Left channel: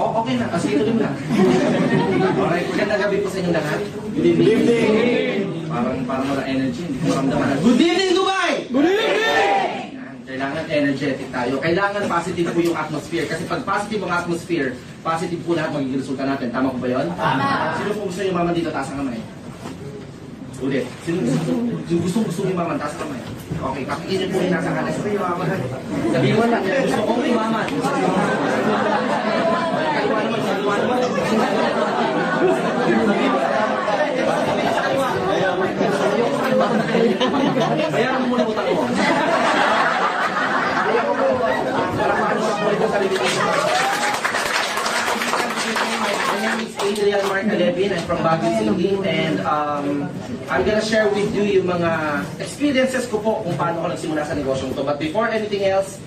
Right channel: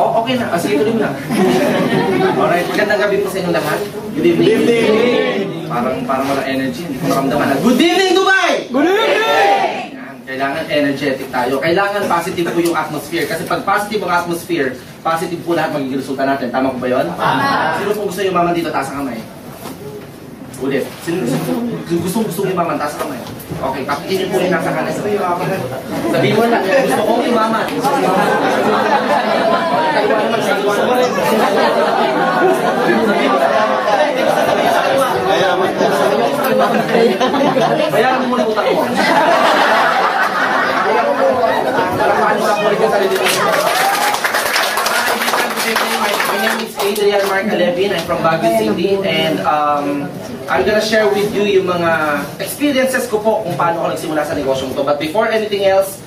Oh, okay na. Sige, tuloy mo lang. Alright, magandang gabi po sa inyo lahat. Good evening. Good evening. Parang walang energy. Hindi ko maramdaman na. Good evening, Dubai! Good evening! Kailangan energetic tayo. Kailangan positive po yung atmosphere. Kasi pag positive ang atmosphere, positive po lahat magiging resulta natin. Tama po ba yun? Sino po gusto yung maman dito? Taas ang kamay. Ulit. Sino gusto yung maman? Taas ang kamay. Okay, pakikinin po yung nasa kanan. Sabihin mo na, gusto ko yung maman. Bayaran mo muna utang mo. My name is Adrian Mark Alevin. I'm from Baguio City, and I'm gonna share with you yung mga experiences ko po kung paano ako nagsimula sa negosyo ko. But before anything else,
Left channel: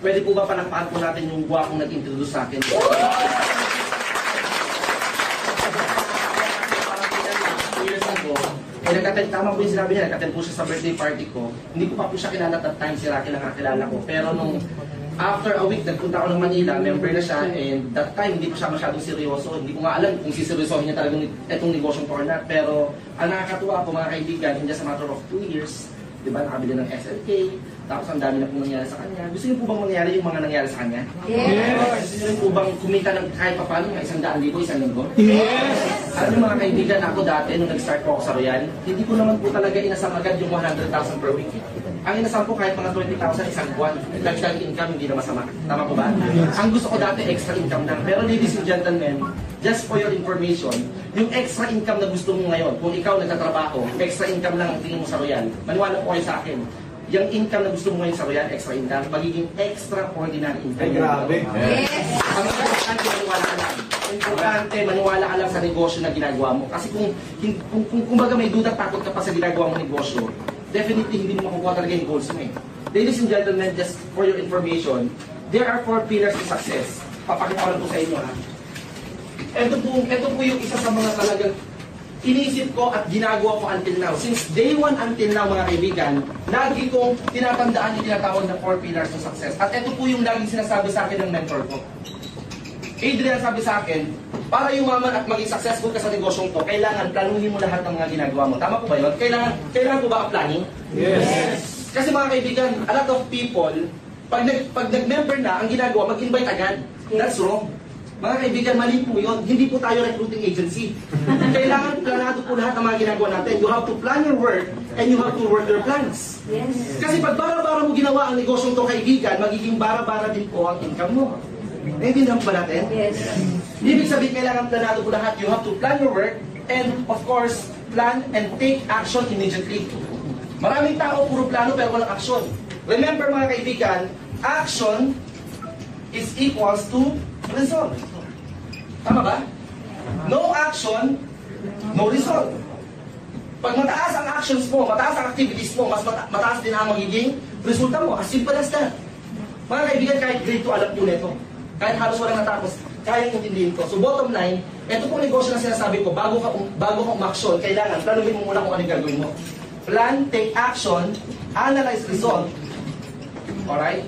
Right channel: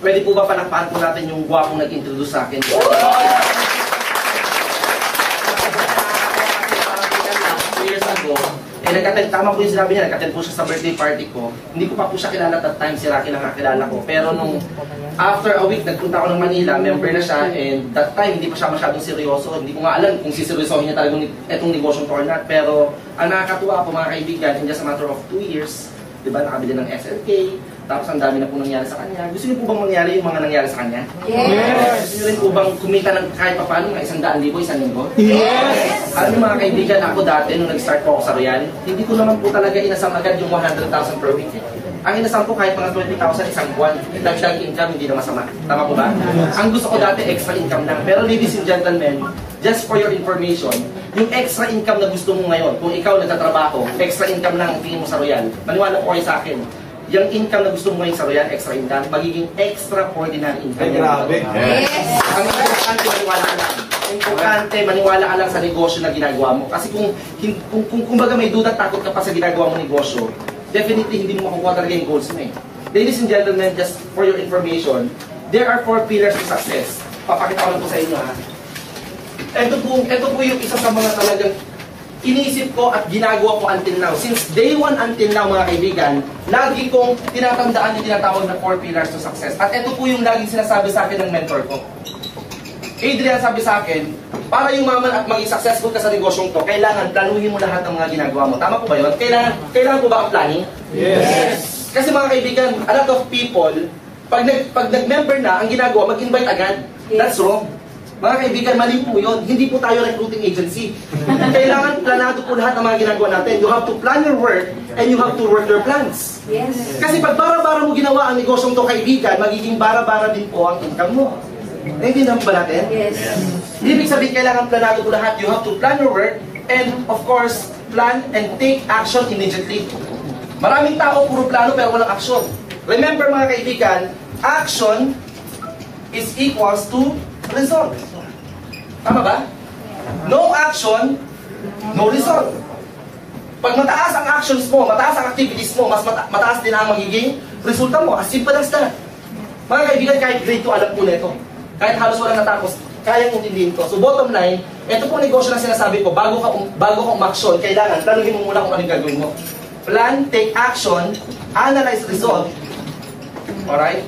pwede po ba palakpakan po natin yung gwapong nag-introduce sa akin? Tama po yung sinabi niya, nag-attend po siya sa birthday party ko. Hindi ko pa po siya kilala at that time, si Rocky lang nakakilala ko. Pero nung after a week, nagpunta ako ng Manila, member na siya, and that time, hindi pa siya masyadong seryoso. Hindi ko nga alam kung siseryosohin niya talagang itong negosyong to or not. Pero ang nakakatuwa po mga kaibigan, in just a matter of 2 years, diba, nakabili ng SLK, tapos ang dami na po nangyari sa kanya. Gusto niyo po bang mangyari yung mga nangyari sa kanya? Yes! Gusto niyo rin po bang kumita ng kahit pa paano, mga 100,000, 1,000? Yes! Alam niyo mga kaibigan, ako dati nung nag-start po ako sa Royal, hindi ko naman po talaga inasam agad yung 100,000 per week. Ang inasam po kahit mga 20,000 isang buwan, dagdag income, hindi na masama. Tama po ba? Ang gusto ko dati, extra income lang. Pero ladies and gentlemen, just for your information, yung extra income na gusto mo ngayon, kung ikaw nagtatrabaho, extra income lang ang tingin mo sa Royal, maniwala po kayo sa akin, yung income na gusto mo ngayon sa Royal, extra income, magiging extraordinary income. Yes! Ang importante, maniwala ka lang. Importante, maniwala ka lang sa negosyo na ginagawa mo. Kasi kung baga may duda, takot ka pa sa ginagawa mo negosyo, definitely hindi mo makukuha talaga yung goals mo eh. Ladies and gentlemen, just for your information, there are 4 pillars to success. Papakita ko po sa inyo ha. Ito po yung isa sa mga talagang iniisip ko at ginagawa ko until now. Since day 1 until now mga kaibigan, lagi kong tinatandaan yung tinatawag na 4 pillars to success. At ito po yung laging sinasabi sa akin ng mentor ko. Adrian, sabi sa akin, para yumaman at maging successful ka sa negosyong to, kailangan planuhin mo lahat ng mga ginagawa mo. Tama po ba yun? Kailangan po ba ang planning? Yes! Kasi mga kaibigan, a lot of people, pag nag-member na, ang ginagawa, mag-invite agad. That's wrong. Mga kaibigan, mali po yun. Hindi po tayo recruiting agency. Kailangan planado po lahat ng mga ginagawa natin. You have to plan your work and you have to work your plans. Yes. Kasi pag bara-bara mo ginawa ang negosyong to, kaibigan, magiging bara-bara din po ang income mo. Naintindihan ba natin? Yes. Ibig sabihin, kailangan planado po lahat. You have to plan your work and, of course, plan and take action immediately. Maraming tao, puro plano pero walang action. Remember mga kaibigan, action is equals to result. Tama ba? No action, no result. Pag mataas ang actions mo, mataas ang activities mo, mas mataas din ang magiging resulta mo. As simple as that. Mga kaibigan, kahit grade 2, alam po nito. Kahit halos walang natapos, kayang intindihin ko. So bottom line, ito po negosyo na sinasabi ko, bago ka umaksyon, kailangan, planuhin mo muna kung anong gagawin mo. Plan, take action, analyze result. Alright?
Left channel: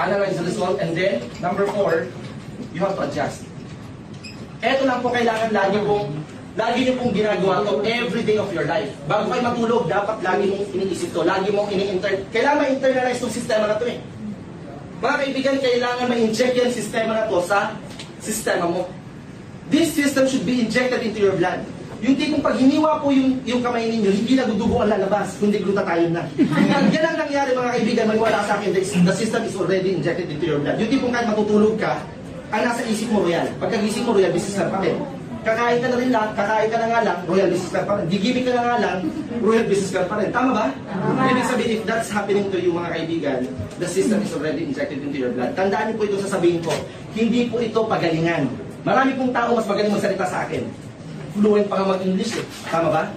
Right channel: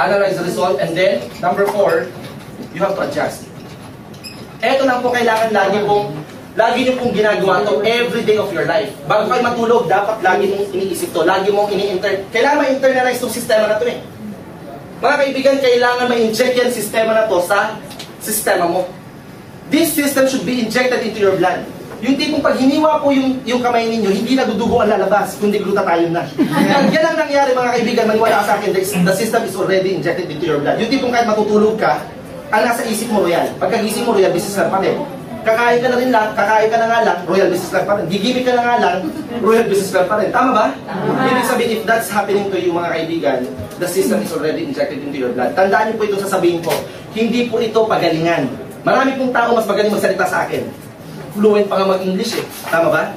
Analyze the result, and then, number 4, you have to adjust. Ito lang po kailangan lagi nyo pong ginagawa to every day of your life. Bago kayo matulog, dapat lagi mong iniisip to, lagi mong kailangan ma-internalize itong sistema na to eh. Mga kaibigan, kailangan ma-inject yung sistema na to sa sistema mo. This system should be injected into your blood. Yung tipong pag hiniwa po yung kamay ninyo, hindi na dudugo ang lalabas, kundi glutathione na. Yan ang nangyari mga kaibigan, maniwala sa akin, the system is already injected into your blood. Yung tipong kahit matutulog ka, ang nasa isip mo Royal. Pagkagising mo Royal, business lang pa rin. Kakain ka na rin lang, kakain ka na nga lang, Royal business lang pa rin. Gigimik ka na nga lang, Royal business lang pa rin. Tama ba? Ibig sabihin, if that's happening to you mga kaibigan, the system is already injected into your blood. Tandaan niyo po itong sasabihin ko, hindi po ito pagalingan. Marami pong tao mas magaling magsalita sa akin. Fluent pa nga mag-English eh. Tama ba?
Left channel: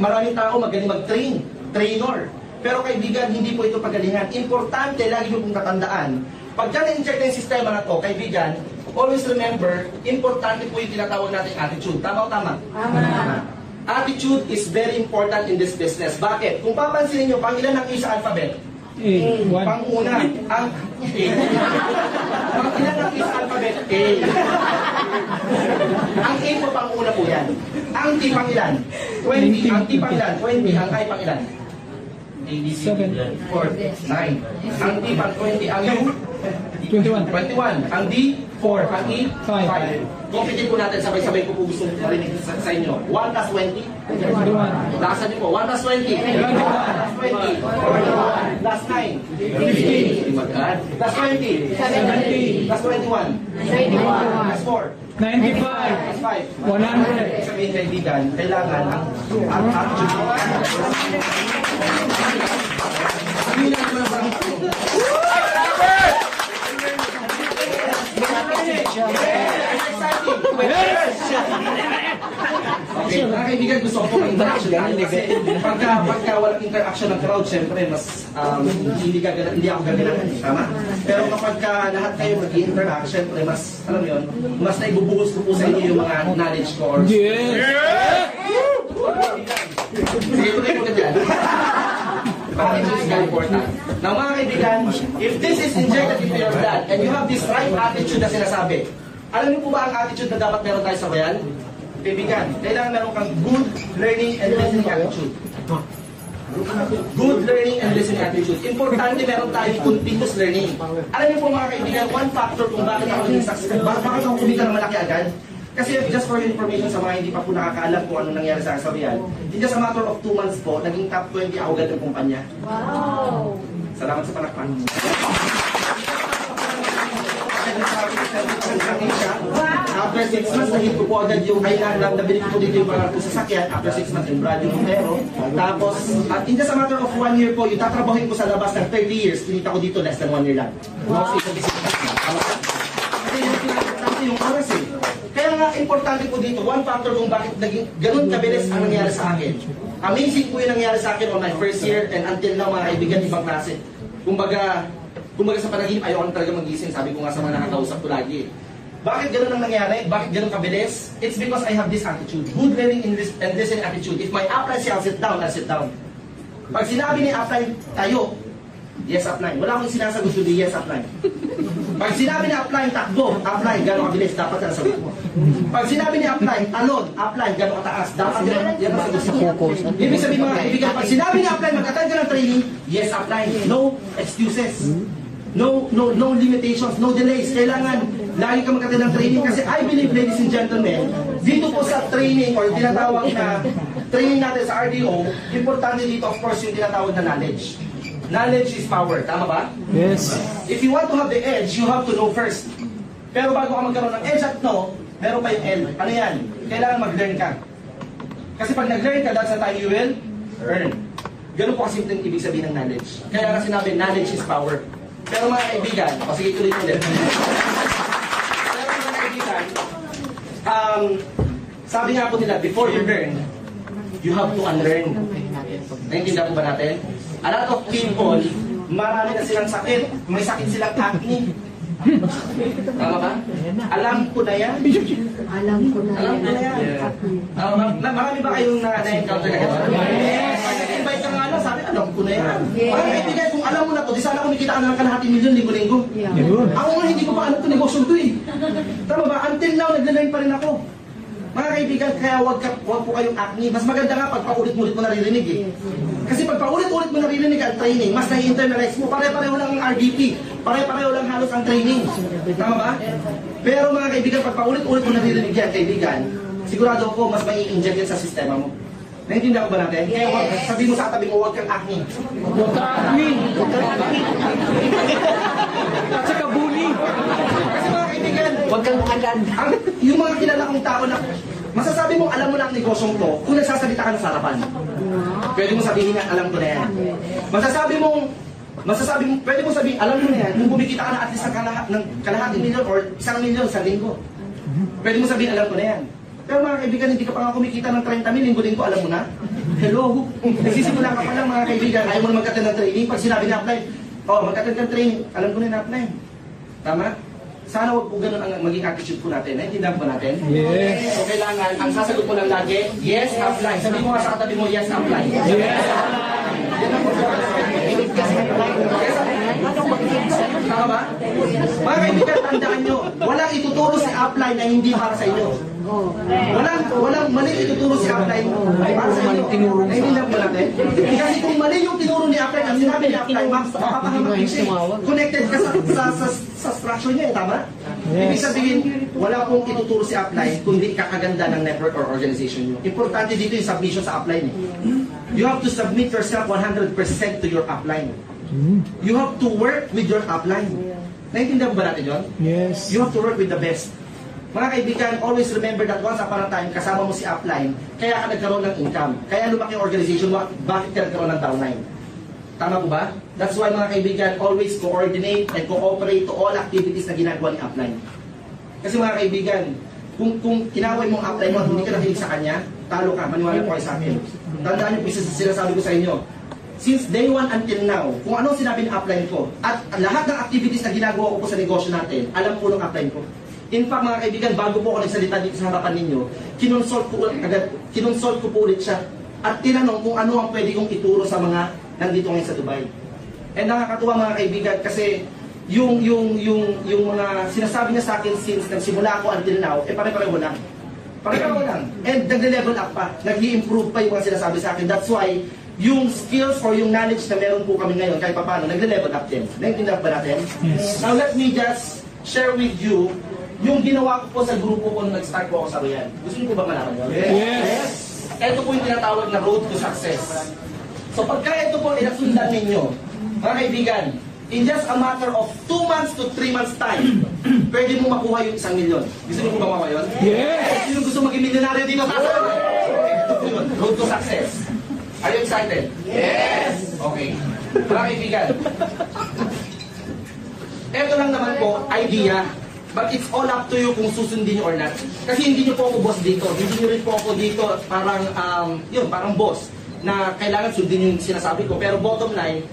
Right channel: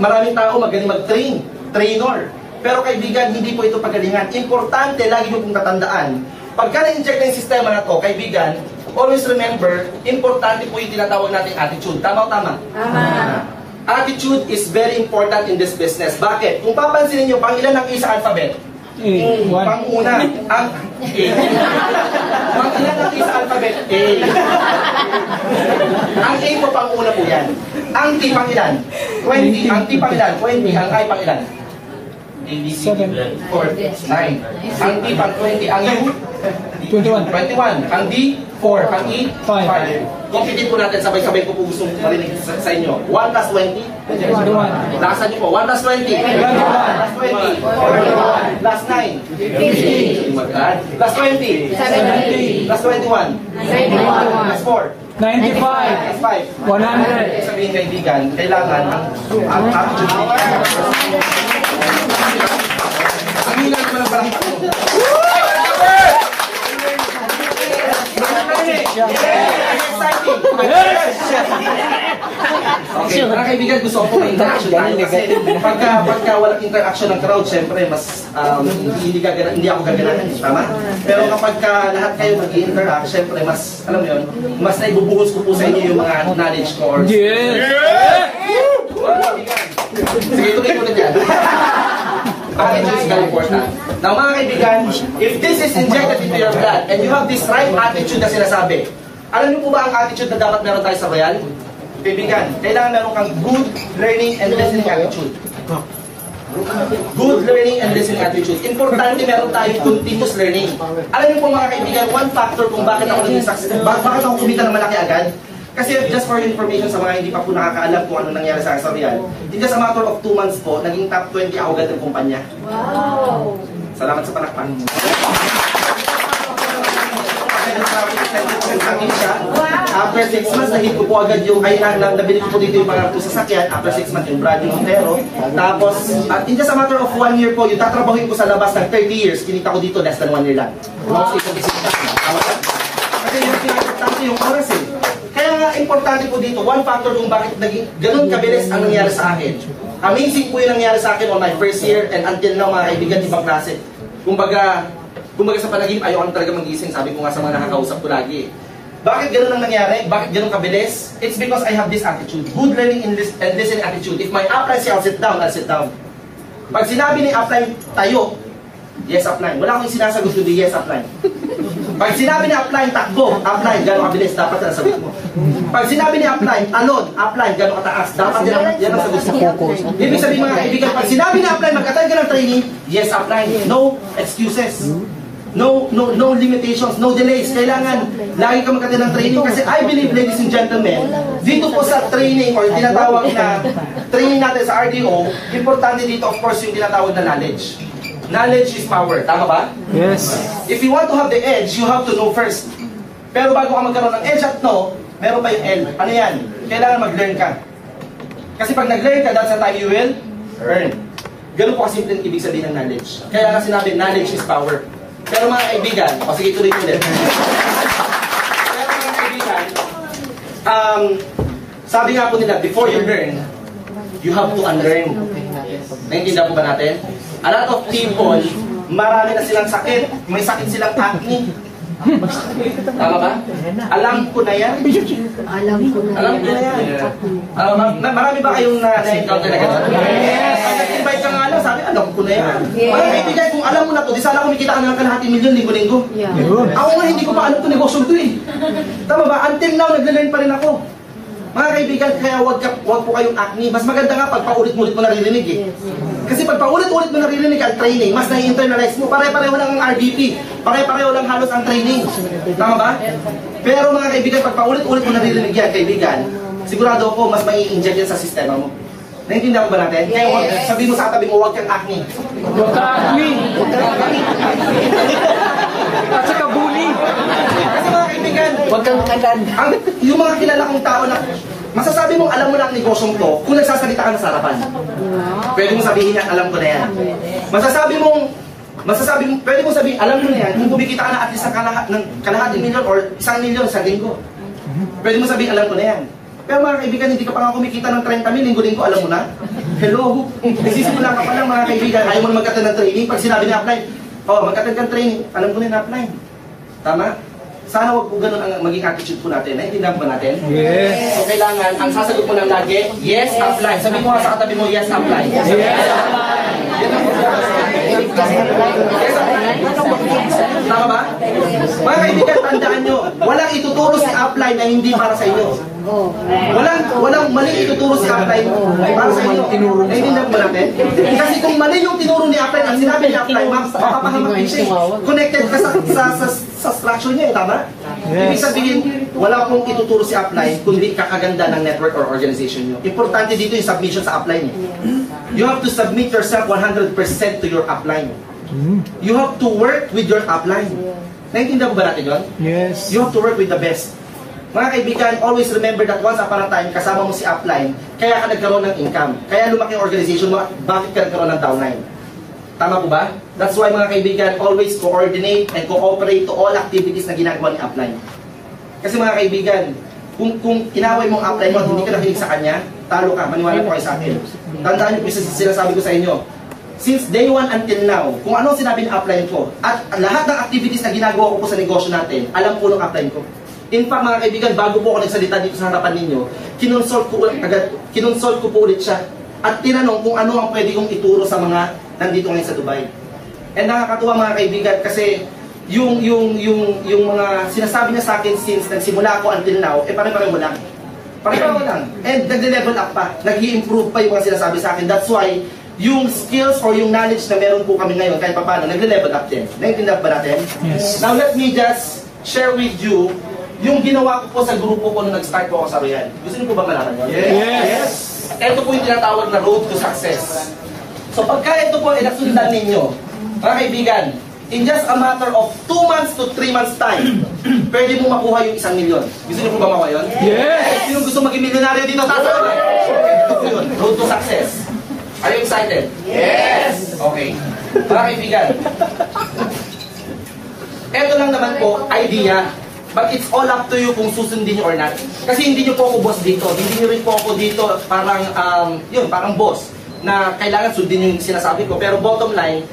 Maraming tao magaling mag-train, trainer. Pero kaibigan, hindi po ito pagalingan. Importante, lagi niyo pong tatandaan, pagka na-inject na yung sistema na to, kaibigan, always remember, importante po yung tinatawag natin attitude. Tama o tama? Tama. Attitude is very important in this business. Bakit? Kung papansinin nyo, pang ilan ang A sa alphabet? Pang-una. Mag-ilan natin sa alphabet A. Ang A po pang una po yan. Ang T pang ilan? 20. Ang T pang ilan? 20. Ang I pang ilan? 7. 4. 9. Ang T pang 20. Ang U? 21. 21. Ang D? 4. Ang E? 5. 5. Computin po natin, sabay-sabay ko po gusto marinig sa inyo. 1 plus 20? 21. Lakasan niyo po. 1 plus 20? 21. Plus 20? Plus 9? 50. Plus 20? 70. Plus 21? 91. Plus 4? 95. Plus 5? 100. Sabihin kaibigan, kailangan ang attitude. Ang hilang naman ang parang okay, mga kaibigan, gusto ko po interaction tayo kasi pagka walang interaction ng crowd, syempre mas hindi ako gaganahan, tama? Pero kapag lahat kayo mag-i-interact, syempre mas, alam mo yun, mas naibubuhos ko po sa inyo yung mga knowledge ko or sige, tuloy ko din yan. Attitude is very important. Now mga kaibigan, if this is injected into your blood and you have this right attitude na sinasabi, alam niyo po ba ang attitude na dapat meron tayo sa Royal? Kaibigan, kailangan meron kang good learning and listening attitude. Good learning and listening attitude. Importante meron tayo continuous learning. Alam niyo po mga kaibigan, one factor kung bakit ako naging successful, bakit ako kumita ng malaki agad? Kasi just for information sa mga hindi pa po nakakaalam kung ano nangyari sa akin sa Real, in just a matter of 2 months po, naging top 20 ako agad ng kumpanya. Wow! Salamat sa panakpan. After 6 months, nahit ko po agad yung, nabili ko po dito yung mga sasakyan. After 6 months, yung Brady Montero. Tapos, in just a matter of 1 year po, yung tatrabahin ko sa labas ng 30 years, kinita ko dito less than 1 year lang. Wow. Kasi yung importante yung oras eh. Kaya nga, importante po dito, one factor kung bakit naging ganun kabilis ang nangyari sa akin. Amazing po yung nangyari sa akin on my first year and until now, mga kaibigan, ibang klase. Kumbaga sa panaginip, ayaw na talaga magising. Sabi ko nga sa mga nakakausap ko lagi. Bakit ganun ang nangyari? Bakit ganun kabilis? It's because I have this attitude. Good learning and listening attitude. If my upline say I'll sit down, I'll sit down. Pag sinabi ni upline, tayo, yes upline. Wala akong sinasagot kundi yes upline. Pag sinabi ni upline, takbo, upline, gano'ng kabilis, dapat yan ang sagot mo. Pag sinabi ni upline, talon, upline, gano'ng kataas, dapat yan ang sagot mo. Ibig sabihin mga kaibigan, pag sinabi ni upline, mag-attend ka ng training, yes upline, no excuses. No limitations, no delays. Kailangan lagi ka mag-attend ng training kasi I believe, ladies and gentlemen, dito po sa training or tinatawag na training natin sa RDO, importante dito of course yung tinatawag na knowledge. Knowledge is power. Tama ba? Yes. If you want to have the edge, you have to know first. Pero bago ka magkaroon ng edge at know, meron pa yung L. Ano yan? Kailangan mag-learn ka. Kasi pag nag-learn ka, that's the time you will earn. Ganun po kasi yung ibig sabihin ng knowledge. Kaya nga sinabi, knowledge is power. Pero mga kaibigan, sige tuloy ko ulit. Pero mga kaibigan, sabi nga po nila, before you learn, you have to unlearn. Naintindihan po ba natin? A lot of people, marami na silang sakit. May sakit silang acne. Tama ba? Alam ko na yan. Alam ko na yan. Marami ba kayong na-encounter na gano'n? Nag-invite ka nga lang, sabi, alam ko na yan. Mga kaibigan, kung alam mo na to, di sana kumikita ka na ng kalahating milyon linggo-linggo. Ako nga, hindi ko pa alam to negosyo to eh. Tama ba? Until now, nag-learn pa rin ako. Mga kaibigan, kaya wag po kayong acne. Mas maganda nga pag paulit-ulit mo naririnig eh. Kasi pag paulit-ulit mo naririnig ang training, mas nai-internalize mo. Pare-pareho lang ang RBP. Pare-pareho lang halos ang training. Tama ba? Pero mga kaibigan, pag paulit-ulit mo naririnig yan, kaibigan, sigurado ako mas mai-inject yan sa sistema mo. Naintindihan ko ba natin? Kaya sabi mo sa katabi mo, huwag kang acne. Huwag ka acne. Huwag ka acne. At saka bully. Kasi mga kaibigan, Huwag kang agad. Yung mga kilala kong tao na masasabi mong alam mo na ang negosyong to kung nagsasalita ka na sa harapan. Pwede mong sabihin yan, alam ko na yan. Pwede mong sabihin, alam mo na yan kung bumikita ka na at least ng kalahating milyon or 1 milyon sa linggo. Pwede mong sabihin, alam ko na yan. Pero mga kaibigan, hindi ka pa nga kumikita ng 30 mil, linggo-linggo, alam mo na? Hello? Nagsisimula ka pa lang mga kaibigan, ayaw mo na mag-attend ng training. Pag sinabi na apply, mag-attend ka ng training, alam ko na na-apply. Tama? Sana wag po ganun ang maging attitude po natin. Naintindihan po natin? Yes. So kailangan, ang sasagot mo lang lagi, yes, apply. Sabi mo nga sa katabi mo, yes, apply. Yes. Hindi kasi apply. Yes, apply. Tama ba? Mga kaibigan, tandaan nyo, walang ituturo si upline na hindi para sa inyo. Walang mali ituturo si upline para sa inyo. Hindi na ba natin? Kasi kung mali yung tinuro ni upline, ang sinabi ni upline, mapapahamak siya. Connected ka sa structure niya, tama? Ibig sabihin, wala pong ituturo si upline kundi kakaganda ng network or organization nyo. Importante dito yung submission sa upline. You have to submit yourself 100% to your upline. You have to work with your upline. Naintindihan ba natin yun? Yes. You have to work with the best. Mga kaibigan, always remember that once upon a time, kasama mo si upline, kaya ka nagkaroon ng income. Kaya lumaki yung organization mo, bakit ka nagkaroon ng downline? Tama po ba? That's why mga kaibigan, always coordinate and cooperate to all activities na ginagawa ni upline. Kasi mga kaibigan, kung inaway mo ang upline mo at hindi ka nakinig sa kanya, talo ka, maniwala po kayo sa akin. Tandaan niyo po sinasabi ko sa inyo. Since day 1 until now, kung ano sinabi ng upline ko, at lahat ng activities na ginagawa ko po sa negosyo natin, alam po ng upline ko. In fact, mga kaibigan, bago po ako nagsalita dito sa harapan ninyo, kinonsult ko po ulit siya at tinanong kung ano ang pwede kong ituro sa mga nandito ngayon sa Dubai. And nakakatuwa mga kaibigan kasi yung mga sinasabi niya sa akin since nagsimula ako until now, pare-pareho lang. Pare-pareho lang. And nag-level up pa, nag-i-improve pa yung mga sinasabi sa akin. That's why yung skills or yung knowledge na meron po kami ngayon kahit paano, nag-level up din. Naintindihan ba natin? Yes. Now let me just share with you yung ginawa ko po sa grupo ko nung nag-start po ako sa Royal. Gusto niyo po ba malaman yun? Yes. Ito po yung tinatawag na road to success. So pagka ito po ay nasundan ninyo, mga kaibigan, in just a matter of 2 months to 3 months time, pwede mo makuha yung 1 milyon. Gusto niyo po ba makuha yun? Yes. Sino gusto maging milyonaryo dito? Tatawa. Ito po yun, road to success. Are you excited? Yes! Okay. Mga kaibigan, ito lang naman po, idea. But it's all up to you kung susundin nyo or not. Kasi hindi nyo po ako boss dito. Hindi nyo rin po ako dito parang, parang boss na kailangan sundin yung sinasabi ko. Pero bottom line,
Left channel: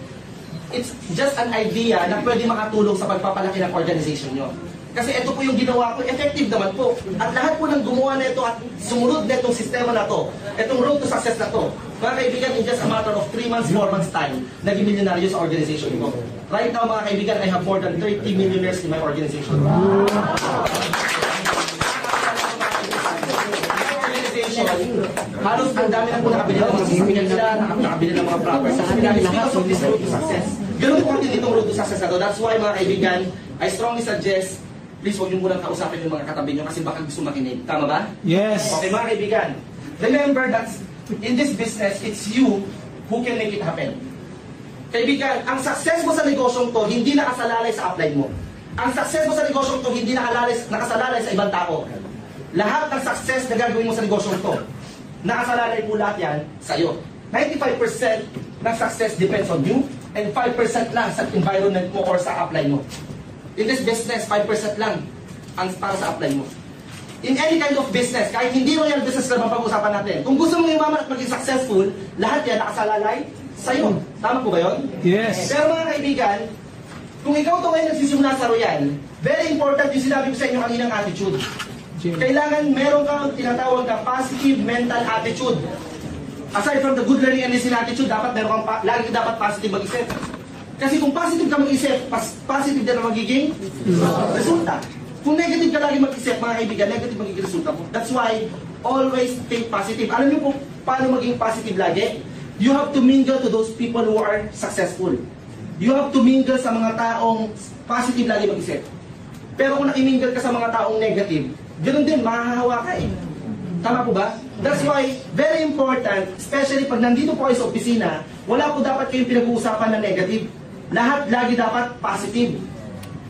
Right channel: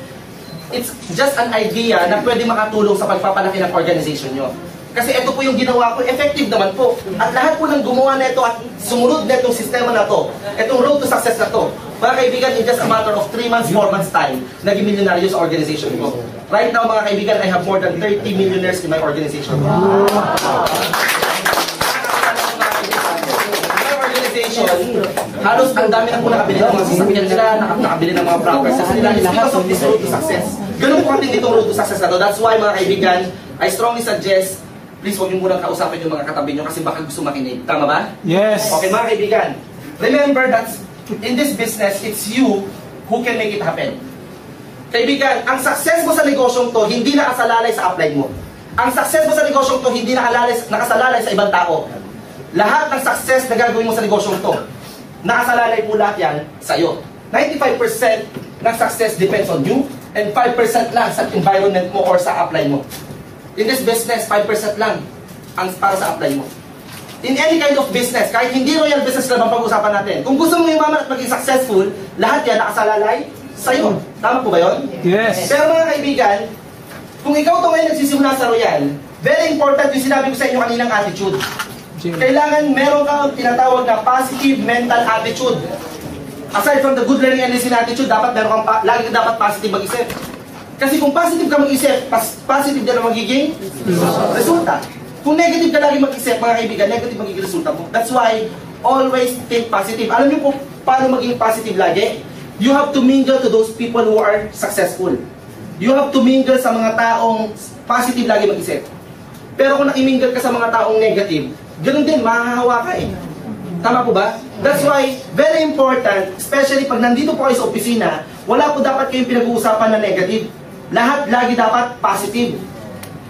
it's just an idea na pwede makatulong sa pagpapalaki ng organization nyo. Kasi ito po yung ginawa ko, effective naman po. At lahat po ng gumawa na ito at sumunod na itong sistema na to, itong road to success na to, mga kaibigan, in just a matter of 3 months, 4 months time, naging milyonaryo sa organization ko. Right now, mga kaibigan, I have more than 30 millionaires in my organization. My organization, halos ang dami na po nakabili ng mga sasakyan sila, nakabili ng mga properties nila. It's because of this road to success. Ganun po natin itong road to success na to. That's why, mga kaibigan, I strongly suggest, please huwag niyo munang kausapin yung mga katabi niyo kasi baka gusto makinig. Tama ba? Yes. Okay, mga kaibigan. Remember that in this business, it's you who can make it happen. Kaibigan, ang success mo sa negosyong to, hindi nakasalalay sa upline mo. Ang success mo sa negosyong to, hindi nakasalalay sa ibang tao. Lahat ng success na gagawin mo sa negosyong to, nakasalalay po lahat yan sa iyo. 95% ng success depends on you, and 5% lang sa environment mo or sa upline mo. In this business, 5% lang ang para sa upline mo. In any kind of business, kahit hindi royal business lang ang pag-usapan natin, kung gusto mo yumaman at maging successful, lahat yan nakasalalay sa'yo. Tama po ba yun? Yes. Pero mga kaibigan, kung ikaw ito ngayon nagsisimula sa royal, very important yung sinabi ko sa inyo kaninang attitude. Kailangan meron kang tinatawag na positive mental attitude. Aside from the good learning and listening attitude, dapat meron kang lagi ka dapat positive mag-isip. Kasi kung positive ka mag-isip, positive din ang magiging resulta. Kung negative ka lagi mag-isip, mga kaibigan, negative magiging resulta mo. That's why, always think positive. Alam niyo po, paano maging positive lagi? You have to mingle to those people who are successful. You have to mingle sa mga taong positive lagi mag-isip. Pero kung nakimingle ka sa mga taong negative, ganoon din, mahahawa ka eh. Tama po ba? That's why, very important, especially pag nandito po kayo sa opisina, wala po dapat kayong pinag-uusapan na negative. Lahat lagi dapat positive.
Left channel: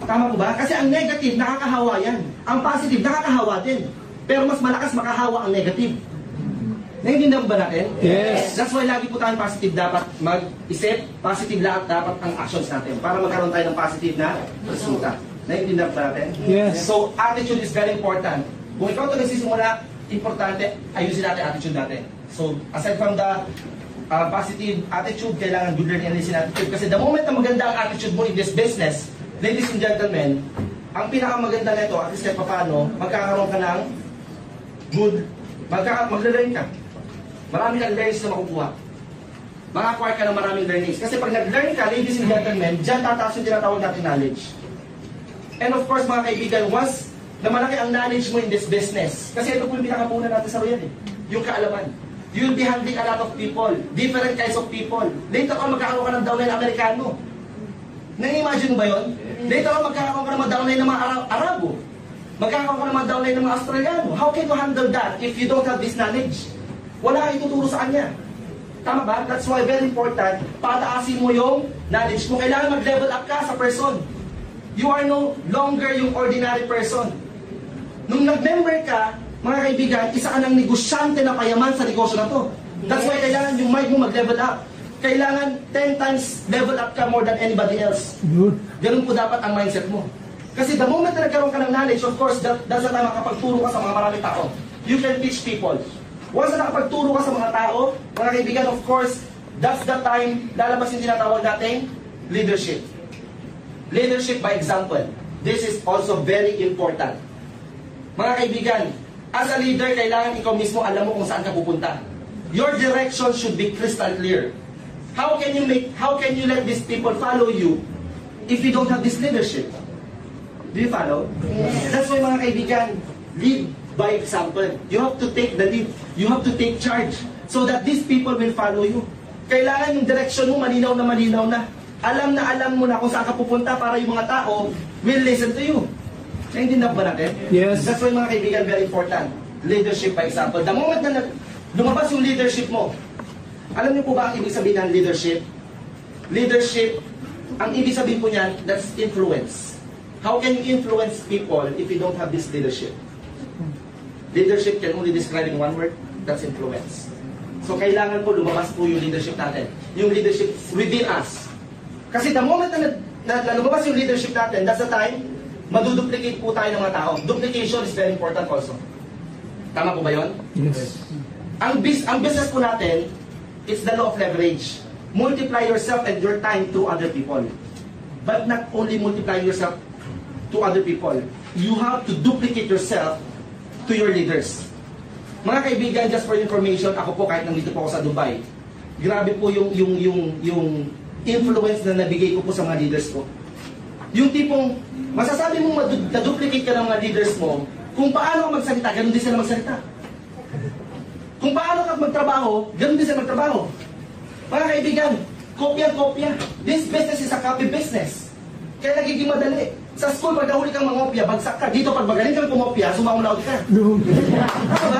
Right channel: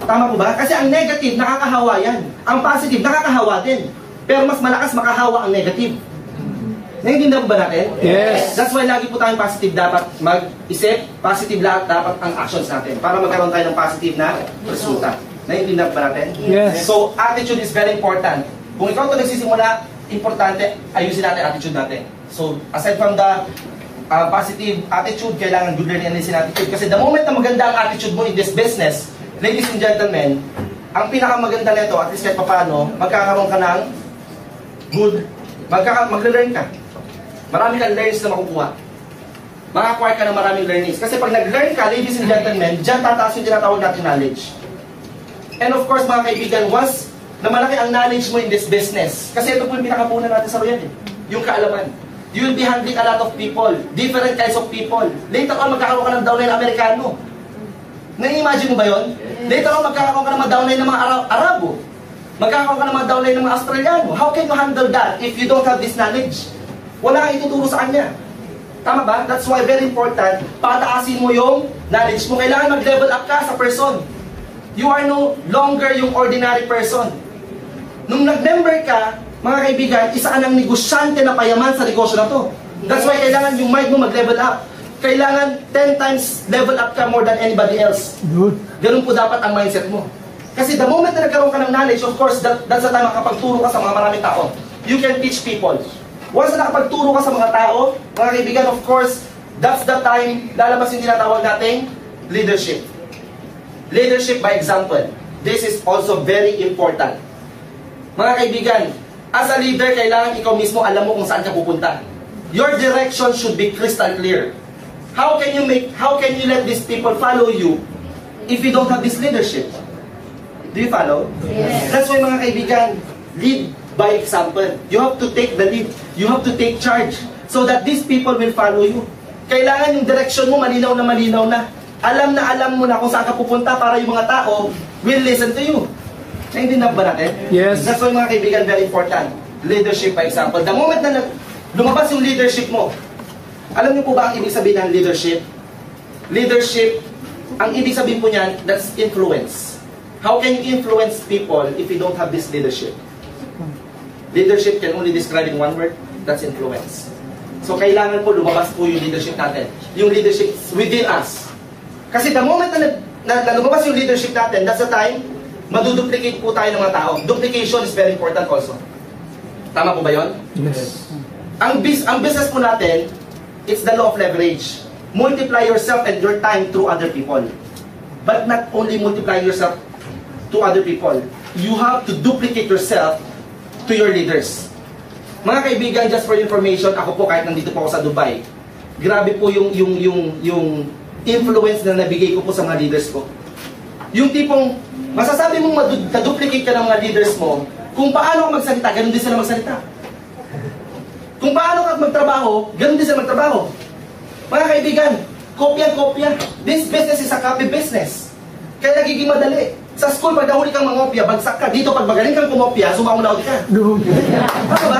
Tama po ba? Kasi ang negative, nakakahawa yan. Ang positive, nakakahawa din. Pero mas malakas makahawa ang negative. Naiintindihan po ba natin? Yes. That's why lagi po tayong positive dapat mag-isip, positive lahat dapat ang actions natin para magkaroon tayo ng positive na resulta. Naiintindihan po ba natin? Yes. So, attitude is very important. Kung ikaw ito nagsisimula, importante, ayusin natin attitude natin. So, aside from the positive attitude, kailangan good learning and listening attitude. Kasi the moment na maganda ang attitude mo in this business, ladies and gentlemen, ang pinakamaganda nito, at least kahit paano, magkakaroon ka ng good, mag-learn ka. Marami kang learns na makukuha. Maka-acquire ka ng maraming learnings. Kasi pag nag-learn ka, ladies and gentlemen, dyan tataas yung tinatawag natin knowledge. And of course, mga kaibigan, once na malaki ang knowledge mo in this business, kasi ito po yung pinakapunan natin sa Royal, yung kaalaman. You will be handling a lot of people, different kinds of people. Later on, magkakaroon ka ng downline Amerikano. Nai-imagine mo ba yun? Later on, magkakaroon ka ng mga downline ng mga Arabo. Magkakaroon ka ng mga downline ng mga Australiano. How can you handle that if you don't have this knowledge? Wala kang ituturo sa kanya. Tama ba? That's why very important, pataasin mo yung knowledge mo. Kailangan mag-level up ka sa person. You are no longer yung ordinary person. Nung nag-member ka, mga kaibigan, isa ka ng negosyante na payaman sa negosyo na to. That's why kailangan yung mind mo mag-level up. Kailangan 10 times level up ka more than anybody else. Good. Ganun po dapat ang mindset mo. Kasi the moment na nagkaroon ka ng knowledge, of course, that's the time makapagturo ka sa mga maraming tao. You can teach people. Once na nakapagturo ka sa mga tao, mga kaibigan, of course, that's the time lalabas yung tinatawag nating leadership. Leadership by example. This is also very important. Mga kaibigan, as a leader, kailangan ikaw mismo alam mo kung saan ka pupunta. Your direction should be crystal clear. How can you let these people follow you if you don't have this leadership? Do you follow? Yes. That's why, mga kaibigan, lead by example. You have to take the lead. You have to take charge so that these people will follow you. Kailangan yung direction mo malinaw na. Alam mo na kung saan ka pupunta para yung mga tao will listen to you. Naintindihan ba natin? Yes. That's why, mga kaibigan, very important. Leadership by example. The moment na lumabas yung leadership mo, alam niyo po ba ang ibig sabihin ng leadership? Leadership, ang ibig sabihin po niyan, that's influence. How can you influence people if you don't have this leadership? Leadership can only describe in one word, that's influence. So kailangan po lumabas po yung leadership natin. Yung leadership within us. Kasi the moment na lumabas yung leadership natin, that's the time, maduduplicate po tayo ng mga tao. Duplication is very important also. Tama po ba yun? Yes. Ang business po natin, it's the law of leverage. Multiply yourself and your time through other people. But not only multiply yourself to other people. You have to duplicate yourself to your leaders. Mga kaibigan, just for information, ako po kahit nandito po ako sa Dubai, grabe po yung influence na nabigay ko po sa mga leaders ko. Yung tipong, masasabi mong maduplicate ka ng mga leaders mo, kung paano ka magsalita, ganun din sila magsalita. Kung paano ka magtrabaho, ganun din sila magtrabaho. Mga kaibigan, kopya-kopya. This business is a copy business. Kaya nagiging madali. Sa school, pag nahuli kang mangopya, bagsak ka. Dito, pag magaling kang kumopya, sumaunawd ka. Good. Ano ba?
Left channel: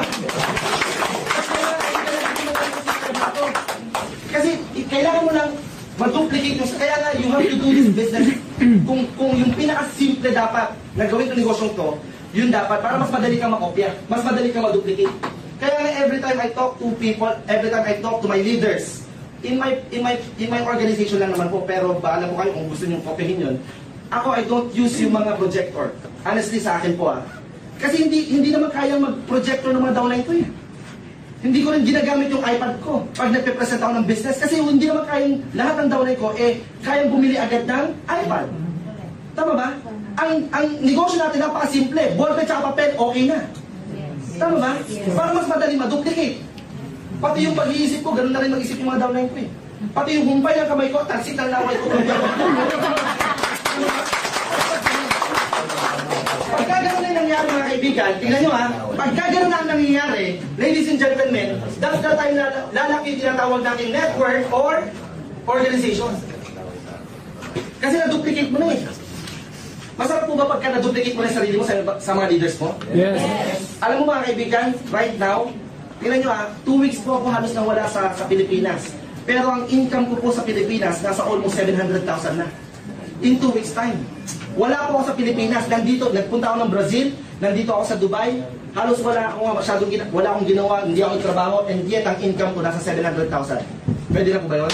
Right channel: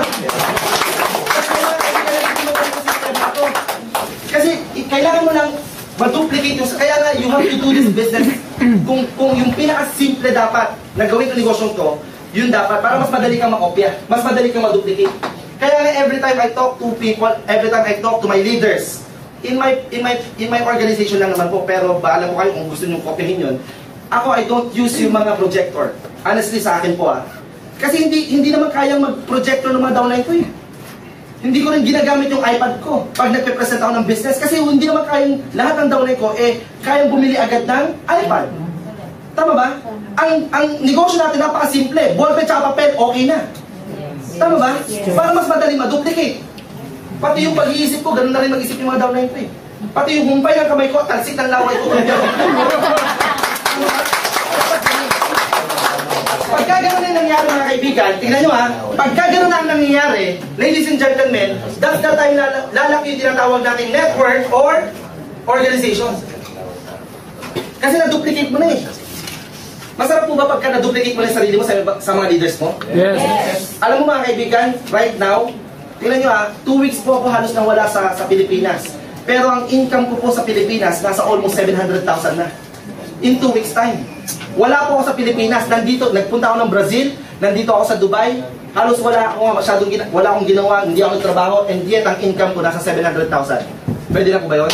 Kasi kailangan mo lang ma-duplicate yung... Kaya nga, you have to do this business. Kung yung pinaka-simple dapat na gawin itong negosyong to, yun dapat, para mas madali kang makopya, mas madali kang ma-duplicate. Kaya nga, every time I talk to people, every time I talk to my leaders, in my organization lang naman po, pero alam ko kayo kung gusto nyo kopyahin yun, ako, I don't use yung mga projector. Honestly, sa akin po Kasi hindi naman kayang mag-projector ng mga downline ko eh. Hindi ko rin ginagamit yung iPad ko pag nagpe-present ako ng business. Kasi hindi naman kayang, lahat ng downline ko, kayang bumili agad ng iPad. Tama ba? Ang negosyo natin napakasimple. Ballpen tsaka papel, okay na. Tama ba? Para mas madaling ma-duplicate. Pati yung pag-iisip ko, ganun na rin mag-isip yung mga downline ko eh. Pati yung humpay ng kamay ko, talsik ng laway ko. Pagka gano'n na yung nangyari, mga kaibigan, tingnan nyo pagka gano'n na ang nangyayari, ladies and gentlemen, that's the time na lalaki yung tinatawag nating network or organization. Kasi na-duplicate mo na eh. Masarap po ba pagka na-duplicate mo na yung sarili mo sa mga leaders mo? Yes. Alam mo, mga kaibigan, right now, tingnan nyo 2 weeks po ako halos nang wala sa Pilipinas. Pero ang income ko po sa Pilipinas, nasa almost 700,000 na. In 2 weeks time. Wala po ako sa Pilipinas. Nagpunta ako ng Brazil, nandito ako sa Dubai. Halos wala akong ginawa, hindi ako nagtrabaho, and yet ang income ko nasa 700,000. Pwede na po ba yun?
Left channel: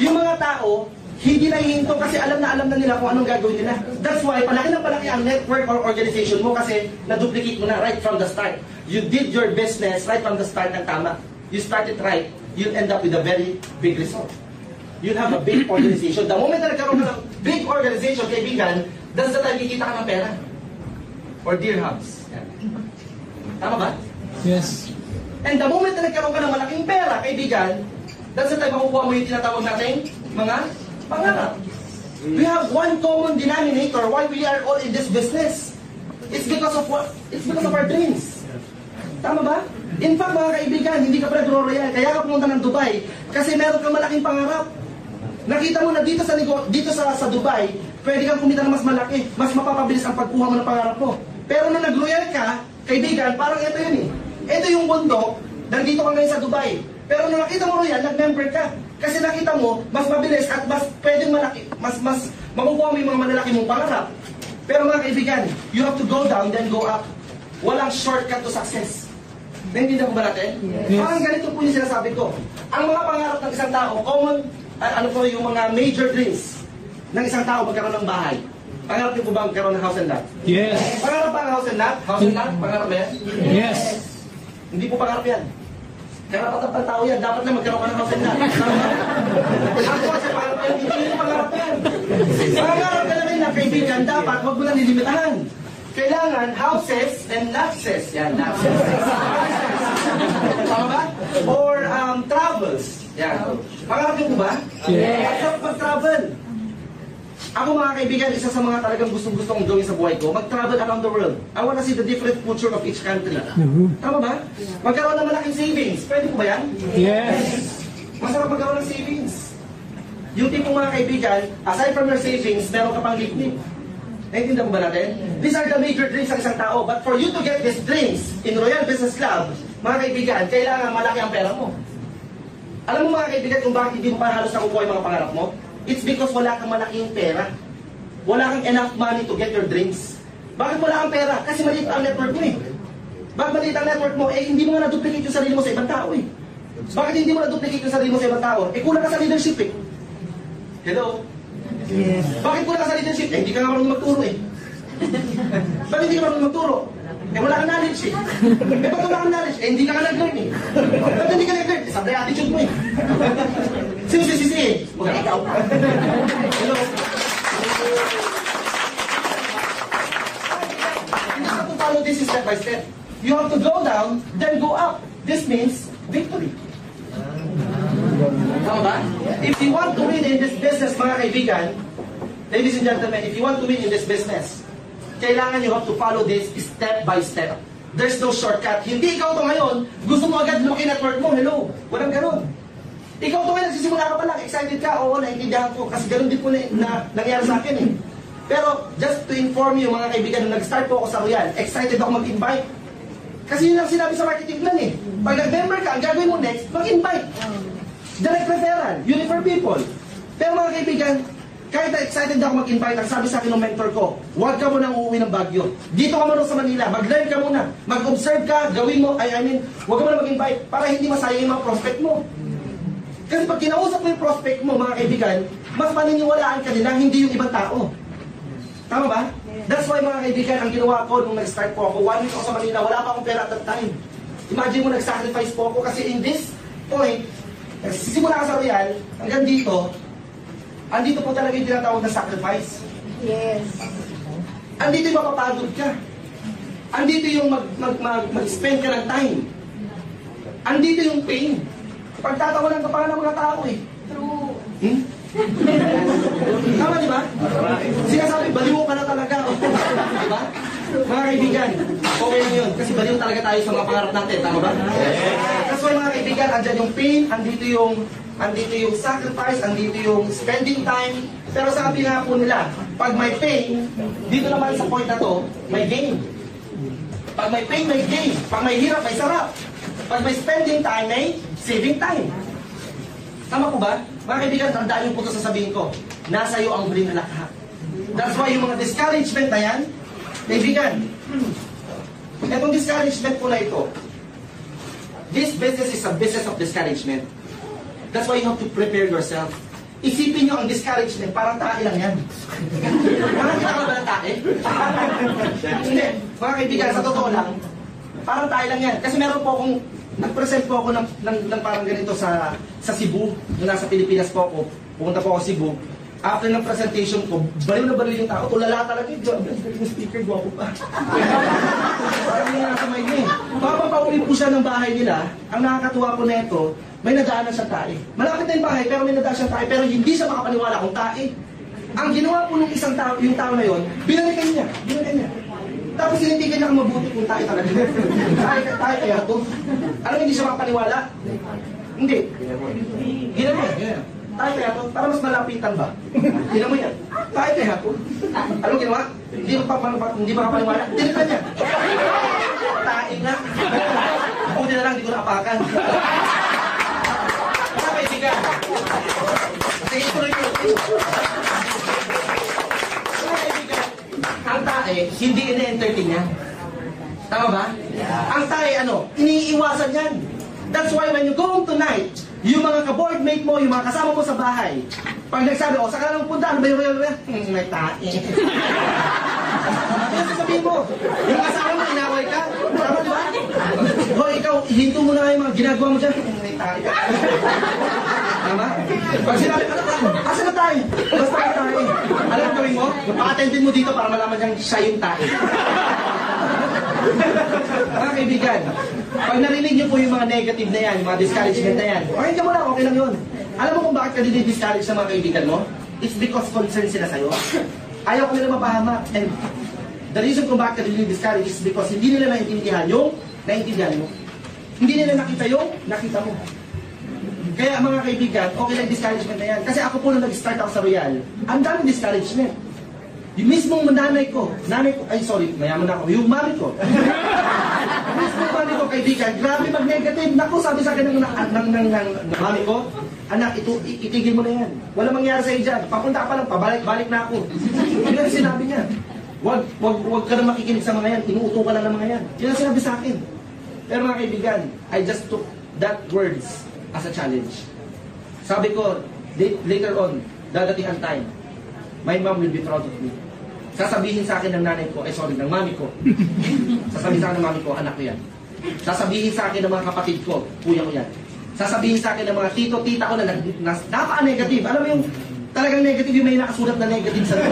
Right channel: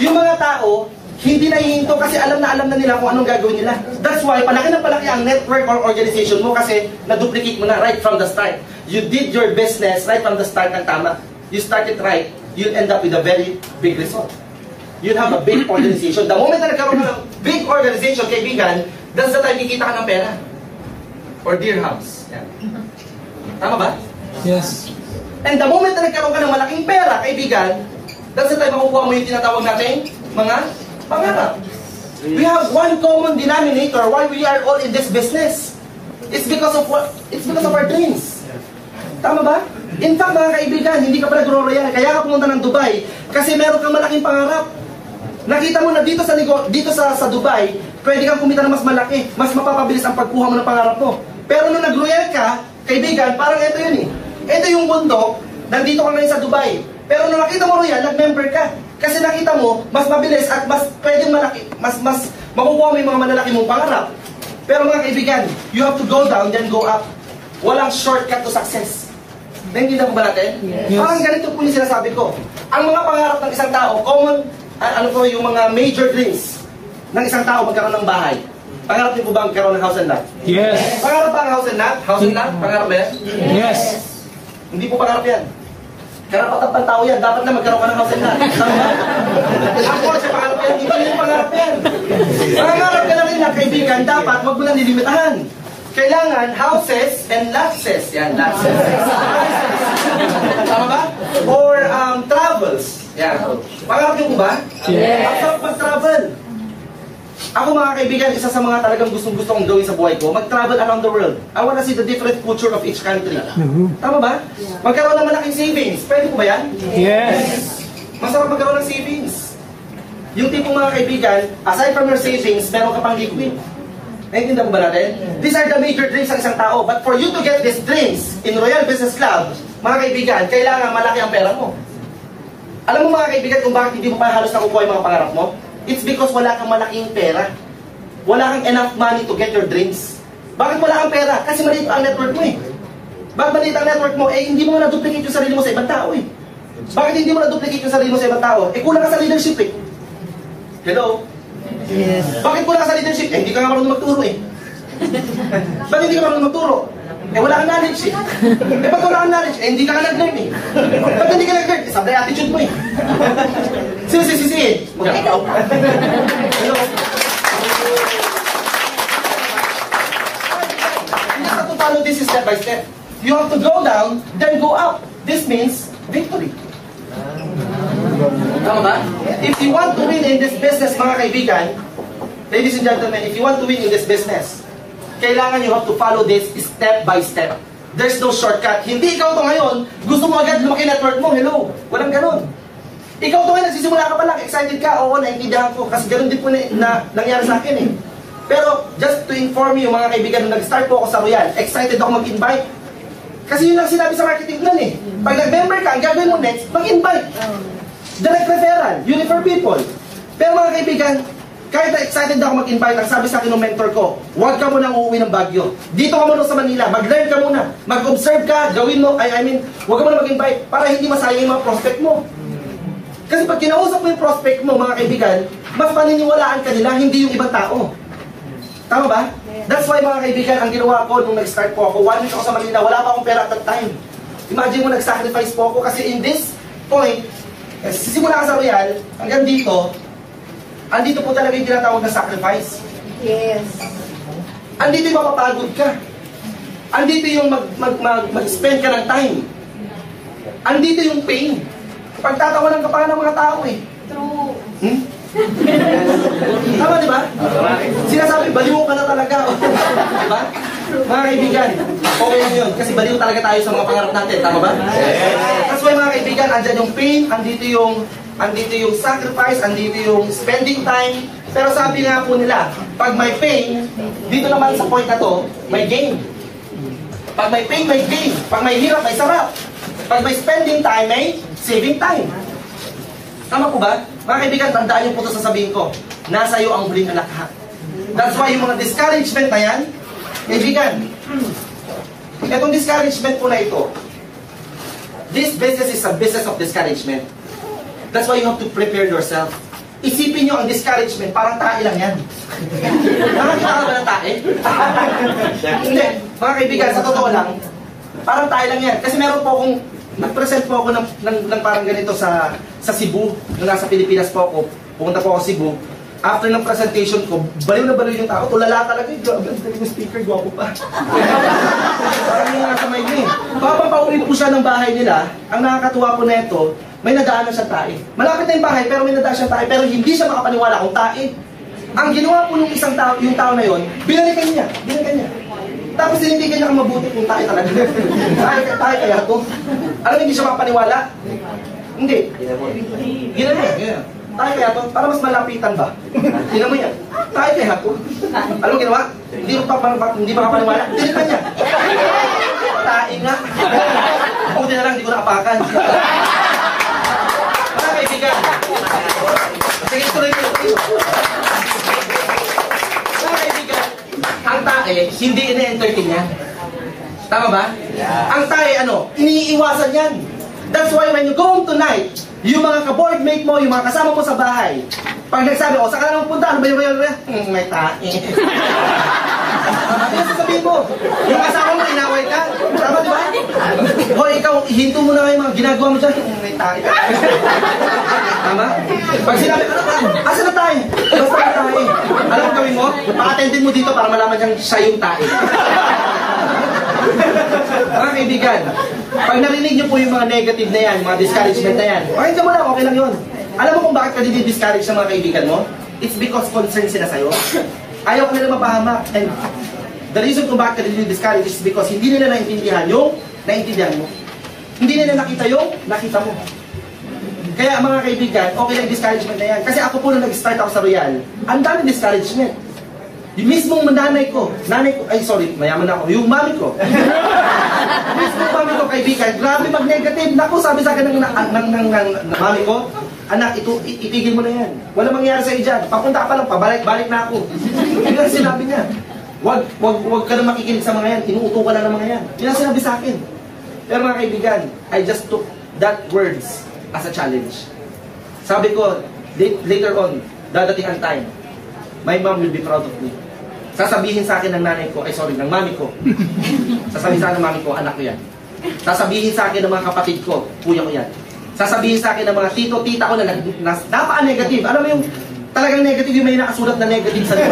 Yung mga tao, hindi na hihinto kasi alam na nila kung anong gagawin nila. That's why, palaki na palaki ang network or organization mo kasi na-duplicate mo na right from the start. You did your business right from the start ng tama. You started right, you'll end up with a very big result. You'll have a big organization. The moment na nagkaroon ka ng big organization, kaibigan, that's the time kikita ka ng pera. Or dirhams. Yan. Tama ba? Yes. And the moment na nagkaroon ka ng malaking pera, kaibigan, that's the time makukuha mo yung tinatawag natin mga pangarap. We have one common denominator why we are all in this business. It's because of what? It's because of our dreams. Tama ba? In fact, mga kaibigan, hindi ka pa nag-royal. Kaya ka pumunta ng Dubai kasi meron kang malaking pangarap. Nakita mo na dito sa Dubai, pwede kang kumita ng mas malaki, mas mapapabilis ang pagkuha mo ng pangarap mo. Pero nung nag-royal ka, kaibigan, parang ito yun eh. Ito yung bundok, nandito ka ngayon sa Dubai. Pero nung nakita mo royal, nag-member ka. Kasi nakita mo, mas mabilis at mas pwedeng malaki, mas makukuha mo yung mga malalaki mong pangarap. Pero mga kaibigan, you have to go down, then go up. Walang shortcut to success. Naintindihan mo ba natin? Yes. Parang ganito po yung sinasabi ko. Ang mga pangarap ng isang tao, common, yung mga major dreams ng isang tao magkaroon ng bahay. Pangarap niyo po ba magkaroon ng house and lot? Yes. Pangarap ba ang house and lot? House and lot? Pangarap ba yan? Yes. Hindi po pangarap yan. Karapatan pang tao yan. Dapat na magkaroon ka ng house and lot. Ako, sa pangarap yan, hindi yung pangarap yan. Pangarap ka lang nila, kaibigan, dapat wag mo lang nilimitahan. Kailangan houses and lotses. Yan, lotses. Tama ba? Or travels. Yan. Pangarap niyo po ba? Yes. Ang sarap mag-travel. Ako mga kaibigan, isa sa mga talagang gustong-gusto kong gawin sa buhay ko, mag-travel around the world. I wanna see the different culture of each country. Tama ba? Magkaroon ng malaking savings. Pwede po ba yan? Yes. Masarap magkaroon ng savings. Yung tipong mga kaibigan, aside from your savings, meron ka pang liquid. Naintindihan mo ba natin? These are the major dreams ng isang tao. But for you to get these dreams in Royal Business Club, mga kaibigan, kailangan malaki ang pera mo. Alam mo mga kaibigan kung bakit hindi mo pa halos nakukuha yung mga pangarap mo? It's because wala kang malaking pera. Wala kang enough money to get your dreams. Bakit wala kang pera? Kasi maliit pa ang network mo eh. Bakit maliit ang network mo? Eh hindi mo na-duplicate yung sarili mo sa ibang tao eh. Bakit hindi mo na-duplicate yung sarili mo sa ibang tao? Eh kulang ka sa leadership eh. Hello? Yes. Bakit kulang ka sa leadership? Eh hindi ka nga marunong magturo eh. Bakit hindi ka marunong magturo? Eh wala kang knowledge eh. Eh ba't wala kang knowledge? Eh hindi ka nag-learn eh. Ba't hindi ka nag-learn? Eh sablay attitude mo eh. Sisi. Hello? You have to follow this step by step. You have to go down, then go up. This means victory. Tama ba? If you want to win in this business, mga kaibigan, ladies and gentlemen, if you want to win in this business, kailangan you have to follow this step by step. There's no shortcut. Hindi ikaw to ngayon, gusto mo agad lumaki network mo, hello. Walang ganon. Ikaw to ngayon, nagsisimula ka pa lang, excited ka, oo, naiintindihan ko, kasi ganon din po na nangyari sa akin eh. Pero, just to inform you, mga kaibigan, nung nag-start po ako sa Royal, excited ako mag-invite. Kasi yun lang sinabi sa marketing plan eh. Pag nag-member ka, ang gagawin mo next, mag-invite. Direct referral, you refer people. Pero mga kaibigan, kahit na excited ako mag-invite, ang sabi sa akin ng mentor ko, huwag ka munang uuwi ng Baguio. Dito ka muna sa Manila, mag-learn ka muna, mag-observe ka, gawin mo, huwag ka muna mag-invite para hindi masayang yung mga prospect mo. Kasi pag kinausap mo yung prospect mo, mga kaibigan, mas paniniwalaan ka nila, hindi yung ibang tao. Tama ba? That's why mga kaibigan, ang ginawa ko nung nag-start po ako, 1 week ako sa Manila, wala pa akong pera at that time. Imagine mo, nag-sacrifice po ako kasi in this point, simula ka sa Royal, hanggang dito, andito po talaga yung tinatawag na sacrifice. Yes. Andito yung mapapagod ka. Andito yung mag-spend ka ng time. Andito yung pain. Pagtatawanan ka pa ng mga tao eh. True. Tama, di ba? Sinasabi, baliw ka na talaga. Diba? Mga kaibigan, okay lang yun. Kasi baliw talaga tayo sa mga pangarap natin. Tama ba? That's why mga kaibigan, andyan yung pain, andito yung sacrifice, andito yung spending time. Pero sabi nga po nila, pag may pain, dito naman sa point na to, may gain. Pag may pain, may gain. Pag may hirap, may sarap. Pag may spending time, may saving time. Tama po ba? Mga kaibigan, tandaan yung po ito sasabihin ko. Nasa iyo ang huling anak ha. That's why yung mga discouragement na yan, kaibigan, itong discouragement po na ito, this business is a business of discouragement. That's why you have to prepare yourself. Isipin nyo ang discouragement, parang tae lang yan. Nakakita ka ba ng tae? Hindi. Mga kaibigan, sa totoo lang, parang tae lang yan. Kasi meron po akong, nag-present po ako ng parang ganito sa Cebu. Nung nasa Pilipinas po ako, pumunta po ako sa Cebu. after ng presentation ko, baliw na baliw yung tao. Tulala talaga. Grabe, ang galing ng speaker, gwapo pa. Parang yung nasa may niya eh. Habang pauwi po siya ng bahay nila, ang nakakatuwa po neto, may nadaan na siya tae. Malapit na yung bahay, pero may nadaan siya tae. Pero hindi siya makapaniwala kung tae. Ang ginawa po nung isang tao, yung tao na yon, binalikan niya. Tapos sinindigan niya kung mabuti kung tae talaga. tae kaya to. Alam mo, hindi siya makapaniwala? Hindi. Ginawa niya. Tayo kaya to, para mas malapitan ba? Tingnan mo yan. Tayo kaya to. Alam mo ginawa? Hindi makapaniwala. Dilitan niya. Tayo nga. Buti na lang, hindi ko nakapakan. Mga kaibigan. Sige, tuloy ko. Mga kaibigan, ang tae, hindi ina-entertain niya. Tama ba? Ang tae, iniiwasan yan. That's why when you go home tonight, yung mga ka-boardmate mo, yung mga kasama mo sa bahay, pag nagsabi, saan ka naman punta? Ano ba yun? May tae. Ano sasabihin mo? Yung kasama mo, inaway ka? Tama, di ba? Hoy, ikaw, hinto mo na yung mga ginagawa mo dyan. May tae. Tama? Pag sinabi, asa na tayo? Basta na tayo. Alam mo gawin mo? Pa-attendin mo dito para malaman niyang siya yung tae. Mga kaibigan, pag narinig niyo po yung mga negative na yan, mga discouragement na yan, okay mo lang, okay lang yun. Alam mo kung bakit ka dinidiscourage sa mga kaibigan mo? It's because concerned sila sa'yo. Ayaw ka nila mapahamak. And the reason kung bakit ka dinidiscourage is because hindi nila naintindihan yung naintindihan mo. Hindi nila nakita yung nakita mo. Kaya mga kaibigan, okay lang discouragement na yan. Kasi ako po nung nag-start ako sa Royal, ang dami discouragement. Yung mismong nanay ko, mayaman na ako, yung mami ko. Mismong mami ko, kaibigan, grabe mag-negative. Naku, sabi sa akin ng mami ko, anak, itigil mo na yan. Wala mangyayari sa iyo dyan. Papunta ka pa lang, pabalik-balik na ako. Yun ang sinabi niya. Wag ka na makikinig sa mga yan. Inuuto ka lang ng mga yan. Yun ang sinabi sa akin. Pero mga kaibigan, I just took that words as a challenge. Sabi ko, later on, dadating ang time, my mom will be proud of me. Sasabihin sa akin ng nanay ko, ng mami ko. Sasabihin sa akin ng mami ko, anak ko yan. Sasabihin sa akin ng mga kapatid ko, kuya ko yan. Sasabihin sa akin ng mga tito-tita ko na napaka-negative. Alam mo yung talagang negative, yung may nakasulat na negative sa loob.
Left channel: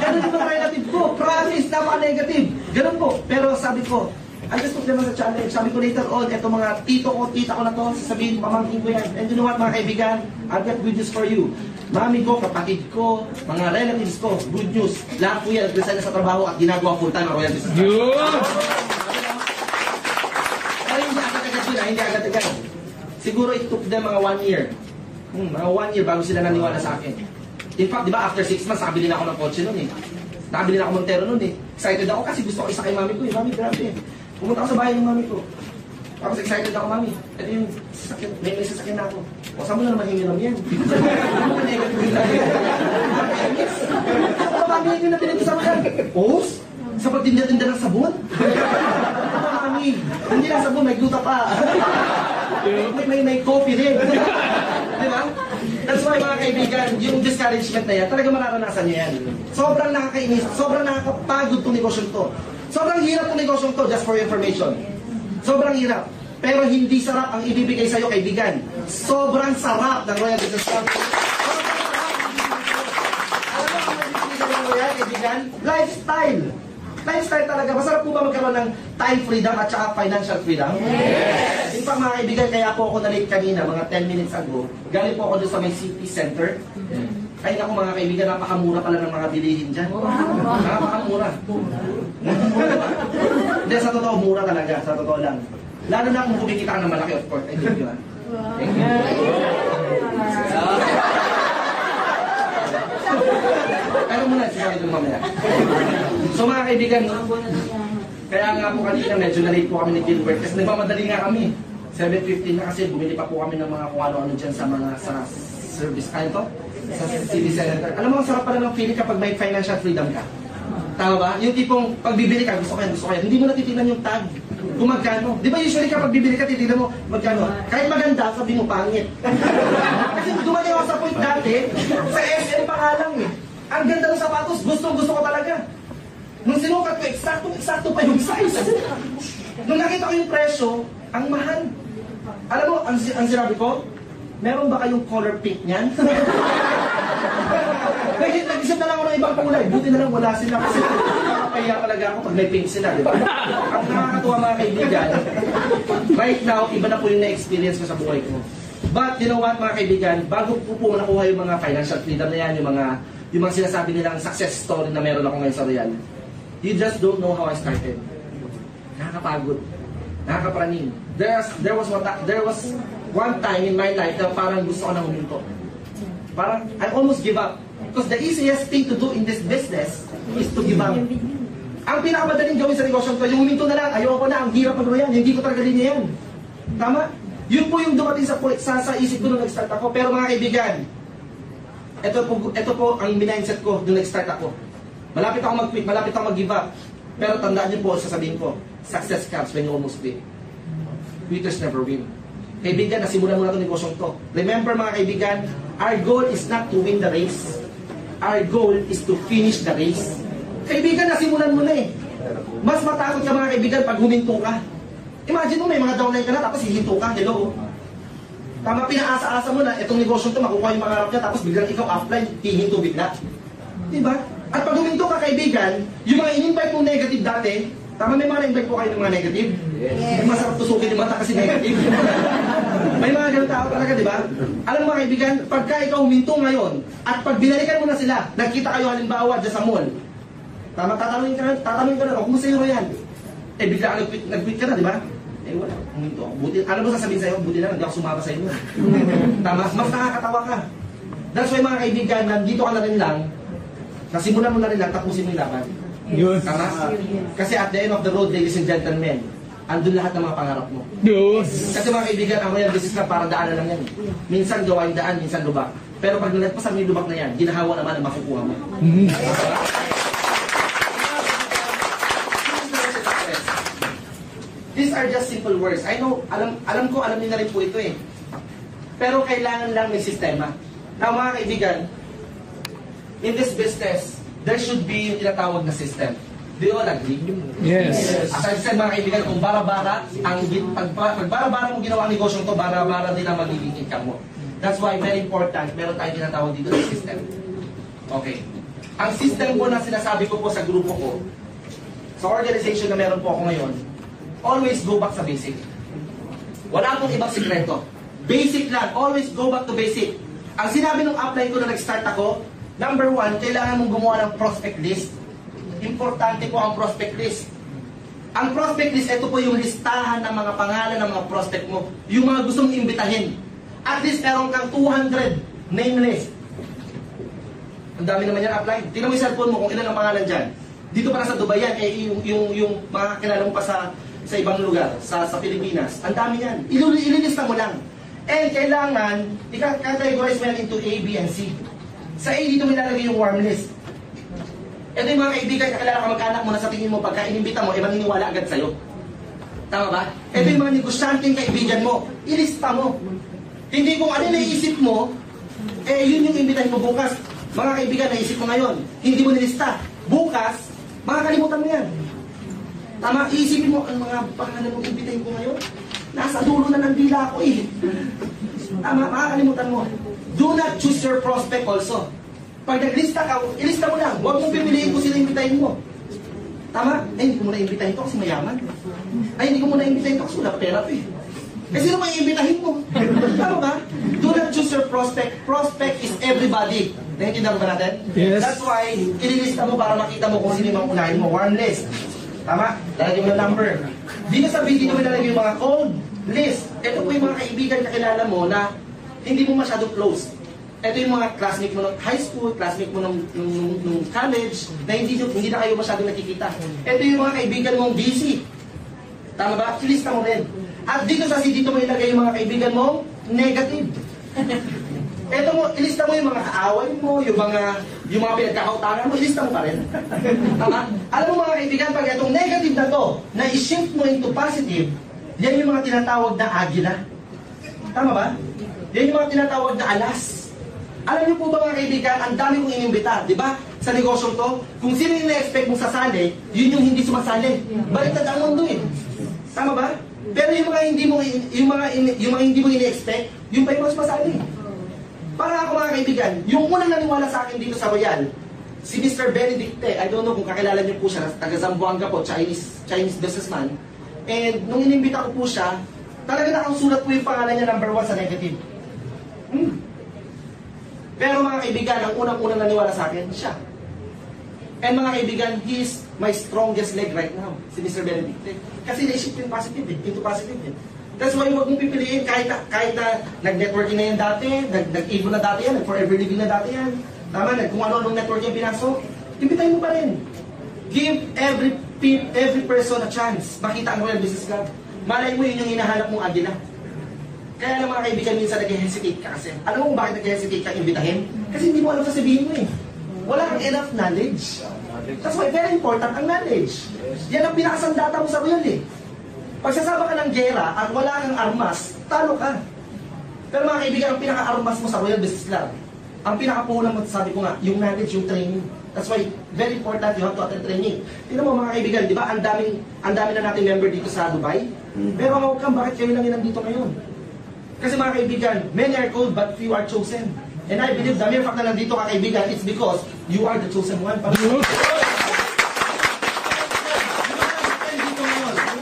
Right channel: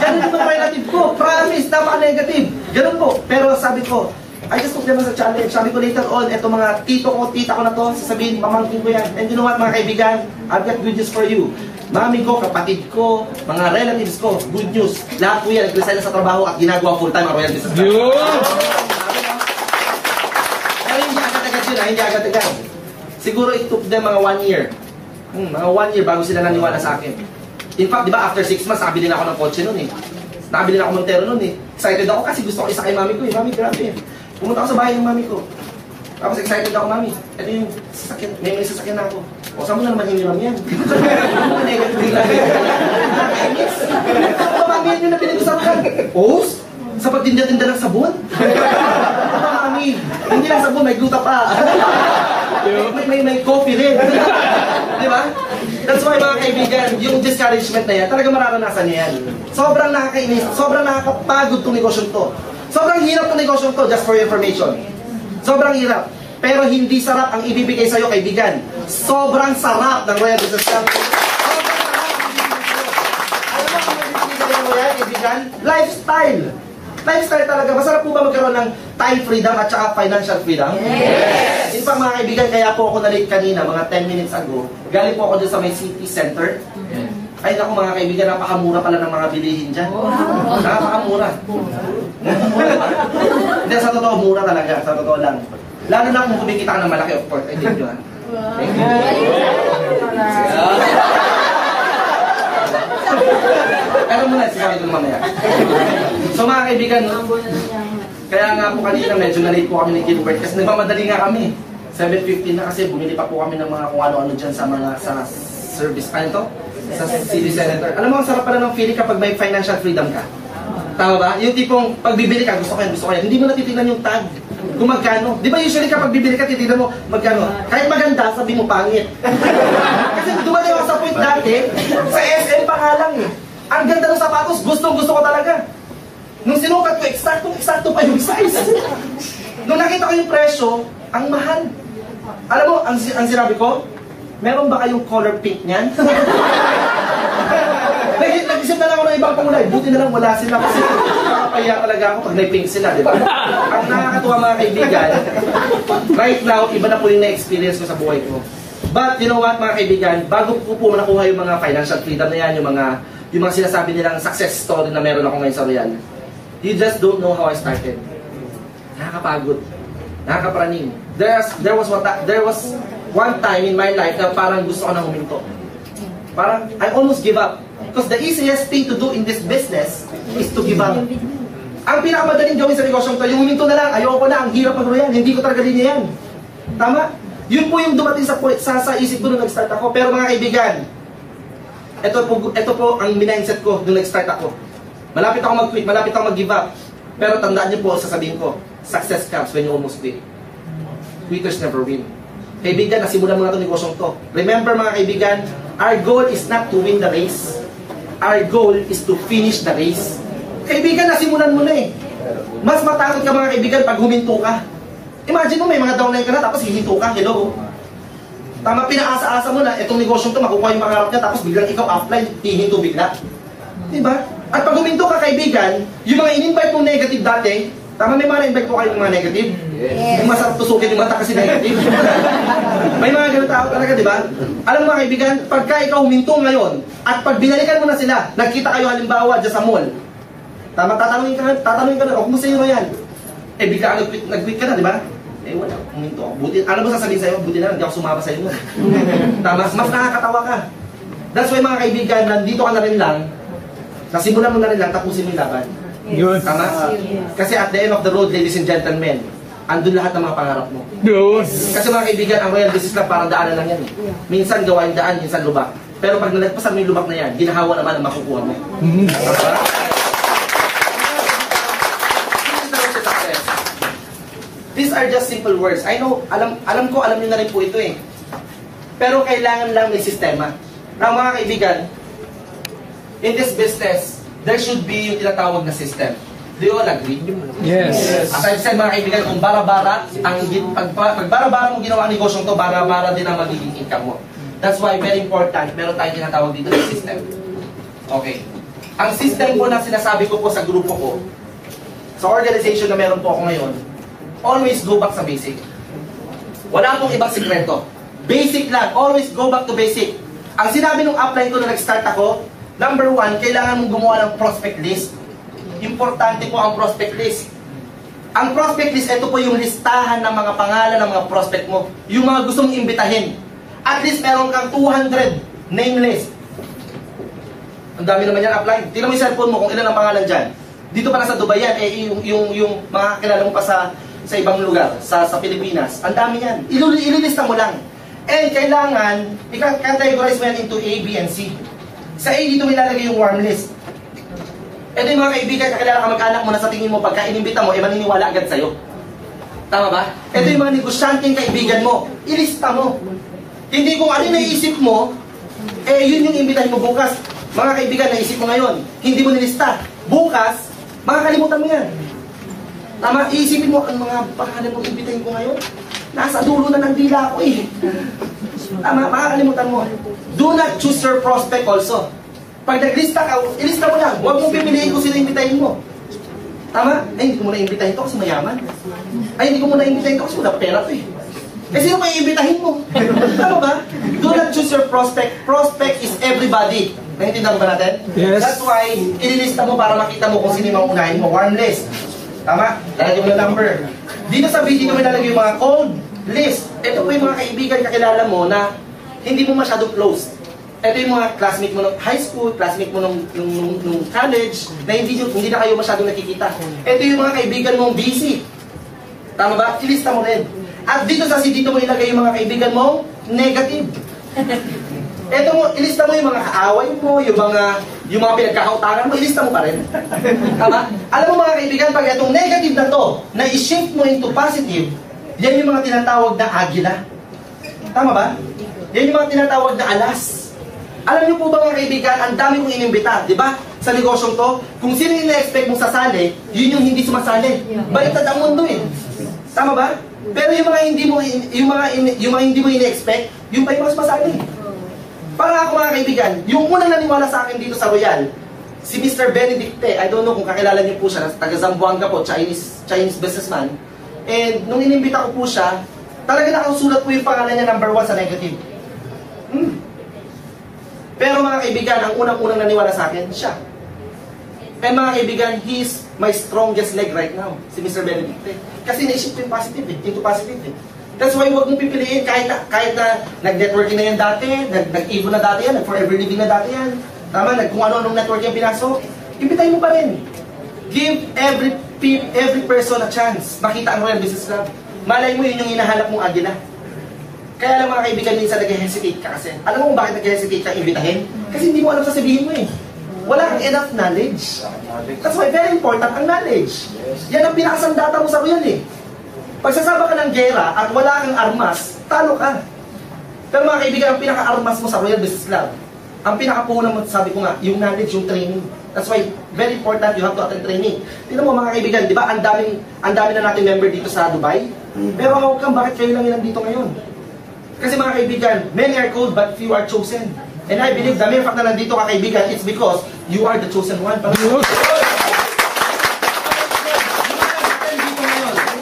Ganun yung mga relative ko. Promise, napaka-negative. Ganun po. Pero sabi ko, I just took them as a challenge. Sabi ko later on, eto mga tito ko, tita ko na to, sasabihin, pamangkin ko yan. And you know what, mga kaibigan? I've got good news for you. Mami ko, kapatid ko, mga relatives ko, good news. Lahat po yan, nag-resign na sa trabaho at ginagawa full-time ang Royal Business Club. Pero hindi agad-agad yun, hindi agad-agad. Siguro it took them mga 1 year. Mga 1 year bago sila naniwala sa akin. In fact, di ba, after 6 months, nakabili na ako ng kotse nun eh. Nakabili na ako Montero nun eh. Excited ako kasi gusto ko isa kay mami ko eh. Mami, grabe eh. Pumunta ako sa bahay ng mami ko. Tapos excited ako, mami. Ito yung sasakyan. May sasakyan na ako. O, saan mo na naman hiniram yan? Negative lang yan. Nakakainis. Mamangin yun na pinag-usapan yan. O, sa pagtinda-tinda ng sabon? Mami, hindi lang sabon, may gluta pa. May coffee rin. Di ba? That's why mga kaibigan, yung discouragement na yan, talaga mararanasan niya yan. Sobrang nakakainis, sobrang nakakapagod itong negosyo to. Sobrang hirap itong negosyo to, just for your information. Sobrang hirap. Pero hindi sarap ang ibibigay sa'yo, kaibigan. Sobrang sarap ng Royal Business Club. Sobrang sarap ang ibibigay sa'yo. Alam mo kung ibibigay sa'yo ng Royal, kaibigan? Lifestyle. Lifestyle talaga. Masarap po ba magkaroon ng time freedom at saka financial freedom? Yes! In fact, mga kaibigan, kaya po ako na-late kanina, mga 10 minutes ago. Galing po ako dun sa may city center. Ay naku mga kaibigan, napakamura pala ng mga bilihin dyan. Napakamura. Hindi, sa totoo, mura talaga. Sa totoo lang. Lalo na kung kumikita ka ng malaki, of course. I thank you, ha? Thank you. Pero muna, sinabi ko mamaya. So mga kaibigan, kaya nga po kanina medyo na-late po kami ni Gilbert kasi nagmamadali nga kami. 7:15 na kasi bumili pa po kami ng mga kung ano-ano dyan sa mga service. Ano to? Sa city senator. Alam mo, ang sarap pala ng feeling kapag may financial freedom ka. Tama ba? Yung tipong pagbibili ka, gusto ko yan. Hindi mo na titignan yung tag. Kung magkano. Di ba usually kapag bibili ka, titignan mo magkano. Kahit maganda, sabi mo pangit. Kasi dumating ako sa point dati, sa SM pa nga lang eh. Ang ganda ng sapatos, gustong-gusto ko talaga. Nung sinukat ko, eksakto pa yung size. Nung nakita ko yung presyo, ang mahal. Alam mo, ang sinabi ko, meron ba kayong color pink niyan? mga ibang kulay. Buti na lang wala sila kasi nakakaya talaga ako pag may pink sila, di ba? Ang nakakatuwa mga kaibigan, right now, iba na po yung na-experience ko sa buhay ko. But, you know what mga kaibigan, bago ko po nakuha yung mga financial freedom na yan, yung mga sinasabi nilang success story na meron ako ngayon sa Royal, you just don't know how I started. Nakakapagod. Nakakapraning. There was one time in my life na parang gusto ko nang huminto. Parang, I almost give up. Because the easiest thing to do in this business is to give up. Ang pinakamadaling gawin sa negosyong to, yung huminto na lang, ayoko na, ang hirap mag-royal, hindi ko talaga linya yan. Tama? Yun po yung dumating sa isip ko nung nag-start ako. Pero mga kaibigan, ito po ang mindset ko nung nag-start ako. Malapit ako mag-quit, malapit ako mag-give up. Pero tandaan niyo po, sasabihin ko, success comes when you almost quit. Quitters never win. Kaibigan, nasimulan mo na itong negosyong to. Remember mga kaibigan, our goal is not to win the race. Our goal is to finish the race. Kaibigan, nasimulan mo na eh. Mas matakot ka mga kaibigan pag huminto ka. Imagine mo, may mga downline ka na, tapos hihinto ka, hello. Tama, pinaasa-asa mo na, itong negosyong to, makukuha yung mga harap niya, tapos biglang ikaw offline, hihinto bigla. Diba? At pag huminto ka kaibigan, yung mga in-invite mong negative dati, tama, may mga na-invite po kayo ng mga negative? Yes. Yung masarap tusukin yung mata kasi negative. May mga ganun tao talaga, di ba? Alam mo mga kaibigan, pagka ikaw huminto ngayon, at pag binalikan mo na sila, nagkita kayo halimbawa dyan sa mall, tama, tatanungin ka na, o kumusta yun yan? Eh, bigla nag-quit ka na, di ba? Eh, wala, huminto. Buti, alam mo sasabihin sa'yo, buti na, hindi ako sumama sa'yo nun. Tama, mas nakakatawa ka. That's why mga kaibigan, nandito ka na rin lang, nasimulan mo na rin lang, tapusin mo yung laban. Yun. Tama? Kasi at the end of the road, ladies and gentlemen, andun lahat ng mga pangarap mo. Yun. Kasi mga kaibigan, ang royal business lang parang daanan lang yan. Minsan gawa yung daan, minsan lubak. Pero pag nalagpasan mo yung lubak na yan, ginahawa naman ang makukuha mo. Tama? These are just simple words. I know, alam niyo na rin po ito eh. Pero kailangan lang may sistema. Na mga kaibigan, in this business, there should be yung tinatawag na system. Do you all agree? Yes. As I said mga kaibigan, kung bara-bara, pag bara-bara mo ginawa ang negosyong to, bara-bara din ang magiging income mo. That's why very important, meron tayong tinatawag dito na system. Okay. Ang system po na sinasabi ko po sa grupo ko, sa organization na meron po ako ngayon, always go back sa basic. Wala pong ibang sikreto. Basic lang. Always go back to basic. Ang sinabi nung upline ko na nag-start ako, number 1, kailangan mong gumawa ng prospect list. Importante po ang prospect list. Ang prospect list, ito po yung listahan ng mga pangalan ng mga prospect mo. Yung mga gusto mong imbitahin. At least meron kang 200 name list. Ang dami naman yan upline. Tingnan mo yung cellphone mo kung ilan ang pangalan dyan. Dito pa na sa Dubai yan, eh, yung mga kilala mo pa sa ibang lugar, sa Pilipinas. Ang dami yan. Ililista mo lang. And kailangan, i-categorize mo yan into A, B, and C. Sa A, dito may lalagay yung warm list. Ito yung mga kaibigan, kakilala ka mag-anak mo na sa tingin mo, pagka inimbita mo, maniniwala agad sa'yo. Tama ba? Ito yung mga negosyanteng kaibigan mo. Ilista mo. Hindi kung ano yung naisip mo, eh yun yung imbitahin mo bukas. Mga kaibigan, naisip mo ngayon, hindi mo nilista. Bukas, makakalimutan mo yan. Tama, iisipin mo ang mga pangalan mong imbitahin ko ngayon. Nasa dulo na ng dila ko eh. Tama, makakalimutan mo. Do not choose your prospect also. Pag naglista ka, ilista mo lang. Huwag mong pipiliin kung sino imbitahin mo. Tama? Ay, hindi ko muna imbitahin to kasi mayaman. Ay, hindi ko muna imbitahin to kasi wala pera to eh. Eh, sino may imbitahin mo? Tama ba? Do not choose your prospect. Prospect is everybody. Naintindihan mo ba natin? Yes. That's why, ililista mo para makita mo kung sino yung unahin mo. Warm list. Tama? Lalagyan mo ng number. Dito sa video may lalagay yung mga cold list. Ito po yung mga kaibigan kakilala mo na hindi mo masyado close. Ito yung mga classmate mo ng high school, classmate mo nung college, na hindi na kayo masyado nakikita. Ito yung mga kaibigan mong busy. Tama ba? Ilista mo rin. At dito sa dito mo ilagay yung mga kaibigan mong negative. Ito mo, ilista mo yung mga kaaway mo, yung mga pinagkakautangan mo, ilista mo pa rin. Tama? Alam mo mga kaibigan, pag itong negative na to, na i-shift mo into positive, yan yung mga tinatawag na agila. Tama ba? Yan yung mga tinatawag na alas. Alam niyo po ba mga kaibigan, ang dami kong inimbita, di ba? Sa negosyong to, kung sino yung na-expect mong sasali, yun yung hindi sumasali. Baitad ang mundo eh. Tama ba? Pero yung mga hindi mo ina-expect, yung pa yung mas masali. Para ako mga kaibigan, yung unang naniwala sa akin dito sa Royal, Si Mr. Benedicte, I don't know kung kakilala niyo po siya, taga Zamboanga po, Chinese businessman. And nung inimbita ko po siya, talaga nakasulat po yung pangalan niya number 1 sa negative. Pero mga kaibigan, ang unang-unang naniwala sa akin, siya. And mga kaibigan, he's my strongest leg right now, si Mr. Benedicte. Kasi naisip ko yung positive into positive That's why huwag mong pipiliin kahit na nag-networking na yan dati, nag-Evo na dati yan, nag-Forever Living na dati yan. Tama, kung ano-anong network yung pinasok, impitahin mo pa rin. Give every person a chance. Makita ang Royal Business Club. Malay mo yun yung hinahanap mong agila. Kaya lang mga kaibigan, minsan nag-hesitate ka kasi. Alam mo kung bakit nag-hesitate ka imbitahin? Kasi hindi mo alam sasabihin mo eh. Wala kang enough knowledge. That's why very important ang knowledge. Yan ang pinakasandata mo sa Royal eh. Pag sasama ka ng gera at wala kang armas, talo ka. Pero mga kaibigan, ang pinaka-armas mo sa Royal Business Club, ang pinaka-puhunan mo, sabi ko nga, yung knowledge, yung training. That's why, very important, you have to attend training. Tignan mo mga kaibigan, di ba, ang dami na natin member dito sa Dubai. Pero how come, bakit kayo lang ilang dito ngayon? Kasi mga kaibigan, many are called, but few are chosen. And I believe the mere fact na nandito ka kaibigan, it's because you are the chosen one.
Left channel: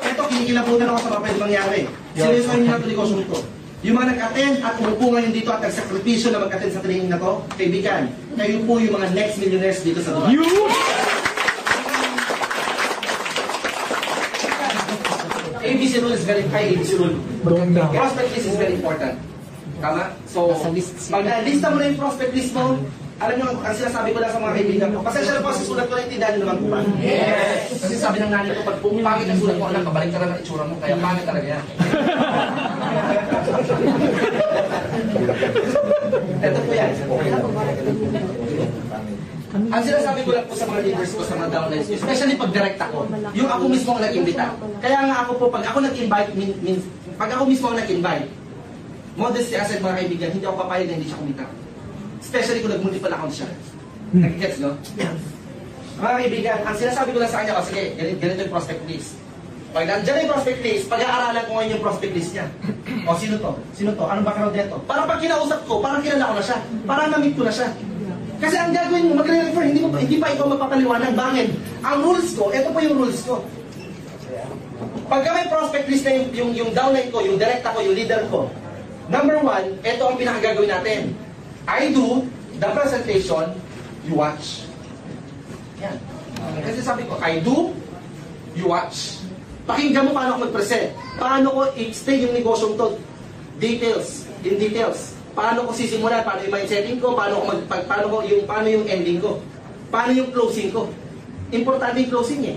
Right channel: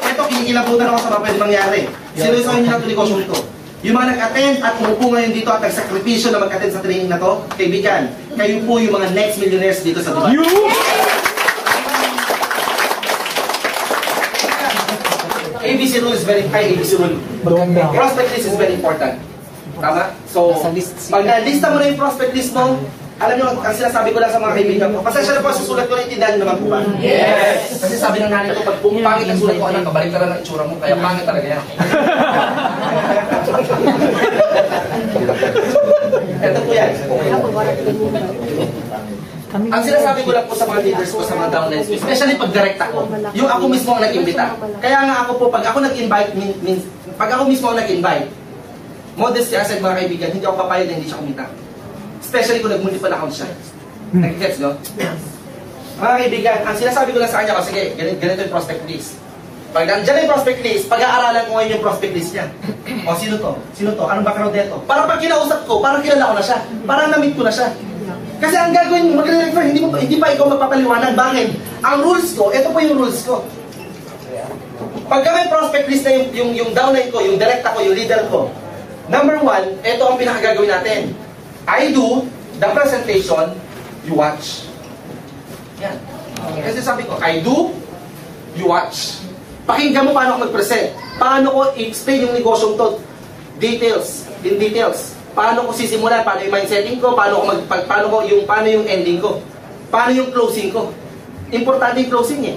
Ito, kinikilabutan ako sa mga pwede mangyari. Sinusoy niyo ang negosyo ito. Yung mga nag-attend at umupo ngayon dito at nagsakripisyo na mag-attend sa training na to, kaibigan, kayo po yung mga next millionaires dito sa Dubai. ABC rule is very high. ABC rule. Prospect list is very important. Tama? So, pag na-lista mo na yung prospect list mo, alam nyo, ang sinasabi ko lang sa mga kaibigan ko, pasensya na po sa sulat ko, naintindihan nyo naman po ba? Yes! Kasi sabi ng nanay ko, pag pangit ang sulat ko, anak, kabalik ka na ng itsura mo, kaya pangit talaga yan. Ito po yan. Ang sinasabi ko lang po sa mga leaders ko, sa mga downlines ko, especially pag direct ako, yung ako mismo ang nag-imbita. Kaya nga ako po, pag ako nag-invite, pag ako mismo ang nag-invite, modesty aside mga kaibigan, hindi ako papayag na hindi siya kumita. Especially kung nag-multiple account siya. Nag-gets nyo? Mga kaibigan, ang sinasabi ko lang sa kanya, sige, ganito yung prospect list. Pag nandiyan yung prospect list, pag-aaralan ko ngayon yung prospect list niya. O, sino to? Sino to? Anong background nito? Para pag kinausap ko, parang kilala ko na siya. Parang na-meet ko na siya. Kasi ang gagawin mo, mag-refer, hindi pa ikaw magpapaliwanag. Bakit? Ang rules ko, ito po yung rules ko. Pagka may prospect list na yung downline ko, yung direct ako, yung leader ko, number 1, ito ang pinakagagawin natin. I do the presentation, you watch. Yan. Kasi sabi ko, I do, you watch. Pakinggan mo paano ako mag-present. Paano ko i-explain yung negosyong to. Details. In details. Paano ko sisimulan, paano yung mindsetting ko, paano yung ending ko. Paano yung closing ko. Importante yung closing eh.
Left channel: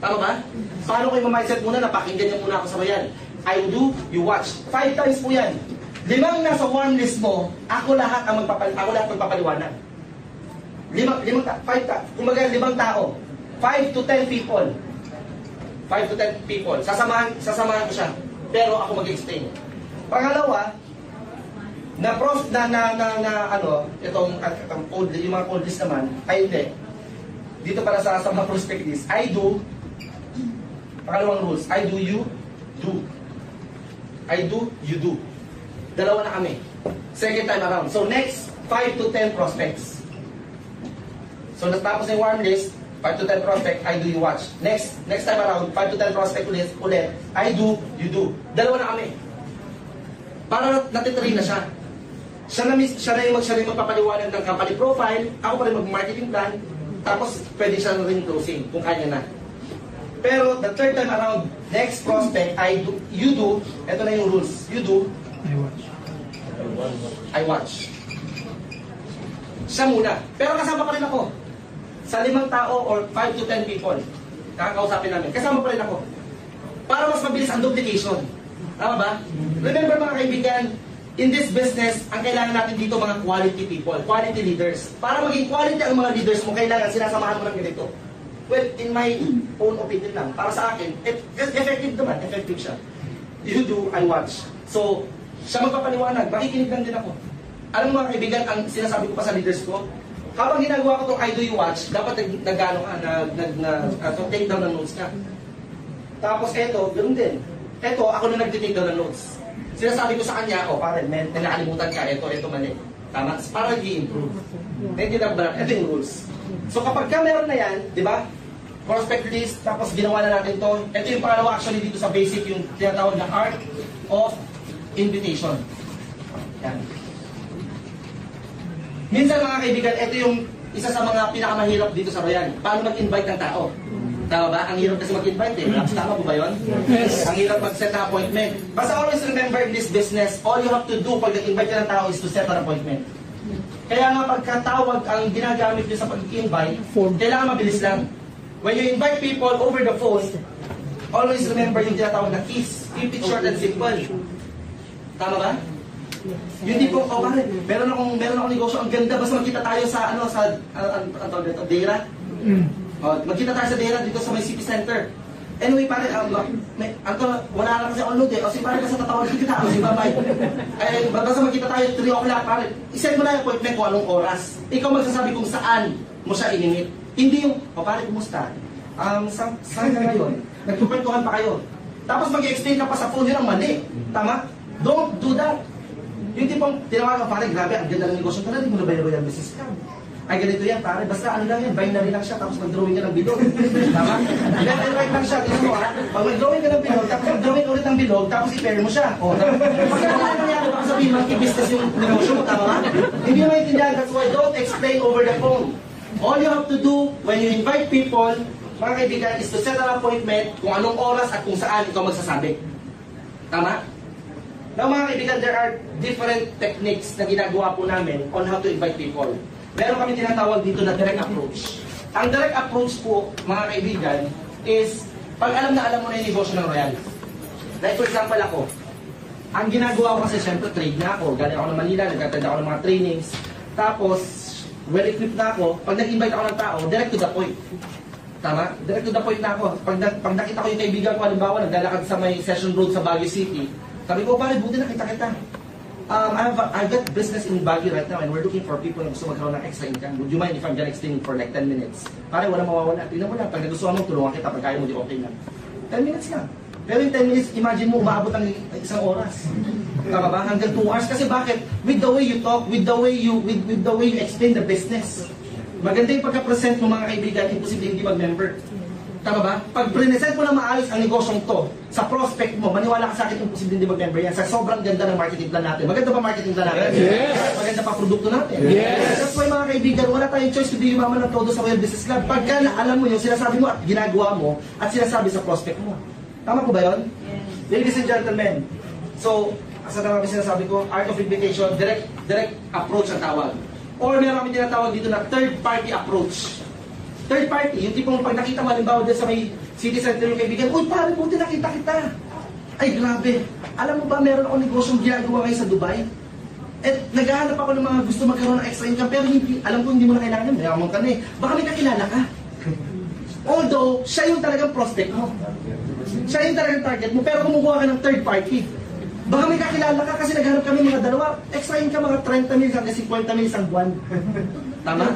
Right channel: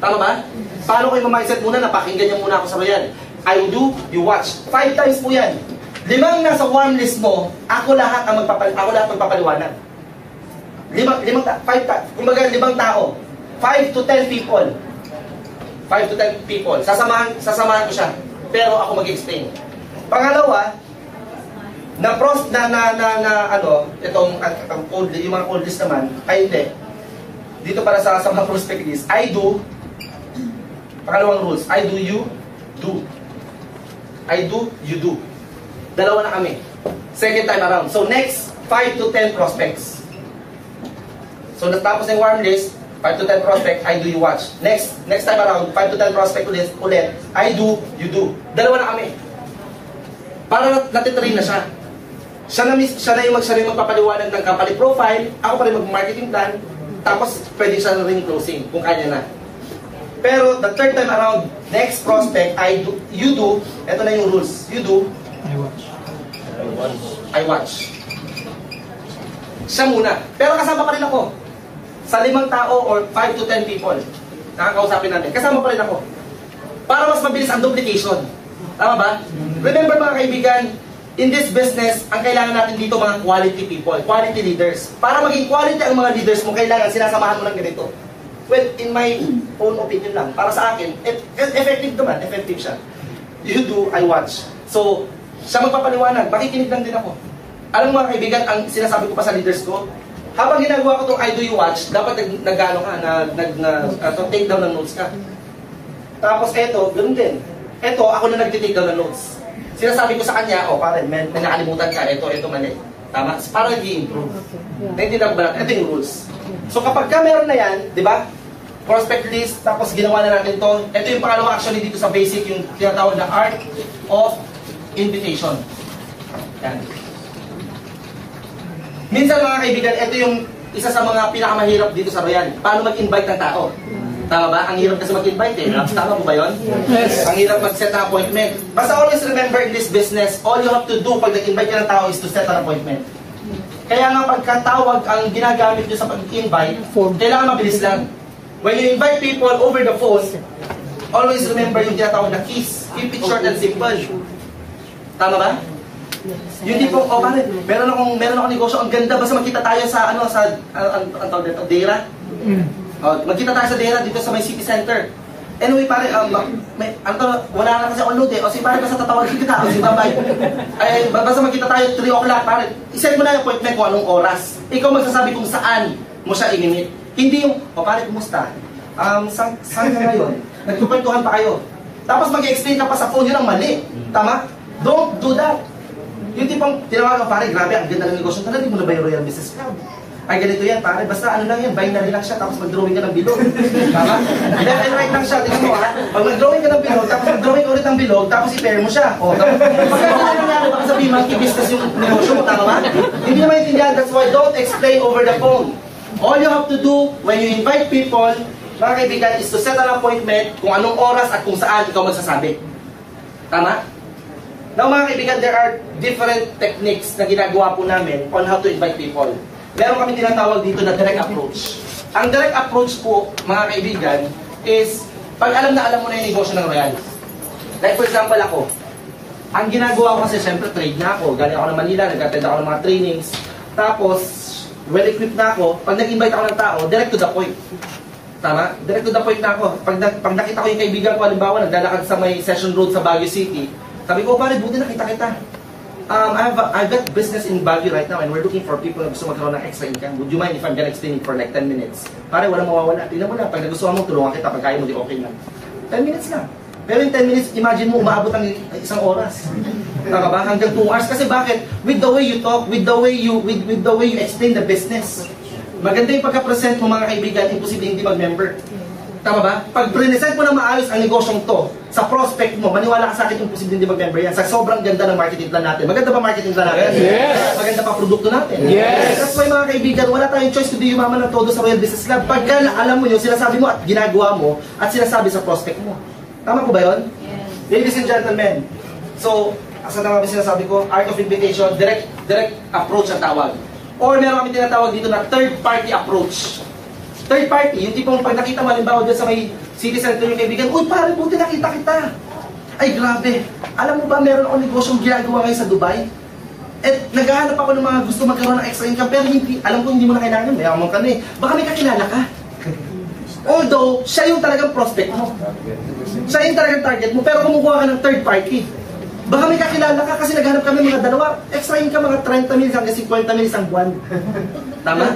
Tama ba? Paano ko yung mindset muna, napakinggan niyo muna ako sa bayan. I do, you watch. 5 times po yan. 5 nasa warm list mo, ako lahat magpapaliwanag. 5 tao. 5 to 10 people. 5 to 10 people. Sasamahan ko siya. Pero ako mag-explain. Pangalawa, itong code, yung mga code list naman, ay hindi. Dito para sa mga prospect list, I do, pangalawang rules, I do, you do. I do, you do. Dalawa na kami. Second time around. So next, 5 to 10 prospects. So natapos na yung warm list, 5 to 10 prospect, I do, you watch. Next time around, 5 to 10 prospect ulit, I do, you do. Dalawa na kami. Para natitrain na siya. Siya na yung magpapaliwanag ng company profile, ako pa rin mag-marketing plan, tapos pwede siya na rin closing, kung kanya na. Pero the third time around, next prospect, I do, you do, ito na yung rules. You do, I watch. Siya muna. Pero kasama pa rin ako. Sa 5 tao or 5 to 10 people, nakakausapin namin. Kasama pa rin ako. Para mas mabilis ang duplication. Tama ba? Remember mga kaibigan, in this business, ang kailangan natin dito mga quality people, quality leaders. Para maging quality ang mga leaders mo, kailangan sinasamahan mo ng ganito. Well, in my own opinion lang, para sa akin, effective naman, effective siya. You do, I watch. So, siya magpapaliwanag, makikinig lang din ako. Alam mo mga kaibigan, ang sinasabi ko pa sa leaders ko, habang ginagawa ko itong I do, you watch, dapat nag-ano ka, take down ng notes ka. Tapos eto, ganoon din. Eto, ako na nag-take down ng notes. Sinasabi ko sa kanya, pare, nakalimutan ka, eto mali. Tama? Para i-improve. Naintindihan ba natin? Ito yung rules. So kapag ka meron na yan, di ba? Prospect list, tapos ginawa na natin to. Ito yung pangalawa actually dito sa basic, yung tinatawag na art of invitation. Yan. Minsan mga kaibigan, ito yung isa sa mga pinakamahirap dito sa Royal. Paano mag-invite ng tao? Tama ba? Ang hirap kasi mag-invite eh. Tama po ba yun? Yes. Ang hirap mag-set ng appointment. Basta always remember in this business, all you have to do pag nag-invite ka ng tao is to set an appointment. Kaya nga pagkatawag ang ginagamit nyo sa pag-invite, kailangan mabilis lang. When you invite people over the phone, always remember yung tinatawag na keys. Keep it short and simple. Tama ba? Yung tipong, oh pare, meron akong negosyo, ang ganda, basta magkita tayo sa, ang tawag dito, Dera. Magkita tayo sa Dera dito sa may city center. Anyway, pare, wala na kasi on load eh. O si pare, basta tatawagin kita. O si babay. Ay, basta magkita tayo 3 o'clock, pare. I-set mo na yung appointment kung anong oras. Ikaw magsasabi kung saan mo siya i-meet. Hindi yung, o pare, kumusta? Saan ka ngayon? Nagkukwentuhan pa kayo. Tapos mag-explain ka pa sa phone, yun ang mali. Tama? Don't do that. Yung tipong tinawagan ko, pare, grabe, ang ganda ng negosyo. Narinig mo na ba yung Royal Business Club? Ay, ganito yan, pare. Basta ano lang yan, binary lang siya, tapos mag-drawing ka ng bilog. Tama? Left and right lang siya. Tingnan mo, ha? Pag mag-drawing ka ng bilog, tapos mag-drawing ka ulit ng bilog, tapos i-pair mo siya. O, tapos, ano nangyari? Baka sabihin, monkey-business yung negosyo mo, tama ba? Hindi naman intindihan. That's why don't explain over the phone. All you have to do when you invite people, mga kaibigan, is to set an appointment kung anong oras at kung saan ikaw magsasabi. Tama? Now mga kaibigan, there are different techniques na ginagawa po namin on how to invite people. Meron kami tinatawag dito na direct approach. Ang direct approach po, mga kaibigan, is pag alam mo na yung negosyo ng Royal. Like for example ako, ang ginagawa ko kasi syempre trade na ako. Galing ako ng Manila, nag-attend ako ng mga trainings. Tapos, well-equipped na ako. Pag nag-invite ako ng tao, direct to the point. Tama? Direct to the point na ako. Pag nakita ko yung kaibigan ko, halimbawa, naglalakad sa may Session Road sa Baguio City, sabi ko, pare, buti nakita kita. I've got business in Baguio right now and we're looking for people na gusto magkaroon ng extra income. Would you mind if I'm gonna explain it for like 10 minutes? Pare, walang mawawala. Tingnan mo lang, pag nagustuhan mo, tulungan kita. Pag kaya mo, di okay lang. 10 minutes lang. Pero in 10 minutes, imagine mo, umaabot ang isang oras. Tama ba? Hanggang 2 hours. Kasi bakit? With the way you talk, with the way you explain the business. Maganda yung pagka-present mo mga kaibigan, imposible hindi mag-member. Tama ba? Pag present mo na maayos ang negosyong to, sa prospect mo, maniwala ka sa akin, imposible hindi mag-member yan. Sa sobrang ganda ng marketing plan natin. Maganda ba marketing plan natin? Yes! Maganda pa produkto natin? Yes! That's why mga kaibigan, wala tayong choice kundi yumaman ng todo sa Royal Business Club. Pagka alam mo yun, sinasabi mo at ginagawa mo, at sinasabi sa prospect mo. Tama po ba yun? Yes. Ladies and gentlemen, so, asa na kami sinasabi ko, art of invitation, direct approach ang tawag. Or meron kami tinatawag dito na third party approach. Third party, yung tipong pag nakita mo, halimbawa doon sa may city center yung kaibigan, uy pare, buti nakita kita. Ay grabe, alam mo ba meron akong negosyong ginagawa ngayon sa Dubai? At naghahanap ako ng mga gusto magkaroon ng extra income, pero hindi, alam ko hindi mo na kailangan, mayaman ka na eh. Baka may kakilala ka. Although, siya yung talagang prospect mo. Siya yung talagang target mo, pero kumukuha ka ng third party. Baka may kakilala ka kasi naghanap kami mga dalawa, extra income mga 30 mil hanggang 50 mil isang buwan. Tama?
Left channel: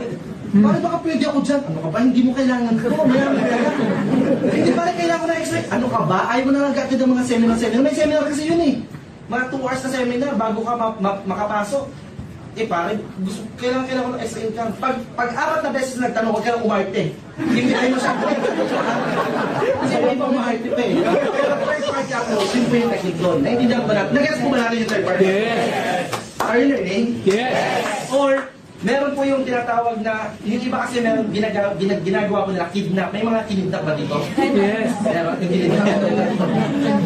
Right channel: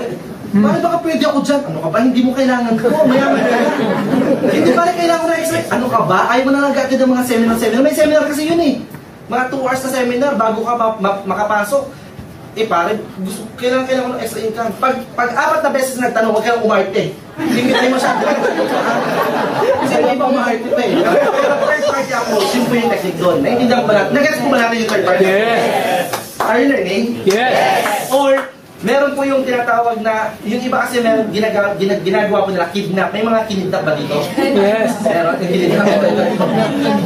Pare baka pwede ako dyan. Ano ka ba? Hindi mo kailangan ko. Mayaman ka na. Hindi pare kailangan ko na extra. Ano ka ba? Ayaw mo na lang agad ng mga seminar. May seminar kasi yun eh. Mga 2 hours na seminar bago ka makapasok. Eh pare, kailangan ko ng extra income. Pag 4 na beses nagtanong, huwag kang umarte. Singit mo siya. Kasi hindi pa umarte pa eh. Pero third party approach, yun po yung technique doon. Naintindihan ko ba natin? Nag-gets ko ba natin yung third party? Yes! Are you learning? Yes! Or, meron po yung tinatawag na, yung iba kasi meron ginagawa po nila, kidnap. May mga kinidnap ba dito? Yes! Meron, kinidnap.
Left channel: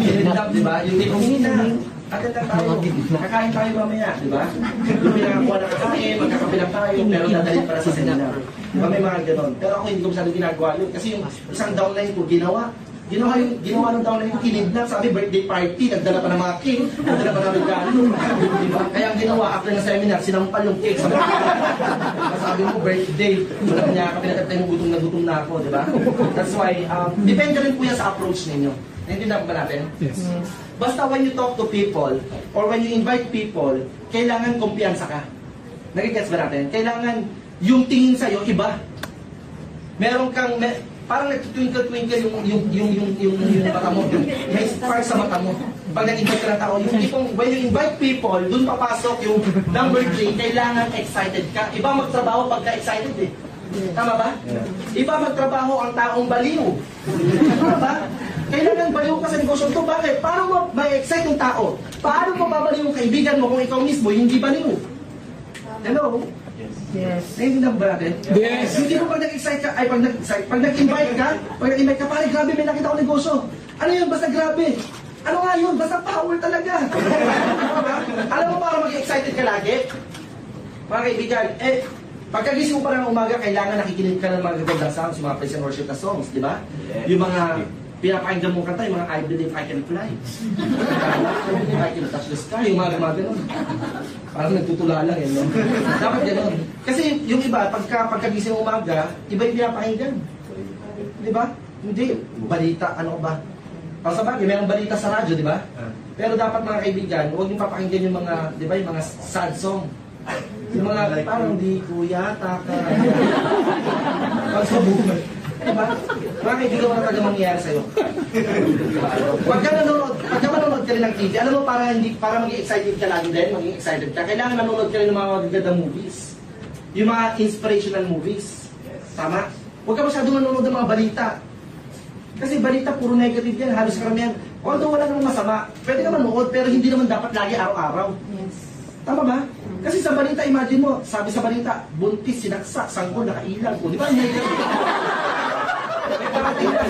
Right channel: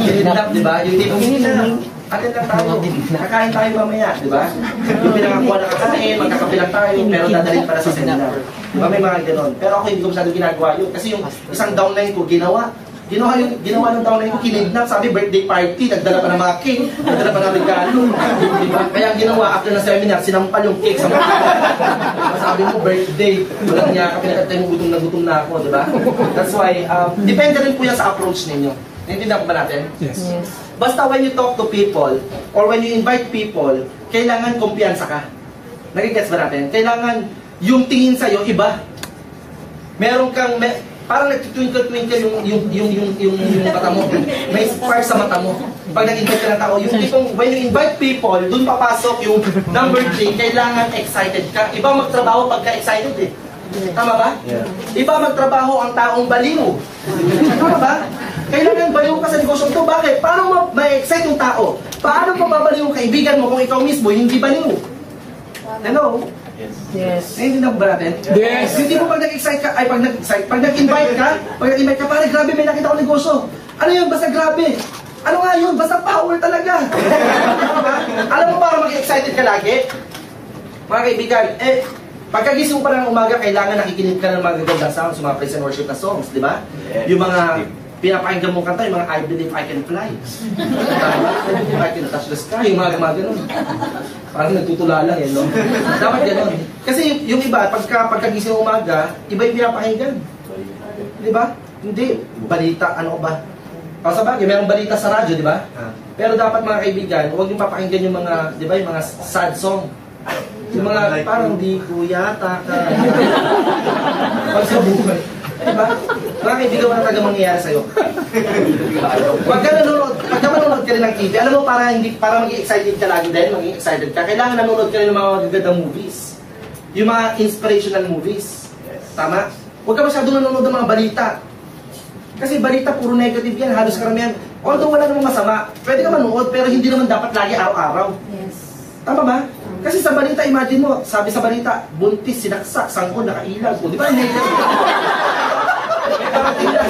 Kinidnap, di ba? Yung tipong kinidnap. Atin lang tayo. Kakain tayo mamaya, di ba? Yung pinakakuha na kakain, magkakabilang tayo, pero dadalhin para sa seminar. Di ba? May mga ganon. Pero ako hindi ko masyadong ginagawa yun. Kasi yung isang downline ko, ginawa ng downline ko, kinidnap. Sabi, birthday party, nagdala pa ng mga cake, nagdala pa ng regalo. Di ba? Kaya ang ginawa, after na seminar, sinampal yung cake sa mga sabi mo, birthday, walang niya ka, pinakatay mo, gutom na ako, di ba? That's why, depende rin po yan sa approach ninyo. Naintindihan ko ba natin? Yes. Basta when you talk to people, or when you invite people, kailangan kumpiyansa ka. Nagigets ba natin? Kailangan yung tingin sa'yo, iba. Meron kang, parang nagtitwinkle-twinkle yung mata mo. May spark sa mata mo. Pag nag-invite ka ng tao, yung tipong, when you invite people, dun papasok yung number 3, kailangan excited ka. Iba magtrabaho pagka-excited eh. Tama ba? Yeah. Iba magtrabaho ang taong baliw. Tama ba? Kailangan baliw ka sa negosyo ito. Bakit? Paano ma-excite yung tao? Paano mababaliw yung kaibigan mo kung ikaw mismo hindi baliw? Hello? Yes. Naiintindihan ba natin? Yes. Hindi mo pag nag-excite ka, ay pag nag-invite ka, pare, grabe, may nakita ko negosyo. Ano yun? Basta grabe. Ano nga yun? Basta power talaga. Alam mo para mag-excited ka lagi? Mga kaibigan, pagkagising mo pa ng umaga, kailangan nakikinig ka ng mga gagandang sounds, mga praise and worship na songs, di ba? Yung mga pinapakinggan mong kanta, yung mga I Believe I Can Fly. I Can Touch the Sky, yung mga ganun. Parang nagtutula lang eh, no? Dapat ganun. Kasi yung iba, pagkagising ng umaga, iba yung pinapakinggan. Di ba? Hindi. Balita, ano ba? Para sa bagay, mayroong balita sa radyo, di ba? Pero dapat mga kaibigan, huwag yung papakinggan yung mga, di ba, yung mga sad song. Yung mga parang di ko yata ka. Pag sa buhay. Diba? Mga kaibigan, wala talaga mangyayari sa'yo. Pagka manonood ka rin ng TV, alam mo, para maging excited ka lagi din, maging excited ka, kailangan nanonood ka rin ng mga magagandang movies. Yung mga inspirational movies. Tama? Huwag ka masyadong nanonood ng mga balita. Kasi balita, puro negative yan, halos karamihan. Although wala namang masama, pwede ka manood, pero hindi naman dapat lagi araw-araw. Yes. Tama ba? Kasi sa balita, imagine mo, sabi sa balita, buntis, sinaksak, sangkol, nakailag. O, di ba? May parating na.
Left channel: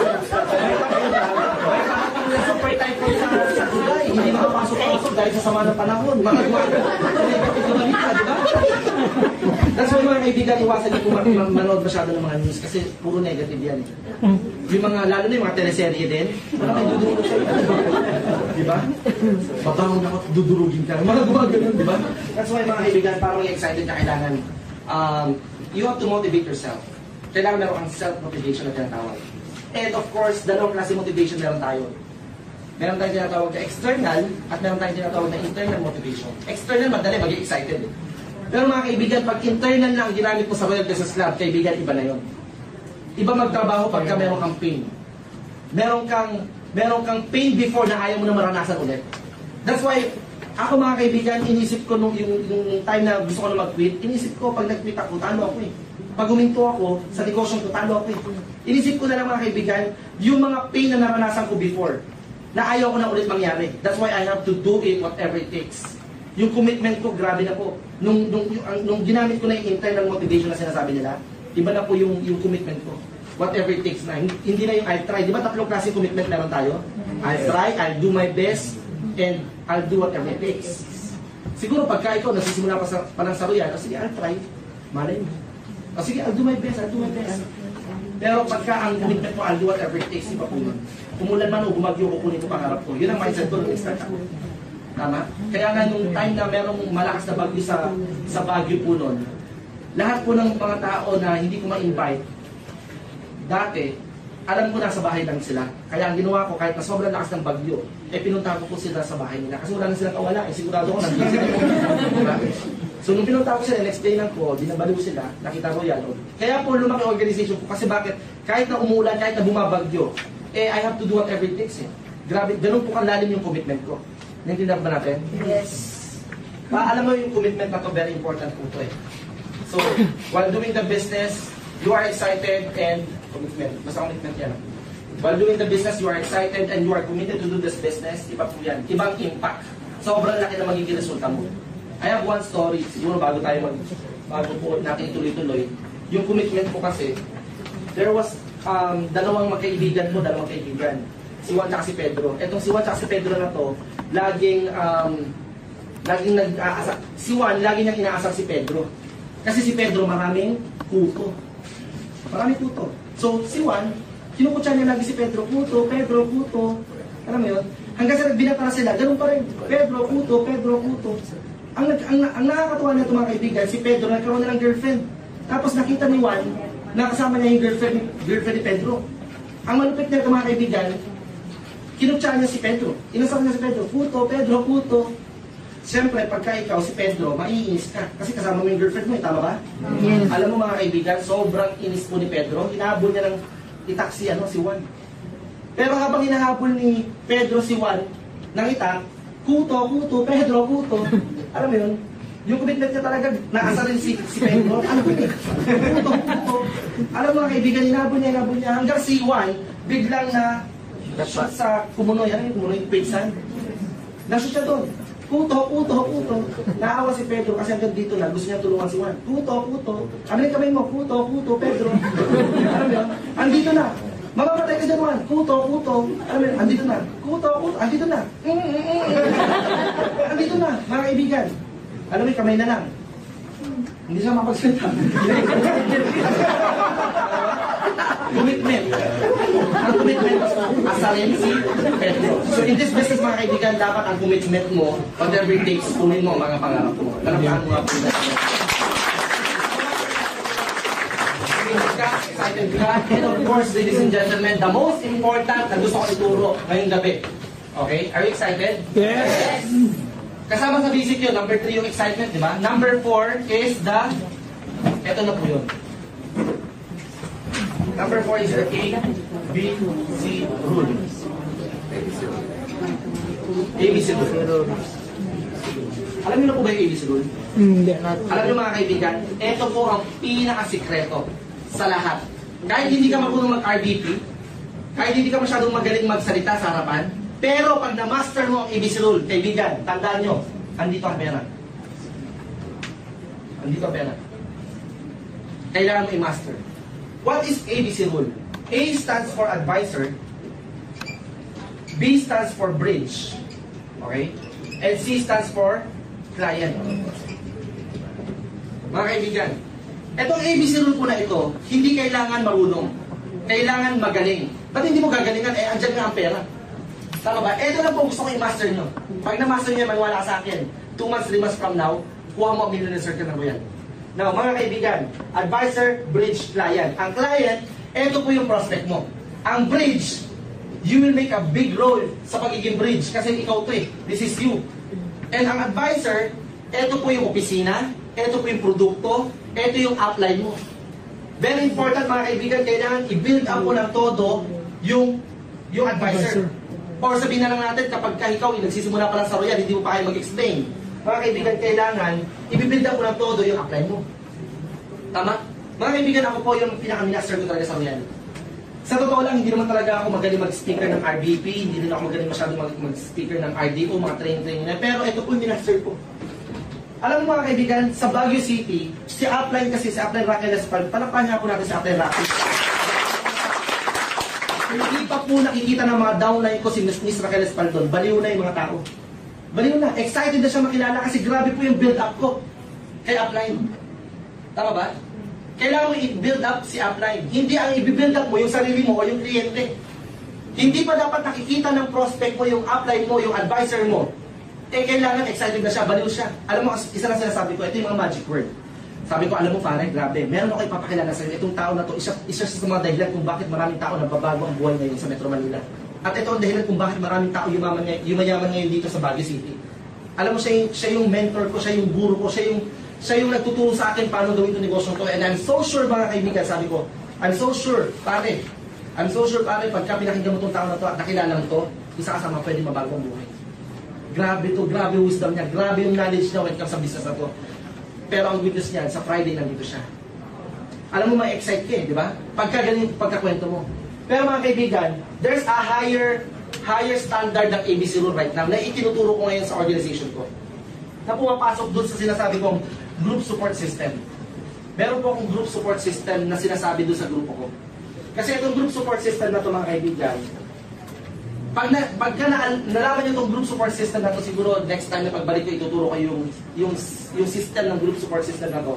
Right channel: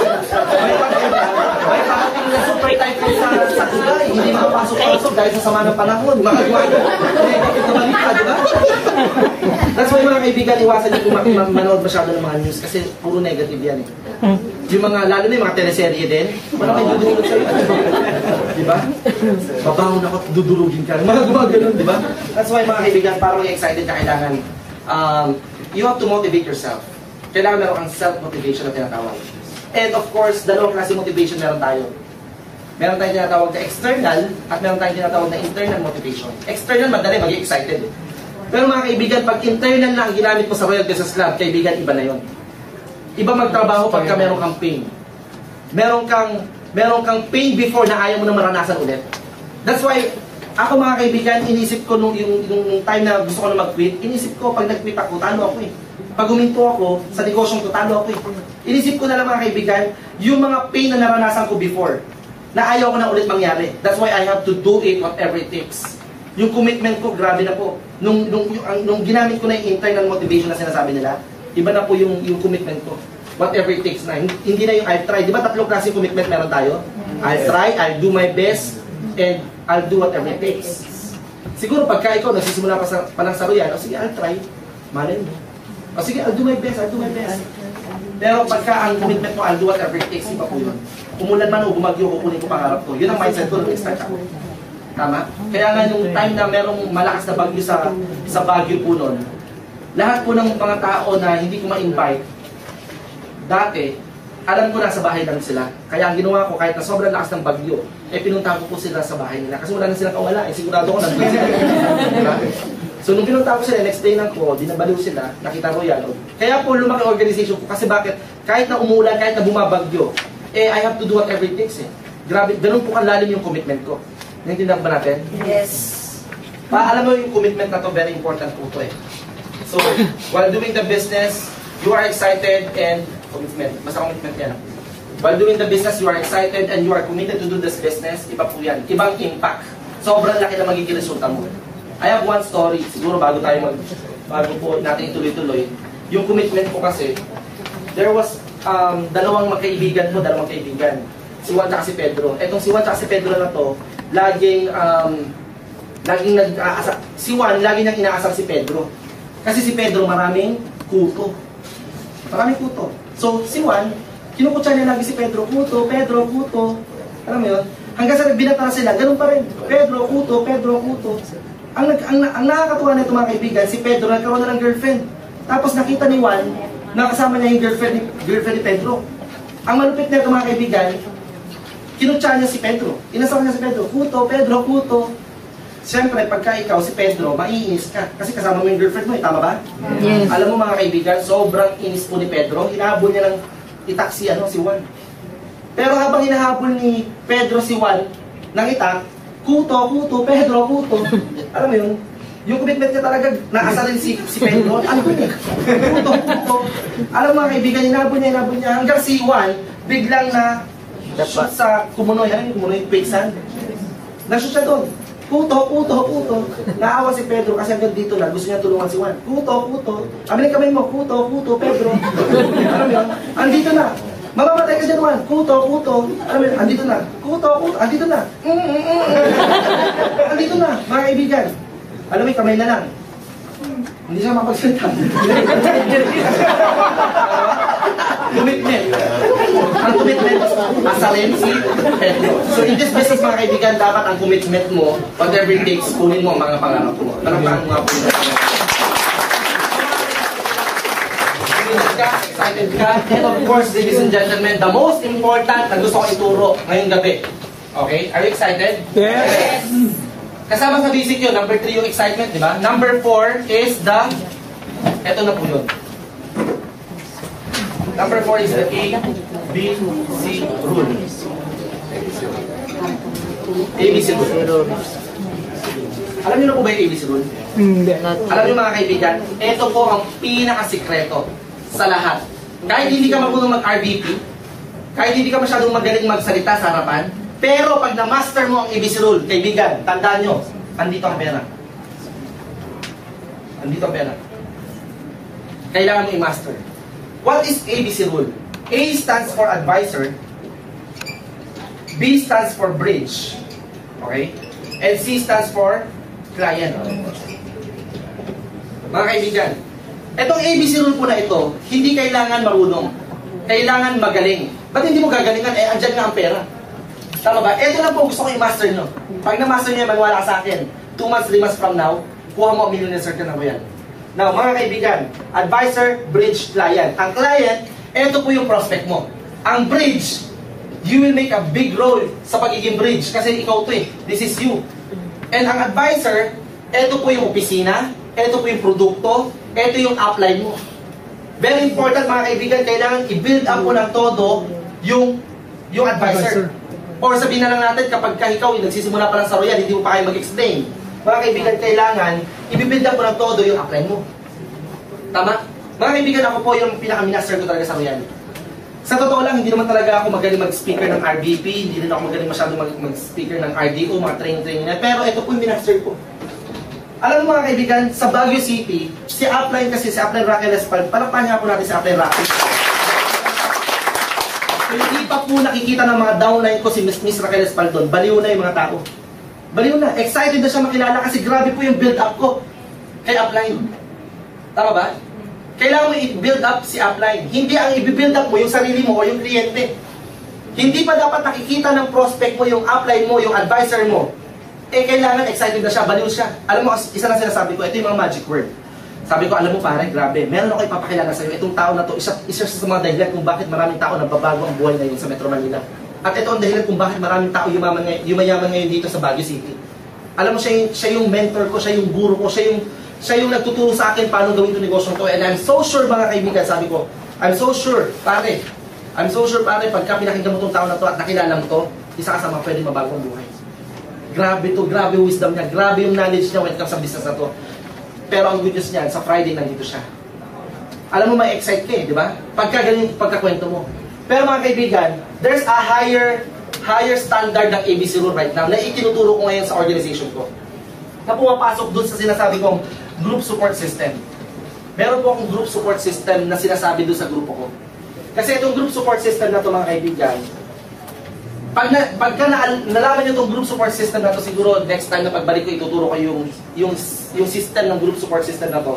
May parating na super typhoon sa Dubai. Hindi makapasok-pasok dahil sa sama ng panahon. Makagwaga. Negative na balita, di ba? That's why mga kaibigan, iwasan niyo kung manood masyado ng mga news kasi puro negative yan eh. Yung mga, lalo na yung mga teleserye din, wala kayo dudurugin sa di ba? Babangon ako, dudurugin ka. Mga gumagano'n, di ba? That's why mga kaibigan, para maging excited ka, kailangan you have to motivate yourself. Kailangan meron kang self-motivation na tinatawag. And of course, dalawang klase motivation meron tayo. Meron tayong tinatawag na external at meron tayong tinatawag na internal motivation. External, madali, maging excited. Pero mga kaibigan, pag internal lang ang ginamit mo sa Royal Business Club, kaibigan, iba na yon. Iba magtrabaho pagka meron kang pain. Meron kang pain before na ayaw mo na maranasan ulit. That's why, ako mga kaibigan, inisip ko yung time na gusto ko na mag-quit, inisip ko, pag nag-quit ako, talo ako eh. Pag huminto ako, sa negosyong ko, talo ako eh. Inisip ko na lang mga kaibigan, yung mga pain na naranasan ko before, na ayaw ko na ulit mangyari. That's why I have to do it whatever it takes. Yung commitment ko, grabe na po. Nung ginamit ko na yung internal motivation na sinasabi nila, iba na po yung commitment ko. Whatever it takes na. Hindi na yung I've tried. Di ba tatlong klase commitment meron tayo? I'll try, I'll do my best, and I'll do whatever it takes. Siguro pagka ikaw nagsisimula pa lang sa Royal, o sige, I'll try. Malin mo. O sige, I'll do my best, I'll do my best. Pero pagka ang commitment mo, I'll do whatever it takes, iba po yun. Umulan man o bumagyo, kukunin ko pangarap ko. Yun ang mindset ko nung nag-start ako. Tama? Kaya nga nung time na merong malakas na bagyo sa Baguio po nun, lahat po ng mga tao na hindi ko ma-invite, dati, alam ko nasa bahay lang sila. Kaya ang ginawa ko, kahit na sobrang lakas ng bagyo, pinunta ko po sila sa bahay nila. Kasi wala na silang kawala. Sigurado ko nandun sila. So nung pinunta ko sila, in-explainan ko, dinabaliw sila, nakita Royal. Kaya po lumaki organization ko. Kasi bakit? Kahit na umulan, kahit na bumabagyo, I have to do whatever it takes eh. Grabe, ganun po kalalim yung commitment ko. Naintindihan ba natin? Yes. Alam mo yung commitment na to, very important po to eh. So, while doing the business, you are excited and commitment. Basta commitment yan. While doing the business, you are excited and you are committed to do this business, iba po yan. Ibang impact. Sobrang laki na magiging resulta mo. I have one story. Siguro bago po natin ituloy-tuloy. Yung commitment ko kasi, there was dalawang kaibigan. Si Juan at si Pedro. Etong si Juan at si Pedro na to, laging nag-aasar. Si Juan, laging nang inaasar si Pedro. Kasi si Pedro maraming kuto. Maraming kuto. So, si Juan, kinukutsa niya lagi si Pedro, kuto, Pedro, kuto. Alam mo yun? Hanggang sa binatara sila, ganun pa rin. Pedro, kuto, Pedro, kuto. Ang nakakatuwa na ito mga kaibigan, si Pedro nagkaroon na ng girlfriend. Tapos nakita ni Juan, nakasama niya yung girlfriend ni Pedro. Ang malupit na ito mga kaibigan, kinutsa niya si Pedro. Inasama niya si Pedro, kuto, Pedro, kuto. Siyempre, pagka ikaw si Pedro, maiinis ka. Kasi kasama mo yung girlfriend mo, tama ba? Yes. Alam mo mga kaibigan, sobrang inis po ni Pedro. Hinahabol niya ng itak si Juan. Pero habang hinahabol ni Pedro si Juan ng itak, kuto, Pedro, kuto. Alam mo yun? Yung commitment niya talaga, naasarin si Pedro, andun eh. Kuto. Alam mo mga kaibigan, hinahabol niya, hanggang si Juan, biglang na shoot sa Kumunoy. Ano yung Kumunoy? Quicksand? Na-shoot siya doon. Kuto. Naawa si Pedro kasi hanggang dito na, gusto niya tulungan si Juan. Kuto. Amilin kamay mo, kuto, Pedro. Alam mo yun? Andito na. Mamamatay ka dyan, Juan. Kuto. Alam mo yun? Andito na. Kuto. Andito na. Andito na, mga kaibigan. Alam mo yung kamay na lang. Hindi siya mapagsalita. Commitment. Ang commitment, asarin si Pedro. So in this business, mga kaibigan, dapat ang commitment mo, whatever it takes, kunin mo ang mga pangarap mo. Talagang mga po. Excited ka? And of course, ladies and gentlemen, the most important na gusto ko ituro ngayong gabi. Okay? Are you excited? Yes! Kasama sa basic yun, number 3 yung excitement, di ba? Number 4 is the, eto na po yun. Number 4 is the A, B, C rule. ABC rule. Alam niyo na po ba yung ABC rule? Hindi. Alam niyo mga kaibigan, ito po ang pinakasikreto sa lahat. Kahit hindi ka marunong mag-RVP, kahit hindi ka masyadong magaling magsalita sa harapan, pero pag na-master mo ang ABC rule, kaibigan, tandaan nyo, andito ang pera. Andito ang pera. Kailangan mo i-master. What is ABC rule? A stands for advisor, B stands for bridge, okay? And C stands for client. Mga kaibigan, itong ABC rule po na ito, hindi kailangan marunong. Kailangan magaling. Ba't hindi mo gagalingan? Andyan nga ang pera. Tama ba? Ito lang po gusto ko i-master nyo. Pag na-master nyo, maniwala ka sa akin, 2 months, 3 months from now, kuha mo ang millionaire circle na mo yan. Now, mga kaibigan, advisor, bridge, client. Ang client, ito po yung prospect mo. Ang bridge, you will make a big role sa pagiging bridge kasi ikaw to eh. This is you. And ang advisor, ito po yung opisina, ito po yung produkto, ito yung upline mo. Very important mga kaibigan, kailangan i-build up mo ng todo yung advisor. Or sabihin na lang natin, kapag ikaw nagsisimula pa lang sa Royal, hindi mo pa kayo mag-explain. Mga kaibigan, kailangan i-build up mo ng todo yung upline mo. Tama? Mga kaibigan, ako po yung pinaka-minister ko talaga sa Royal. Sa totoo lang, hindi naman talaga ako magaling mag-speaker ng RBP, hindi din ako magaling masyadong mag-speaker ng RDO, mga training na. Pero ito po yung minister ko. Alam mo mga kaibigan, sa Baguio City, si upline kasi, si upline Raquel Espal, palakpahan nga po natin si upline Raquel. Hindi pa po nakikita ng mga downline ko si Miss Raquel Espaldon. Baliw na yung mga tao. Baliw na. Excited na siya makilala kasi grabe po yung build-up ko kay upline. Tama ba? Kailangan mo i-build up si upline. Hindi ang i-build up mo yung sarili mo o yung kliyente. Hindi pa dapat nakikita ng prospect mo yung upline mo, yung advisor mo. Kailangan excited na siya, baliw siya. Alam mo, isa na sinasabi ko, ito yung mga magic word. Sabi ko, alam mo pare, grabe, meron ako ipapakilala sa iyo. Itong tao na to, isa sa mga dahilan kung bakit maraming tao nagbabago ang buhay ngayon sa Metro Manila. At ito ang dahilan kung bakit maraming tao yumayaman ngayon dito sa Baguio City. Alam mo, siya yung mentor ko, siya yung guru ko, siya yung nagtuturo sa akin paano gawin itong negosyo to. And I'm so sure mga kaibigan, sabi ko, I'm so sure, pare, pagka pinakinggan mo itong tao na to at nakilala mo to, isa ka sa mga pwede mabago ang buhay. Grabe to, grabe wisdom niya, grabe yung knowledge niya when it comes sa business na to. Pero ang good news niyan, sa Friday nandito siya. Alam mo, may excite ka eh, di ba? Pagkakwento mo. Pero mga kaibigan, there's a higher standard ng ABC rule right now na itinuturo ko ngayon sa organization ko. Na pumapasok dun sa sinasabi kong group support system. Meron po akong group support system na sinasabi dun sa grupo ko. Kasi itong group support system na ito mga kaibigan, pagka nalaman nyo itong group support system na ito, siguro next time na pagbalik ko, ituturo ko yung system ng group support system na ito.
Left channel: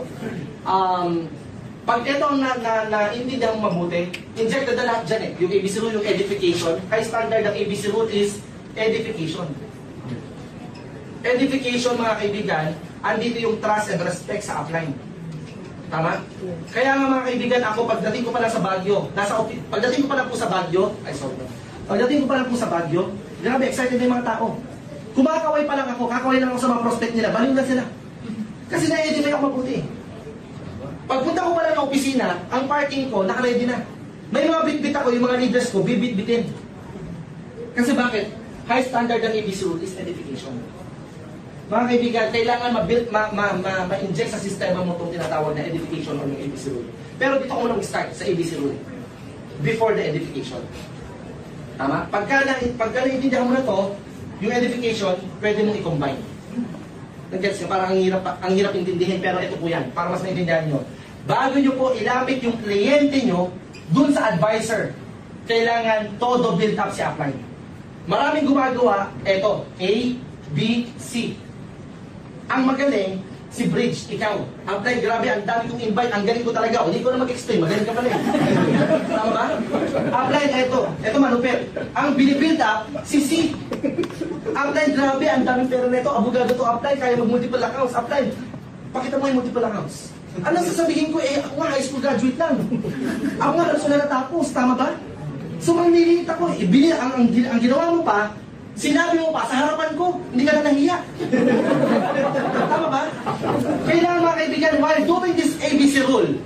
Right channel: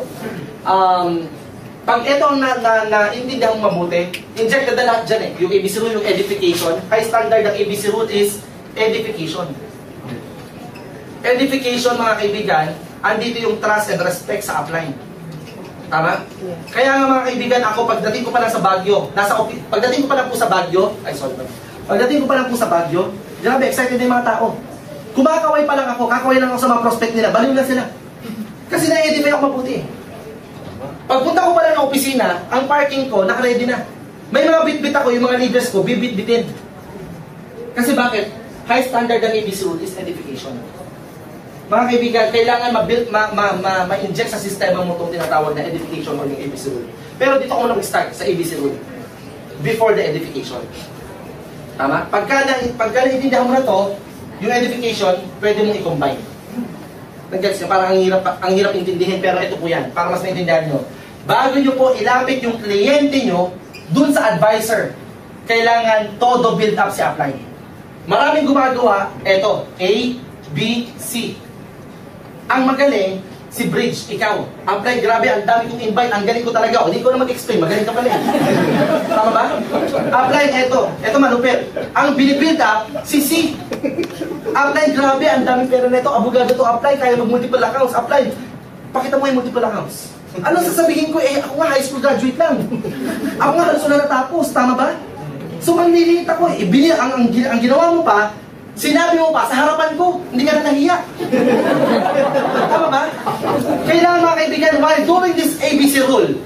Pag ito ang naintindihan mo mabuti, injected na lahat dyan eh. Yung ABC rule, yung edification. High standard ng ABC rule is edification. Edification, mga kaibigan, andito yung trust and respect sa upline. Tama? Kaya nga mga kaibigan, ako pagdating ko pa lang sa Baguio, pagdating ko pa lang po sa Baguio, pagdating ko pa lang po sa Baguio, grabe, excited na yung mga tao. Kumakaway pa lang ako, kakaway lang ako sa mga prospect nila, baliw na sila. Kasi na-edify ako mabuti. Pagpunta ko pa lang ng opisina, ang parking ko, nakaready na. May mga bit-bit ako, yung mga leaders ko, bibit-bitin. Kasi bakit? High standard ng ABC rule is edification. Mga kaibigan, kailangan ma-inject sa sistema mo itong tinatawag na edification o yung ABC rule. Pero dito ako nag-start sa ABC rule. Before the edification. Tama? Pagka naiintindihan mo na to, yung edification, pwede mong i-combine. Nag-gets ka? Parang ang hirap intindihin, pero ito po yan, para mas maintindihan nyo. Bago nyo po ilapit yung kliyente nyo dun sa advisor, kailangan todo build up si upline. Maraming gumagawa, eto, A, B, C. Ang magaling, si Bridge, ikaw. Upline, grabe, ang dami kong invite, ang galing ko talaga. Hindi ko na mag-explain, magaling ka pala. Tama ba? Upline, eto manupit. Ang binibuild up, si C. Upline, grabe, ang daming pera nito. Abogado to, upline, kaya mag-multiple accounts. Upline, pakita mo yung multiple accounts. Ano sasabihin ko? Ako nga high school graduate lang. Ako nga halos na natapos, tama ba? So manliliit ako. Ang ginawa mo pa, sinabi mo pa sa harapan ko, hindi ka na nahiya. Tama ba? Kailangan mga kaibigan, while doing this ABC rule,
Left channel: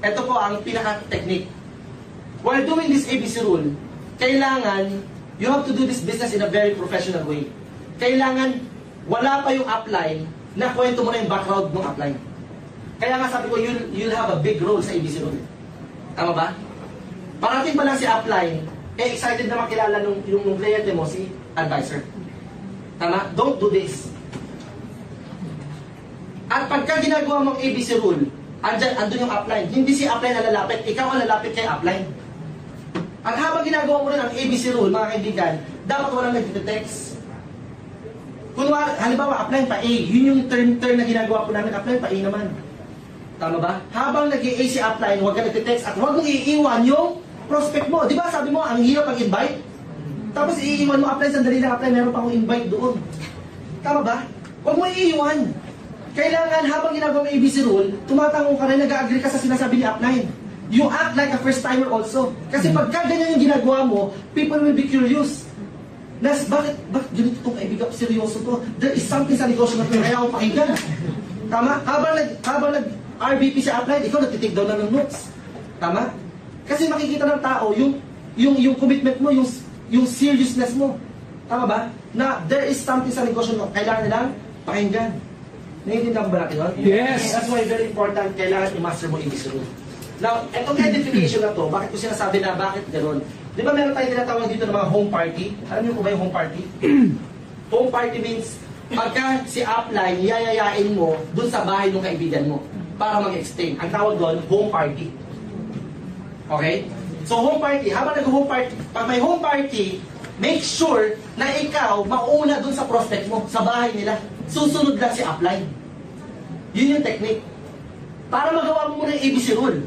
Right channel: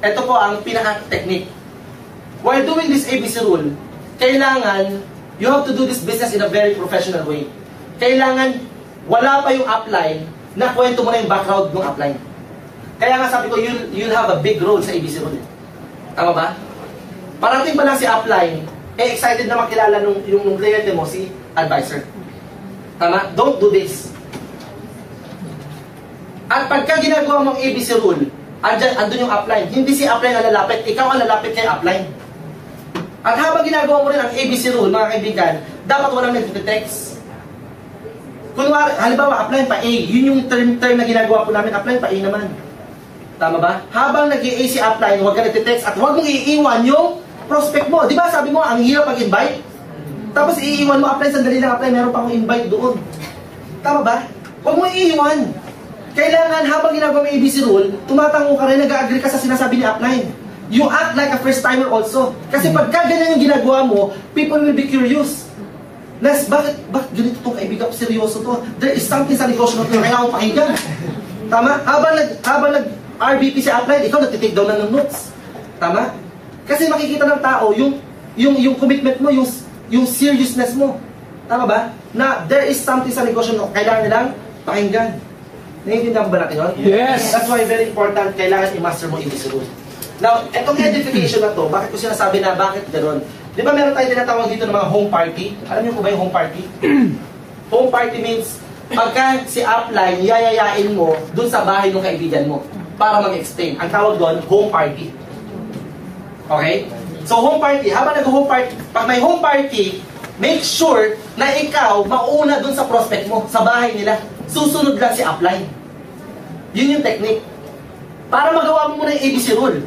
ito po ang pinaka-technique. While doing this ABC rule, kailangan, you have to do this business in a very professional way. Kailangan, wala pa yung upline, na kwento mo na yung background ng upline. Kaya nga sabi ko, you'll have a big role sa ABC rule. Tama ba? Parating pa lang si upline, excited na makilala yung kliyente mo, si advisor. Tama? Don't do this. At pagka ginagawa mong ABC rule, andun yung upline. Hindi si upline ang lalapit, ikaw ang lalapit kay upline. At habang ginagawa mo rin ang ABC rule, mga kaibigan, dapat walang nag-text. Kunwari, halimbawa, upline pa A. Yun yung term na ginagawa po namin, upline pa A naman. Tama ba? Habang nag-A si upline, huwag ka nag-text at huwag mong iiwan yung prospect mo. Di ba sabi mo, ang hirap mag-invite? Tapos iiwan mo, upline, sandali lang, upline, meron pa akong invite doon. Tama ba? Huwag mo iiwan. Kailangan habang ginagawa mo yung ABC rule, tumatango ka rin, nag-agree ka sa sinasabi ni upline. You act like a first-timer also. Kasi pagka ganyan yung ginagawa mo, people will be curious. Bakit ganito itong kaibigan ko, seryoso to? There is something sa negosyo na ito, kaya akong pakinggan. Tama? Habang nag-RBP si upline, ikaw nag-take down na ng notes. Tama? Kasi makikita ng tao yung commitment mo, yung seriousness mo. Tama ba? Na there is something sa negosyo mo, kailangan nilang pakinggan. Naiintindihan ba natin yun? Yes! That's why very important, kailangan i-master mo ABC rule. Now, itong edification na to, bakit ko sinasabi na bakit gano'n? Di ba meron tayong tinatawag dito ng mga home party? Alam niyo po ba yung home party? Home party means, pagka si upline, yayayain mo dun sa bahay ng kaibigan mo para mag-explain. Ang tawag doon, home party. Okay? So home party, habang nag-home party, pag may home party, make sure na ikaw mauna dun sa prospect mo, sa bahay nila. Susunod lang si upline. Yun yung technique. Para magawa mo muna yung ABC rule.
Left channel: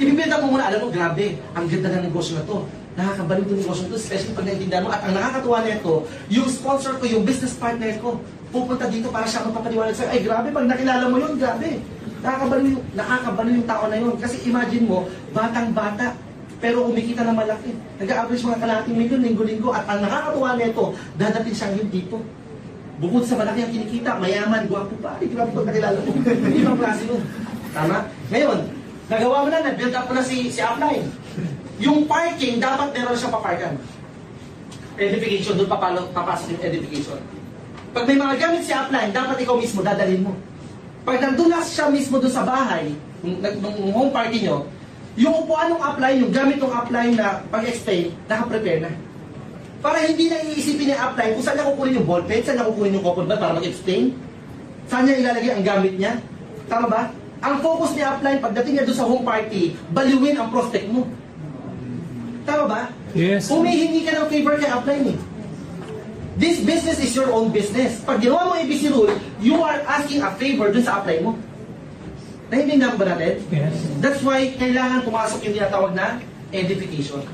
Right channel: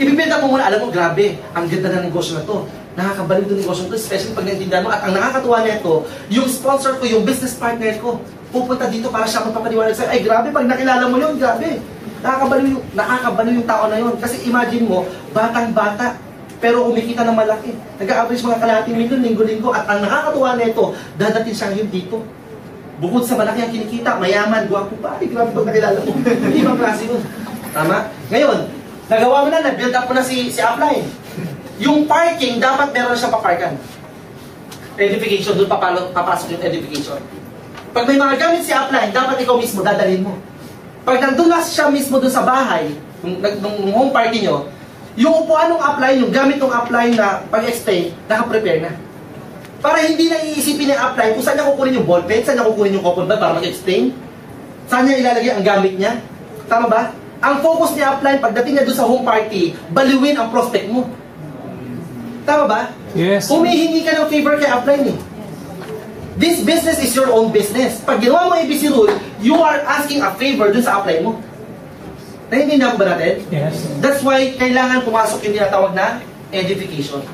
Ibibenta mo muna, alam mo, grabe, ang ganda ng negosyo na to. Nakakabalik ng negosyo na to, especially pag naintindihan mo. At ang nakakatuwa na ito, yung sponsor ko, yung business partner ko, pupunta dito para siya magpapaliwanag sa'yo. Ay, grabe, pag nakilala mo yun, grabe. Nakakabaliw yung tao na yun. Kasi imagine mo, batang-bata, pero kumikita ng malaki. Nag-average mga kalahating milyon, linggo-linggo. At ang nakakatuwa na ito, dadating siya ngayon dito. Bukod sa malaki ang kinikita, mayaman, guwapo pa. Ay, grabe pag nakilala mo. Ibang klase yun. Tama? Ngayon, nagawa mo na, nag-build up mo na si upline. Yung parking, dapat meron na siyang paparkan. Edification, doon papasok yung edification. Pag may mga gamit si upline, dapat ikaw mismo dadalhin mo. Pag nandun na siya mismo doon sa bahay, nung home party nyo, yung upuan ng upline, yung gamit ng upline na pag-explain, nakaprepare na. Para hindi na iisipin ng upline kung saan niya kukunin yung ballpen, saan niya kukunin yung cotton bud para mag-explain, saan niya ilalagay ang gamit niya. Tama ba? Ang focus ni upline, pagdating niya doon sa home party, baliwin ang prospect mo. Tama ba? Yes. Humihingi ka ng favor kay upline eh. This business is your own business. Pag ginawa mo ABC rule, you are asking a favor dun sa upline mo. Naintindihan ba natin? Yes. That's why kailangan pumasok yung tinatawag na edification.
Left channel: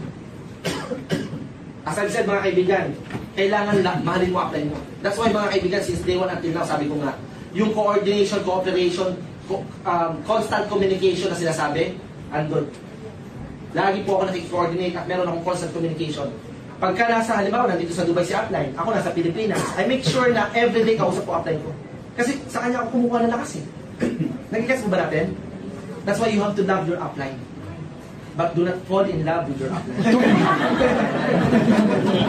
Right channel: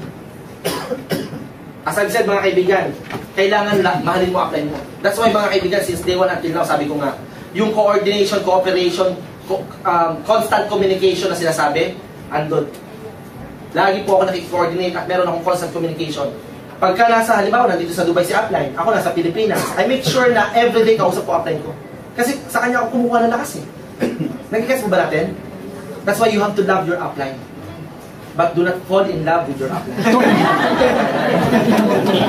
As I've said mga kaibigan, kailangan mahalin mo upline mo. That's why mga kaibigan, since day one until now, sabi ko nga, yung coordination, cooperation, constant communication na sinasabi, andun. Lagi po ako nakikoordinate at meron akong constant communication. Pagka nasa, halimbawa, nandito sa Dubai si upline, ako nasa Pilipinas, I make sure na everyday kausap ko upline ko. Kasi sa kanya ako kumukuha ng lakas eh. Nagigets mo ba natin? That's why you have to love your upline. but do not fall in love with your upline.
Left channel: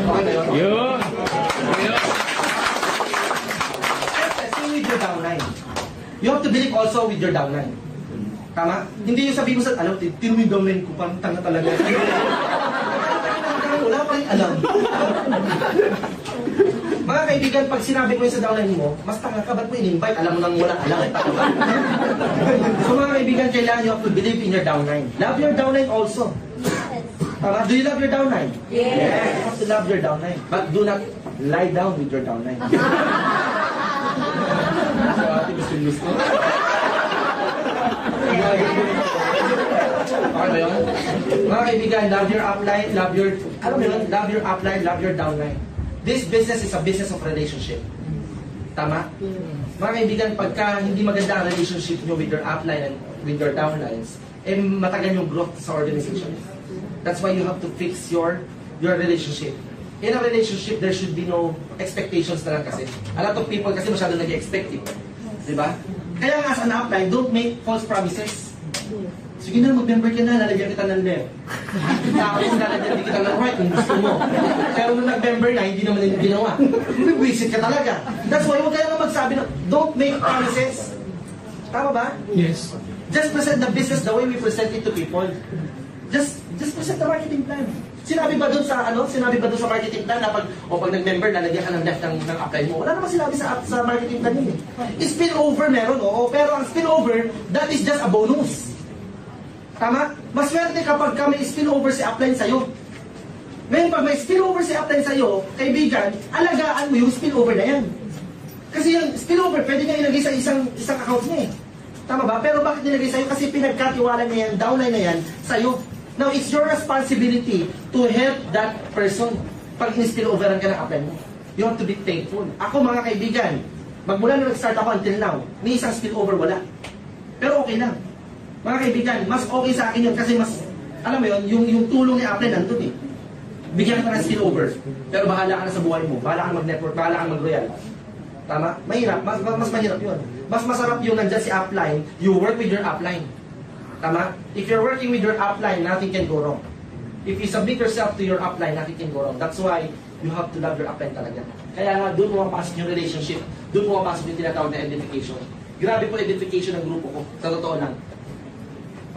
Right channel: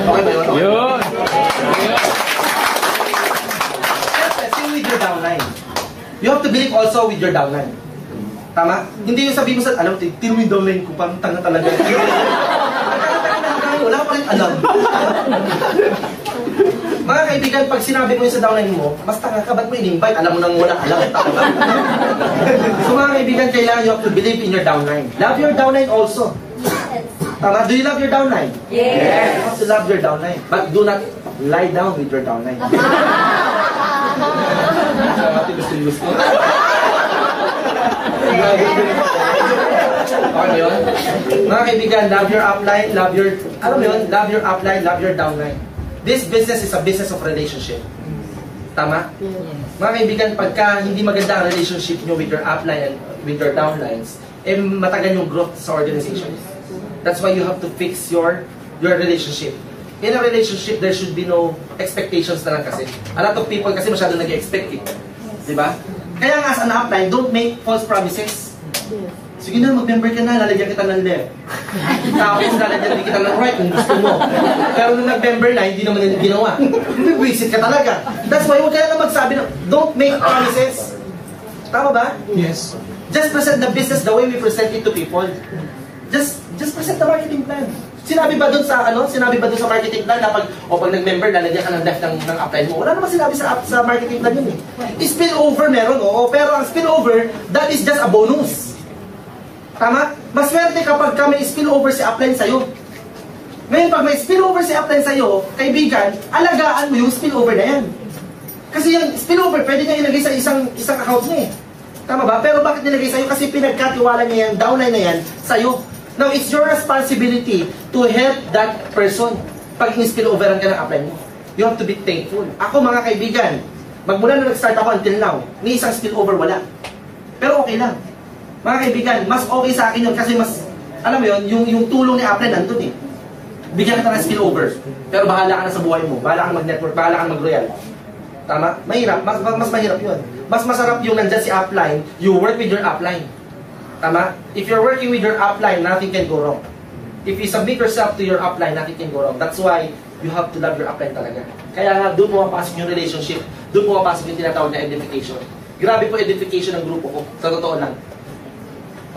Okay ba yun? Yun. Same with your downline. You have to believe also with your downline. Tama? Hindi yung sabihin mo sa, alam mo, tino yung downline ko, parang tanga talaga. Wala pa rin alam. Mga kaibigan, pag sinabi mo yung sa downline mo, mas tanga ka, ba't mo in-invite? Alam mo nang walang alam, tama. So mga kaibigan, kailangan you have to believe in your downline. Love your downline also. Tama? Do you love your downline? Yes. You have to love your downline. But do not lie down with your downline. Gusto. Okay ba yun? Mga kaibigan, love your upline, love your, alam mo yun, love your upline, love your downline. This business is a business of relationship. Tama? Mga kaibigan, pagka hindi maganda ang relationship nyo with your upline and with your downlines, eh matagal yung growth sa organization. That's why you have to fix your relationship. In a relationship, there should be no expectations na lang kasi. A lot of people kasi masyado nag-expect it. Diba? Kaya nga as an upline, don't make false promises. Sige na, mag-member ka na, lalagyan kita ng left. Tapos lalagyan kita ng right kung gusto mo. Pero nung nag-member na, hindi naman yung ginawa. Visit ka talaga. That's why huwag ka na magsabi na, don't make promises. Tama ba? Yes. Just present the business the way we present it to people. Just present the marketing plan. Sinabi ba dun sa marketing plan na pag nag-member, lalagyan ka ng left ng upline mo? Wala naman sinabi sa marketing plan yun eh. Spillover meron, oo. Pero ang spillover, that is just a bonus. Tama? Maswerte kapag may spillover si upline sa'yo. Ngayon, pag may spillover si upline sa'yo, kaibigan, alagaan mo yung spillover na yan. Kasi yung spillover, pwede niya ilagay sa isang account niya eh. Tama ba? Pero bakit nilagay sa'yo? Kasi pinagkatiwala niya yung downline na yan sa'yo. Now, it's your responsibility to help that person pag in-spilloveran ka ng upline mo. You have to be thankful. Ako, mga kaibigan, magmula na nag-start ako until now, ni isang spillover wala. Pero okay lang. Mga kaibigan, mas okay sa akin yun kasi mas, alam mo yun, yung tulong ni upline nandun eh. Bigyan ka ng spillover. Pero bahala ka na sa buhay mo. Bahala ka na mag-network, bahala ka na mag-royal. Tama? Mahirap. Mas mahirap yun. Mas masarap yung nandyan si upline, you work with your upline. Tama? If you're working with your upline, nothing can go wrong. If you submit yourself to your upline, nothing can go wrong. That's why you have to love your upline talaga. Kaya nga, doon pumapasok yung relationship. Doon pumapasok yung tinatawag na edification. Grabe po edification ng grupo ko. Sa totoo lang.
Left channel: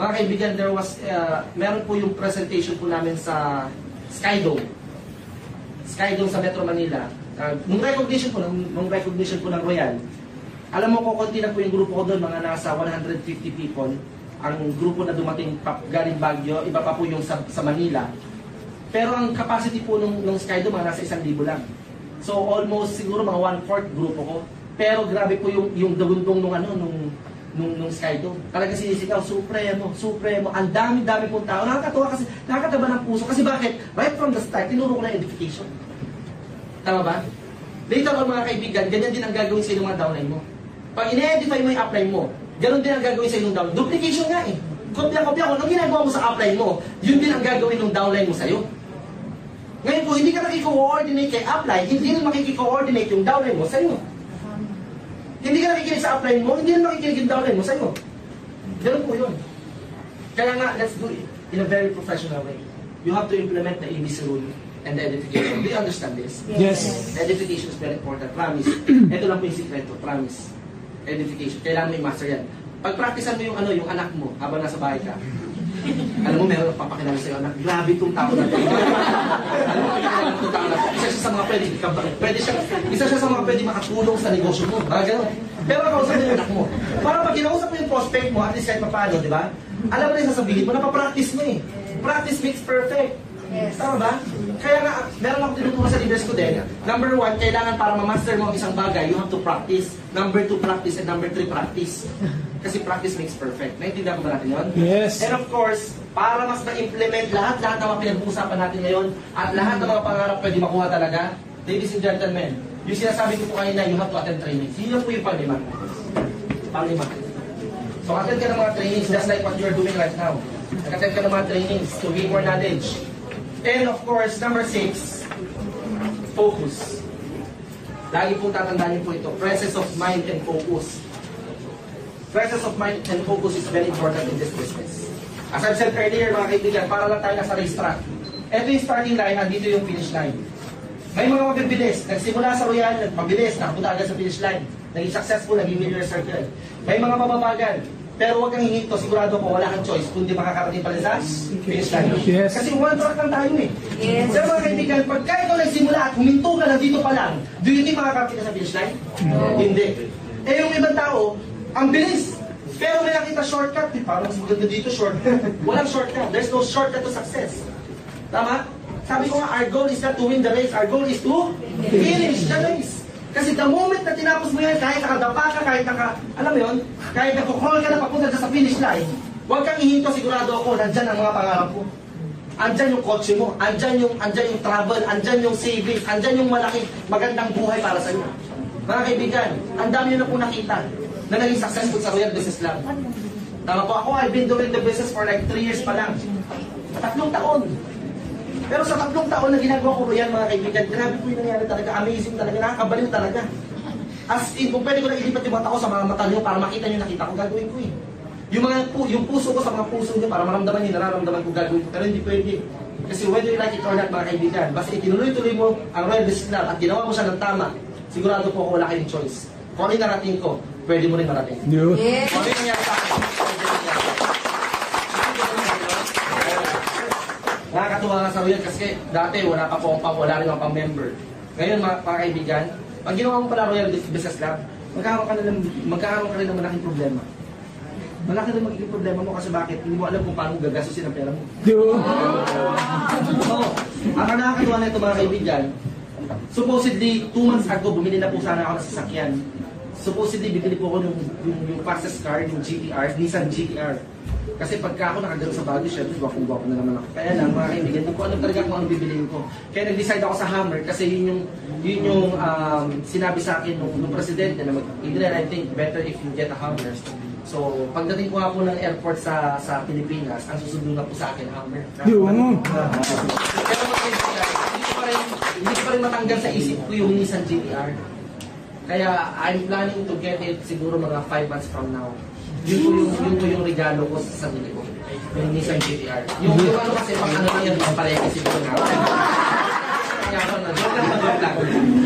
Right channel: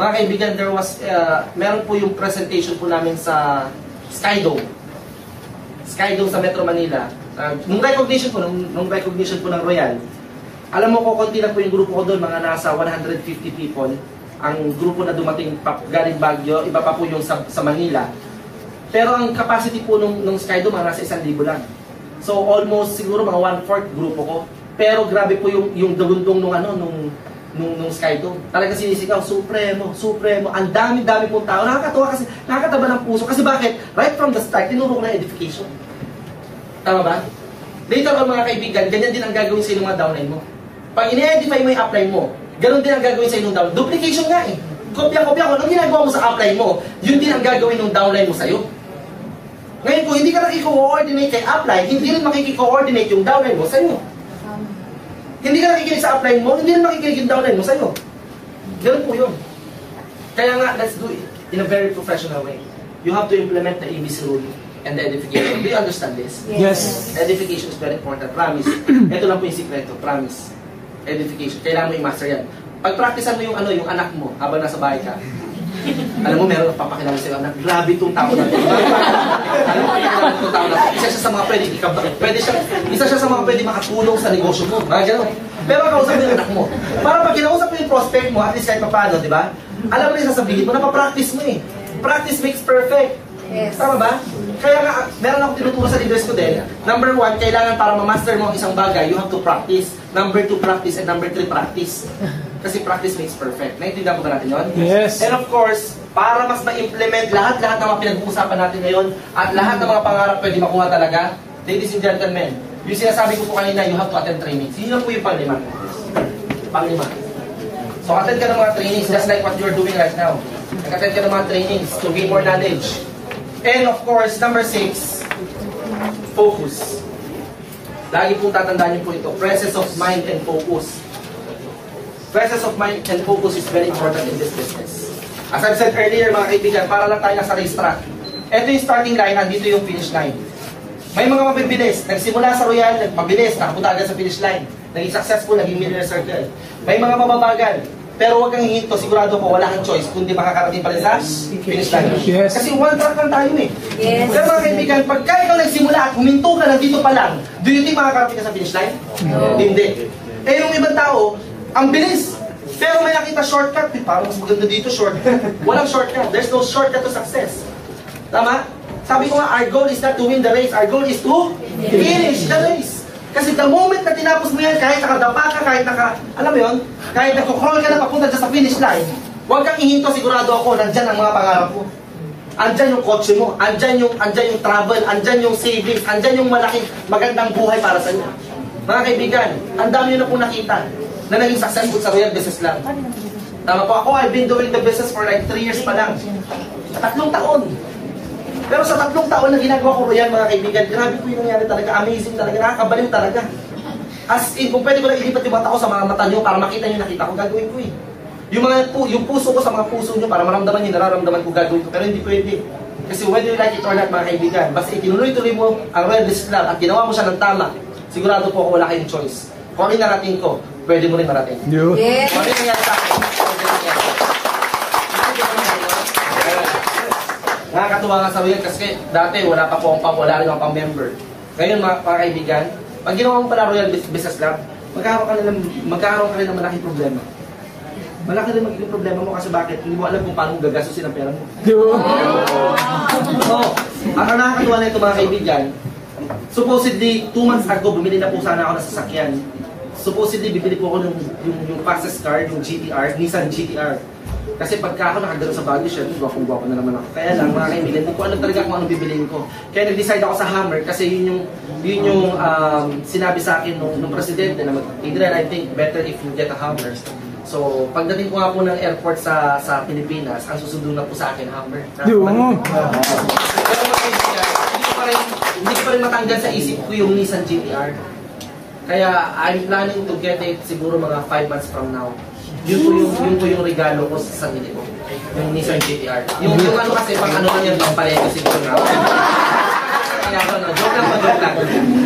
Mga kaibigan, meron po yung presentation po namin sa Skydome. Skydome sa Metro Manila. Nung recognition po ng Royal, alam mo ko, konti na po yung grupo ko doon, mga nasa 150 people. Ang grupo na dumating galing Baguio, iba pa po yung sa Manila. Pero ang capacity po nung Skydome, mga nasa 1,000 lang. So almost siguro mga 1/4 grupo ko. Pero grabe po yung daguntong nung Skydome. Talaga sinisigaw, Supremo. Ang dami-dami pong tao. Nakakatawa kasi, nakakataba ng puso. Kasi bakit? Right from the start, tinuro ko na edification. Tama ba? Later on mga kaibigan, ganyan din ang gagawin sa mga downline mo. Pag ine-edify mo yung upline mo, ganun din ang gagawin sa yung downline. Duplication nga eh. Kopya-kopya ko. Anong ginagawa mo sa upline mo, yun din ang gagawin ng downline mo sa'yo. Ngayon kung hindi ka nakiko-coordinate kay upline, hindi rin makiki-coordinate yung downline mo sa'yo. Hindi ka nakikinig sa upline mo, hindi rin makikinig yung downline mo sa'yo. Ganun po yun. Kaya nga, let's do it in a very professional way. You have to implement the ABC rule and the edification. Do you understand this? Yes. Edification is very important. Promise. Ito lang po yung sikreto. Promise. Edification. Kailangan mo i-master yan. Pag-practicean mo yung anak mo habang nasa bahay ka. Alam mo, meron ang papakilala sa'yo, anak, grabe itong tao na ito. Alam mo, itong tao na ito. Isa siya sa mga pwede makatulong sa negosyo mo. Mga gano'n. Pero kausap mo yung anak mo. Para pag kinausap mo yung prospect mo, at least kahit paano, di ba? Alam mo rin sasabihin mo, napapractice mo eh. Practice makes perfect. Yes. Tama ba? Kaya nga, meron akong tinuturo sa leaders ko din. Number 1, kailangan para ma-master mo ang isang bagay, you have to practice. Number 2, practice. And number 3, practice. Kasi practice makes perfect. Naintindihan ko ba natin yun? Yes. And of course, para mas ma-implement lahat ng mga pinag-uusapan natin ngayon at lahat ng mga pangarap pwede makuha talaga, ladies and gentlemen, yung sinasabi ko po kanina, you have to attend trainings. Yun lang po yung panglima. So attend ka ng mga trainings just like what you're doing right now. Attend ka ng mga trainings to gain more knowledge. And of course, number 6, focus. Lagi pong tatandaan niyo po ito, presence of mind and focus. Presence of mind and focus is very important in this business. As I've said earlier mga kaibigan, para lang tayo nasa racetrack. Ito yung starting line, andito yung finish line. May mga mabibilis, nagsimula sa Royal, mabilis, nakapunta agad sa finish line. Naging successful, naging millionaire circle. May mga mababagal, pero huwag kang hihinto, sigurado ko wala kang choice kundi makakarating pa rin sa finish line. Yes. Kasi one track lang tayo eh. Yes. Pero mga kaibigan, pagka ikaw nagsimula at huminto ka nandito pa lang, do you think makakarating ka sa finish line? No. Hindi. Eh yung ibang tao, ang bilis. Pero may nakita shortcut, parang mas maganda dito shortcut. Walang shortcut. There's no shortcut to success. Tama? Sabi ko nga, our goal is not to win the race. Our goal is to finish the race. Kasi the moment na tinapos mo yan, kahit nakadapa ka, kahit alam mo yun, kahit nagko-crawl ka na papunta sa finish line, huwag kang ihinto, sigurado ako, nandyan ang mga pangarap mo. Andyan yung kotse mo, andyan yung travel, andyan yung savings, andyan yung malaking magandang buhay para sa iyo. Mga kaibigan, ang dami nyo na po nakita na naging successful sa Royal Business Club. Tama po ako, I've been doing the business for like 3 years pa lang. 3 taon. Pero sa 3 taon na ginagawa ko yan, mga kaibigan, grabe po yung nangyari talaga. Amazing talaga, nakakabaliw talaga. As in, kung pwede ko lang ilipat yung mata ko sa mga mata nyo para makita nyo, nakita ko, gagawin ko eh. Yung puso ko sa mga puso nyo para maramdaman nyo, nararamdaman ko, gagawin ko. Pero hindi pwede. Kasi whether you like it or not, mga kaibigan, basta itinuloy-tuloy mo ang Royal Business Club at ginawa mo siya ng tama, sigurado po ako wala kayong choice. Kung ano yung narating ko, pwede mo rin marating. Yes. Kung ano yung nangyari sa akin, pwede rin yan. Nakakatuwa nga sa Royal kasi dati wala rin akong pang-member. Ngayon mga kaibigan, pag ginawa mo pala Royal Business Club, magkakaroon ka rin ng malaking problema. Malaki rin magiging problema mo kasi bakit? Hindi mo alam kung paano mo gagastusin ang pera mo. So, ang nakakatuwa na ito mga kaibigan, supposedly 2 months ago bumili na po sana ako ng sasakyan. Supposedly bibili po ako yung fastest car, yung GTR, Nissan GTR. Kasi pagka ako nakagano sa Baguio, syempre gwapong-gwapo na naman ako. Kaya lang mga kaibigan, hindi ko alam talaga kung anong bibiliin ko. Kaya nag-decide ako sa Hummer kasi yun yung sinabi sa akin nung presidente na Adrian, I think better if you get a Hummer. So, pagdating ko nga po ng airport sa Pilipinas, ang susundo na po sa akin Hummer. Pero mga kaibigan, hindi ko pa rin matanggal sa isip ko yung Nissan GTR. Kaya I'm planning to get it siguro mga 5 months from now. Yun po yung regalo ko sa sarili ko. Yung Nissan GTR. Yung ano kasi, pang ano lang yan, pang palete siguro na. Kaya ako, joke lang.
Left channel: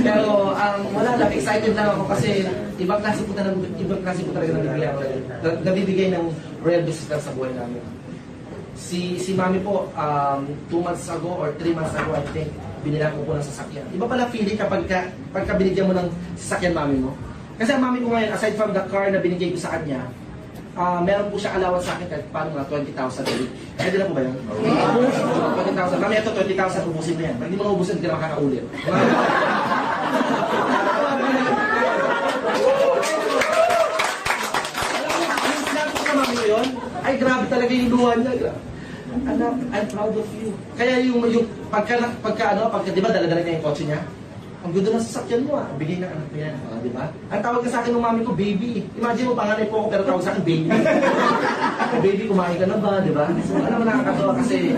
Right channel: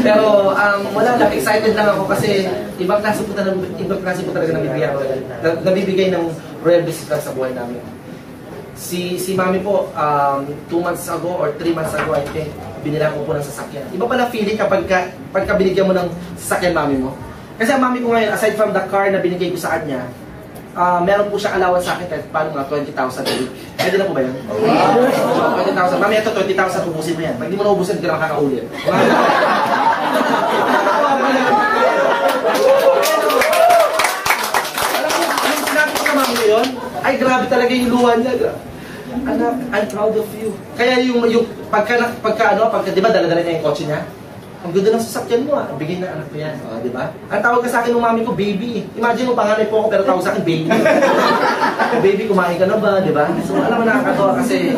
Pero wala lang, excited lang ako kasi ibang klase po talaga nabibigay ng Royal Business Club sa buhay namin. Si Mami po, 2 months ago or 3 months ago, I think, binilang ko po ng sasakyan. Iba pala feeling kapag binigyan mo ng sasakyan Mami mo. Kasi ang Mami ko ngayon, aside from the car na binigay ko sa kanya, meron po siya allowance sa akin kahit paano nga 20,000 a week. Pwede na po ba yan? 20,000. Mami, ito 20,000, ubusin mo yan. Pag di mo na ubusin, hindi ka na makakaulit. Alam mo, sinabi ko sa Mami ko yun? Ay, grabe talaga yung luha niya. Anak, I'm proud of you. Kaya yung pagka di ba dala-dala niya yung kotse niya? Ang ganda ng sasakyan mo bigay ng anak ko yan, di ba? Ang tawag ka sa akin ng mami ko, baby. Imagine mo, panganay po ako pero tawag sa akin, baby. Baby, kumain ka na ba, di ba? So, alam mo, nakakatawa kasi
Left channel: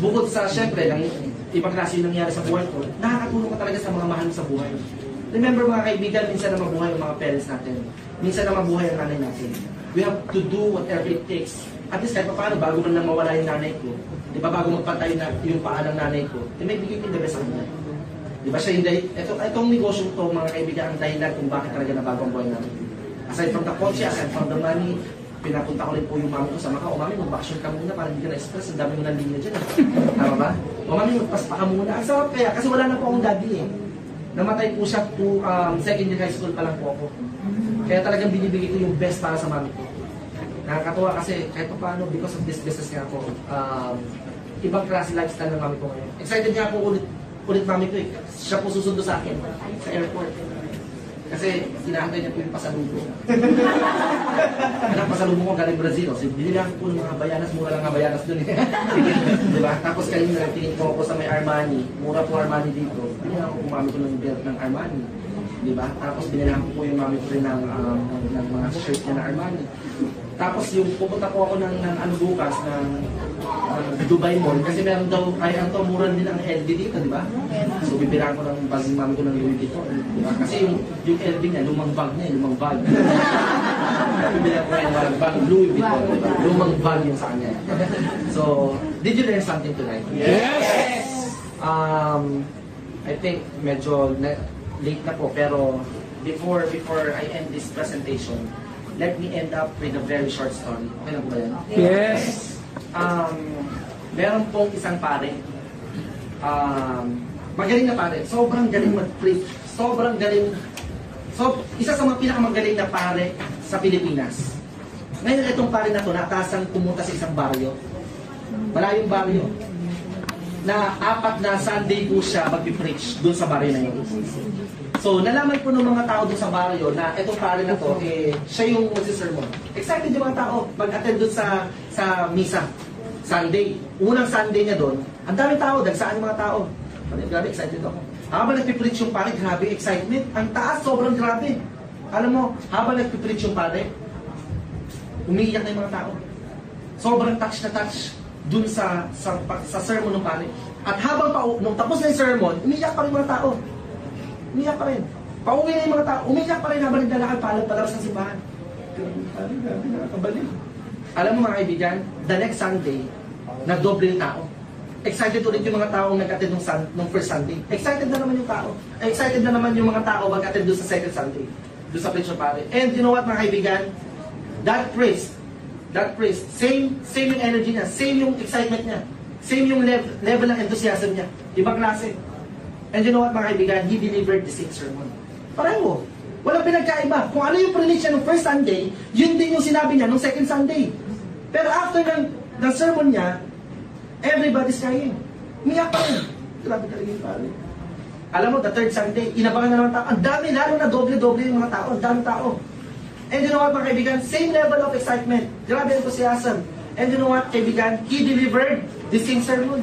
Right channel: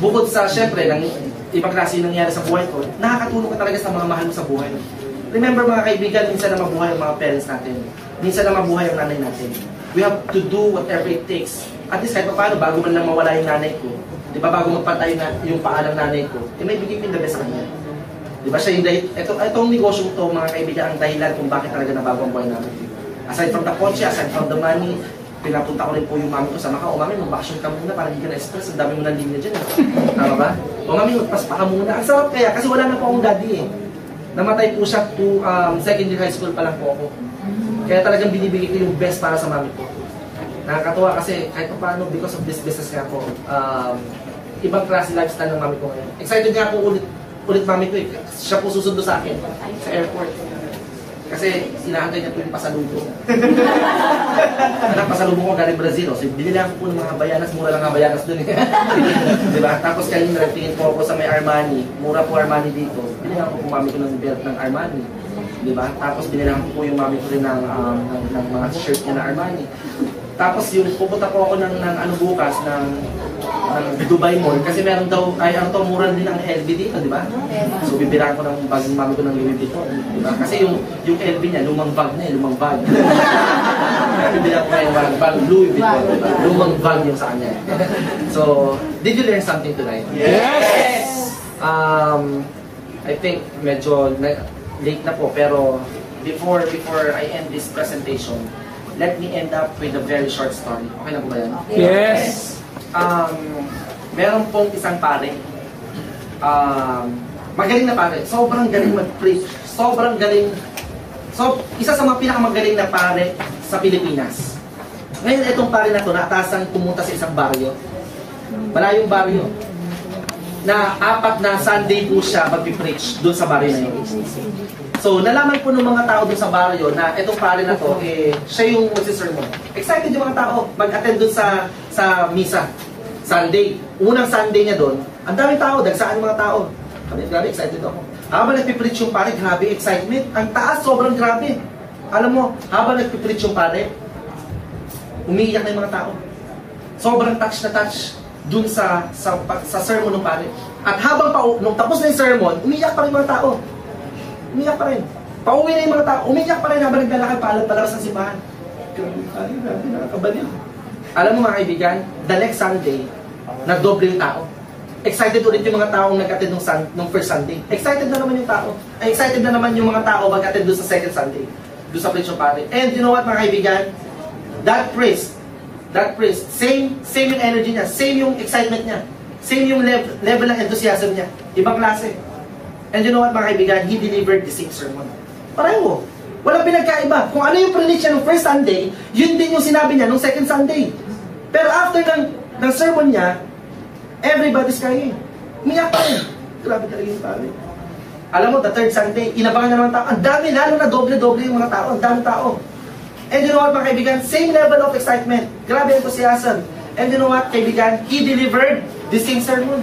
bukod sa, syempre, ng ibang klase yung nangyari sa buhay ko, nakakatulong ka talaga sa mga mahal mo sa buhay. Remember mga kaibigan, minsan na mabuhay ang mga parents natin. Minsan na mabuhay ang nanay natin. We have to do whatever it takes. At least kahit paano, bago man lang mawala yung nanay ko, di ba, bago magpatay na yung paa ng nanay ko, may bigay ko yung the best sa kanya. Di ba, siya yung itong negosyo to, mga kaibigan, ang dahilan kung bakit talaga nabago ang buhay namin. Aside from the kotse, aside from the money, pinapunta ko rin po yung mami ko sa Macau. O mami, mag-vacation ka muna para hindi ka na-stress. Ang dami mo ng linya dyan. Tama ba? O mami, magpaspa ka muna. Ang sarap kaya, kasi wala na po akong daddy eh. Namatay po siya to second year high school pa lang po ako. Kaya talagang binibigay ko yung best para sa mami ko. Nakakatuwa kasi kahit pa paano, because of this business nga po, ibang klase lifestyle ng mami ko ngayon. Excited nga po ulit mami ko eh. Siya po susundo sa akin sa airport. Kasi sinahantay niya po yung pasalubong. Anak, pasalubong ko galing Brazil. So, binila ko po ng mga Havaianas. Mura lang Havaianas dun eh. Diba? Tapos kayo nagtingin po ako sa may Armani. Mura po Armani dito. Binila ko po mami ko ng belt ng Armani. Diba? Tapos binila ko po yung mami ko rin ng mga shirt niya na Armani. Tapos yung pupunta po ako ng ano bukas ng ng Dubai Mall kasi meron daw, ay ang mura din ng LV dito, di ba? So bibiraan ko ng bagong mami ko ng Louis Vuitton, di ba? Kasi yung LV niya, lumang bag na lumang bag. Kaya bibiraan ko yung bag Louis Vuitton, di ba? Lumang bag yung sa kanya. So, did you learn something tonight? Yes! I think medyo late na po, pero before I end this presentation, let me end up with a very short story. Okay na po ba yan? Yes! Meron pong isang pare. Magaling na pare. Sobrang galing mag-preach. Sobrang galing. So, isa sa mga pinakamagaling na pare sa Pilipinas. Ngayon, itong pare na to, naatasan pumunta sa isang baryo. Malayong baryo. Na 4 na Sunday po siya mag-preach doon sa baryo na yun. So, nalaman po ng mga tao doon sa baryo na itong pare na to, siya yung magsisermon. Excited yung mga tao mag-attend doon sa misa. Sunday. Unang Sunday niya doon, ang daming tao, dagsaan mga tao. Grabe, excited ako. Habang nagpipreach yung pare, grabe, excitement. Ang taas, sobrang grabe. Alam mo, habang nagpipreach yung pare, umiiyak na yung mga tao. Sobrang touch na touch dun sa sermon ng pare. At habang nung tapos na yung sermon, umiiyak pa rin yung mga tao. Umiiyak pa rin. Pauwi na yung mga tao, umiiyak pa rin habang naglalakad palabas ng simbahan. Grabe, nakakabaliw. Alam mo mga kaibigan, the next Sunday, nagdoble yung tao. Excited ulit yung mga taong nag-attend nung first Sunday. Excited na naman yung tao. Excited na naman yung mga tao mag-attend doon sa second Sunday. Doon sa preach ng pare. And you know what mga kaibigan? That priest, same yung energy niya, same yung excitement niya, same yung level ng enthusiasm niya. Ibang klase. And you know what mga kaibigan? He delivered the same sermon. Pareho. Walang pinagkaiba. Kung ano yung preach niya nung first Sunday, yun din yung sinabi niya nung second Sunday. Pero after ng sermon niya, everybody's crying. Umiyak pa rin. Grabe talaga yung pare. Alam mo, the third Sunday, inabangan na ng tao. Ang dami, lalo na doble-doble yung mga tao. Ang dami tao. And you know what mga kaibigan? Same level of excitement. Grabe enthusiasm. And you know what, kaibigan? He delivered the same sermon.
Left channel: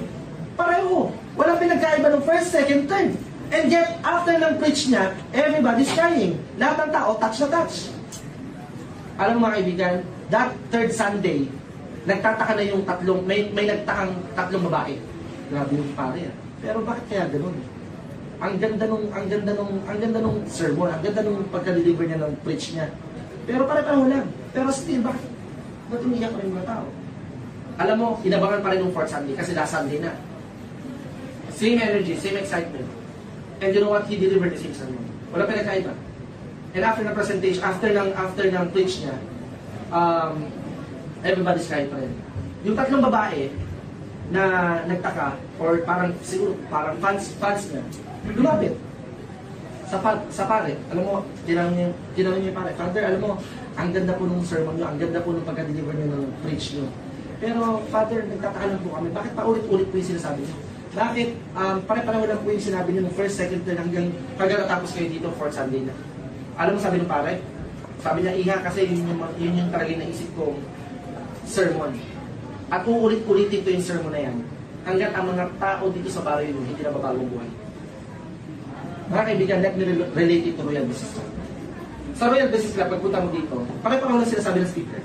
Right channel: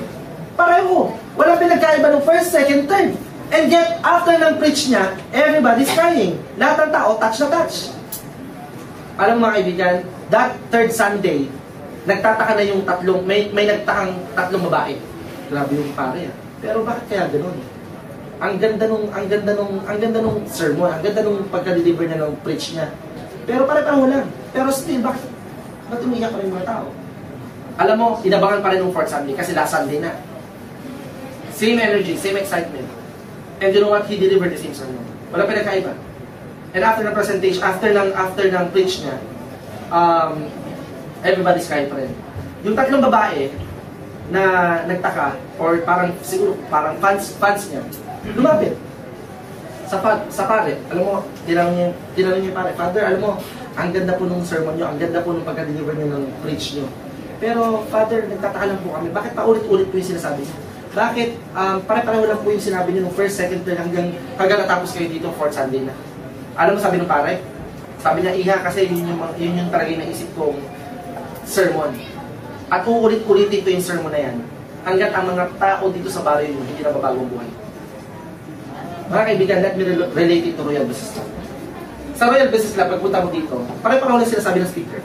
Pareho. Walang pinagkaiba nung first, second, third. And yet, after ng preach niya, everybody's crying. Lahat ng tao, touch na touch. Alam mo mga kaibigan, that third Sunday, nagtataka na yung may nagtakang 3 babae. Grabe yung pare. Pero bakit kaya ganoon? Ang ganda nung sermon, ang ganda nung pagka-deliver niya ng preach niya. Pero pare-pareho lang. Pero still, bakit umiiyak pa rin mga tao? Alam mo, inabangan pa rin ng 4th Sunday kasi last Sunday na. Same energy, same excitement. And you know what? He delivered the same sermon. Wala pa nagkaiba. And after ng presentation, after ng preach niya, everybody's crying pa rin. Yung 3 babae na nagtaka, or siguro parang fans niya, lumapit sa pare. Alam mo, tinanong niya yung pare, Father, alam mo, ang ganda po nung sermon niyo, ang ganda po nung pagka-deliver niyo ng preach niyo. Pero, Father, nagtataka lang po kami, bakit paulit-ulit po yung sinasabi niyo? Bakit pare-pareho lang po yung sinabi niyo nung first, second, third, hanggang natapos kayo dito, 4th Sunday na? Alam mo sabi ng pare? Sabi niya, Iha, kasi yun yung talaga yung naisip kong sermon. At uulit-ulitin ito yung sermon na yan hanggat ang mga tao dito sa baryo yun hindi na babago ang buhay. Mga kaibigan, let me relate it to Royal Business Club. Sa Royal Business Club, pagpunta mo dito, pare-pareho na sila sabi ng speaker.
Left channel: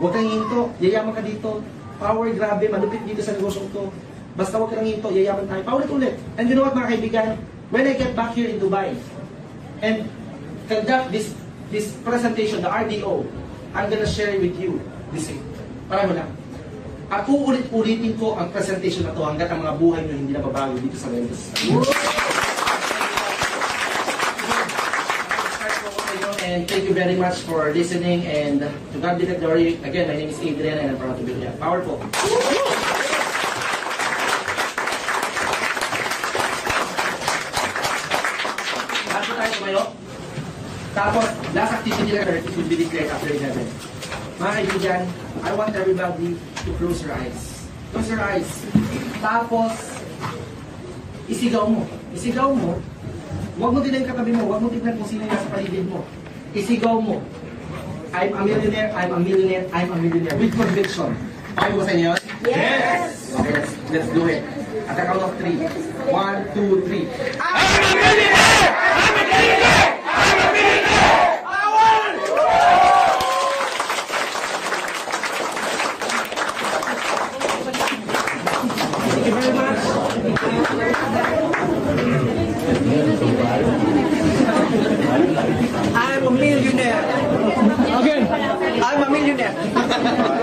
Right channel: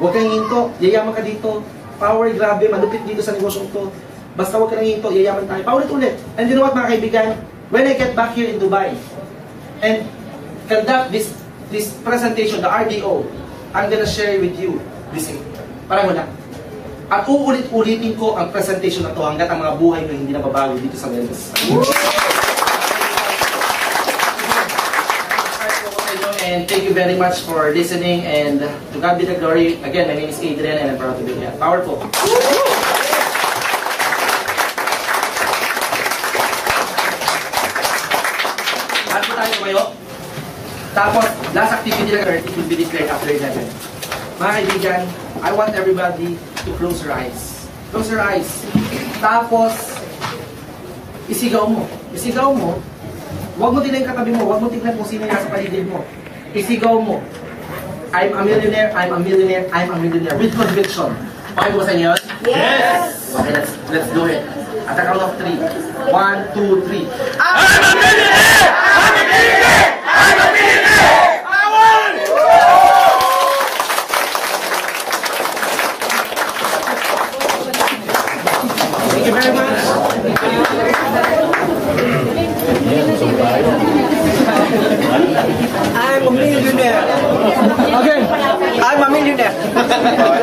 Huwag kang hinto, yayaman ka dito, power, grabe, malupit dito sa negosyo to. Basta huwag ka nang hinto, yayaman tayo. Paulit-ulit. And you know what mga kaibigan, when I get back here in Dubai and conduct this presentation, the RDO, I'm gonna share with you the same. Pareho na. At uulit-ulitin ko ang presentation na to hanggat ang mga buhay na hindi nababago dito sa Royal Business Club. And thank you very much for listening, and to God be the glory. Again, my name is Adrian and I'm proud to be here. Powerful. Lahat po tayo tumayo. Tapos, last activity na it will be declared after 11. Mga kaibigan, I want everybody to close your eyes. Close your eyes. Tapos, isigaw mo. Isigaw mo. Huwag mo tingnan yung katabi mo. Huwag mo tingnan kung sino nasa paligid mo. Isigaw mo. I'm a millionaire, I'm a millionaire, I'm a millionaire. With conviction. Okay mo sa inyo? Yes! Okay, let's do it. At the count of 3. 1, 2, 3. I'm a millionaire! I'm a millionaire! I'm a millionaire! I won! millionaire.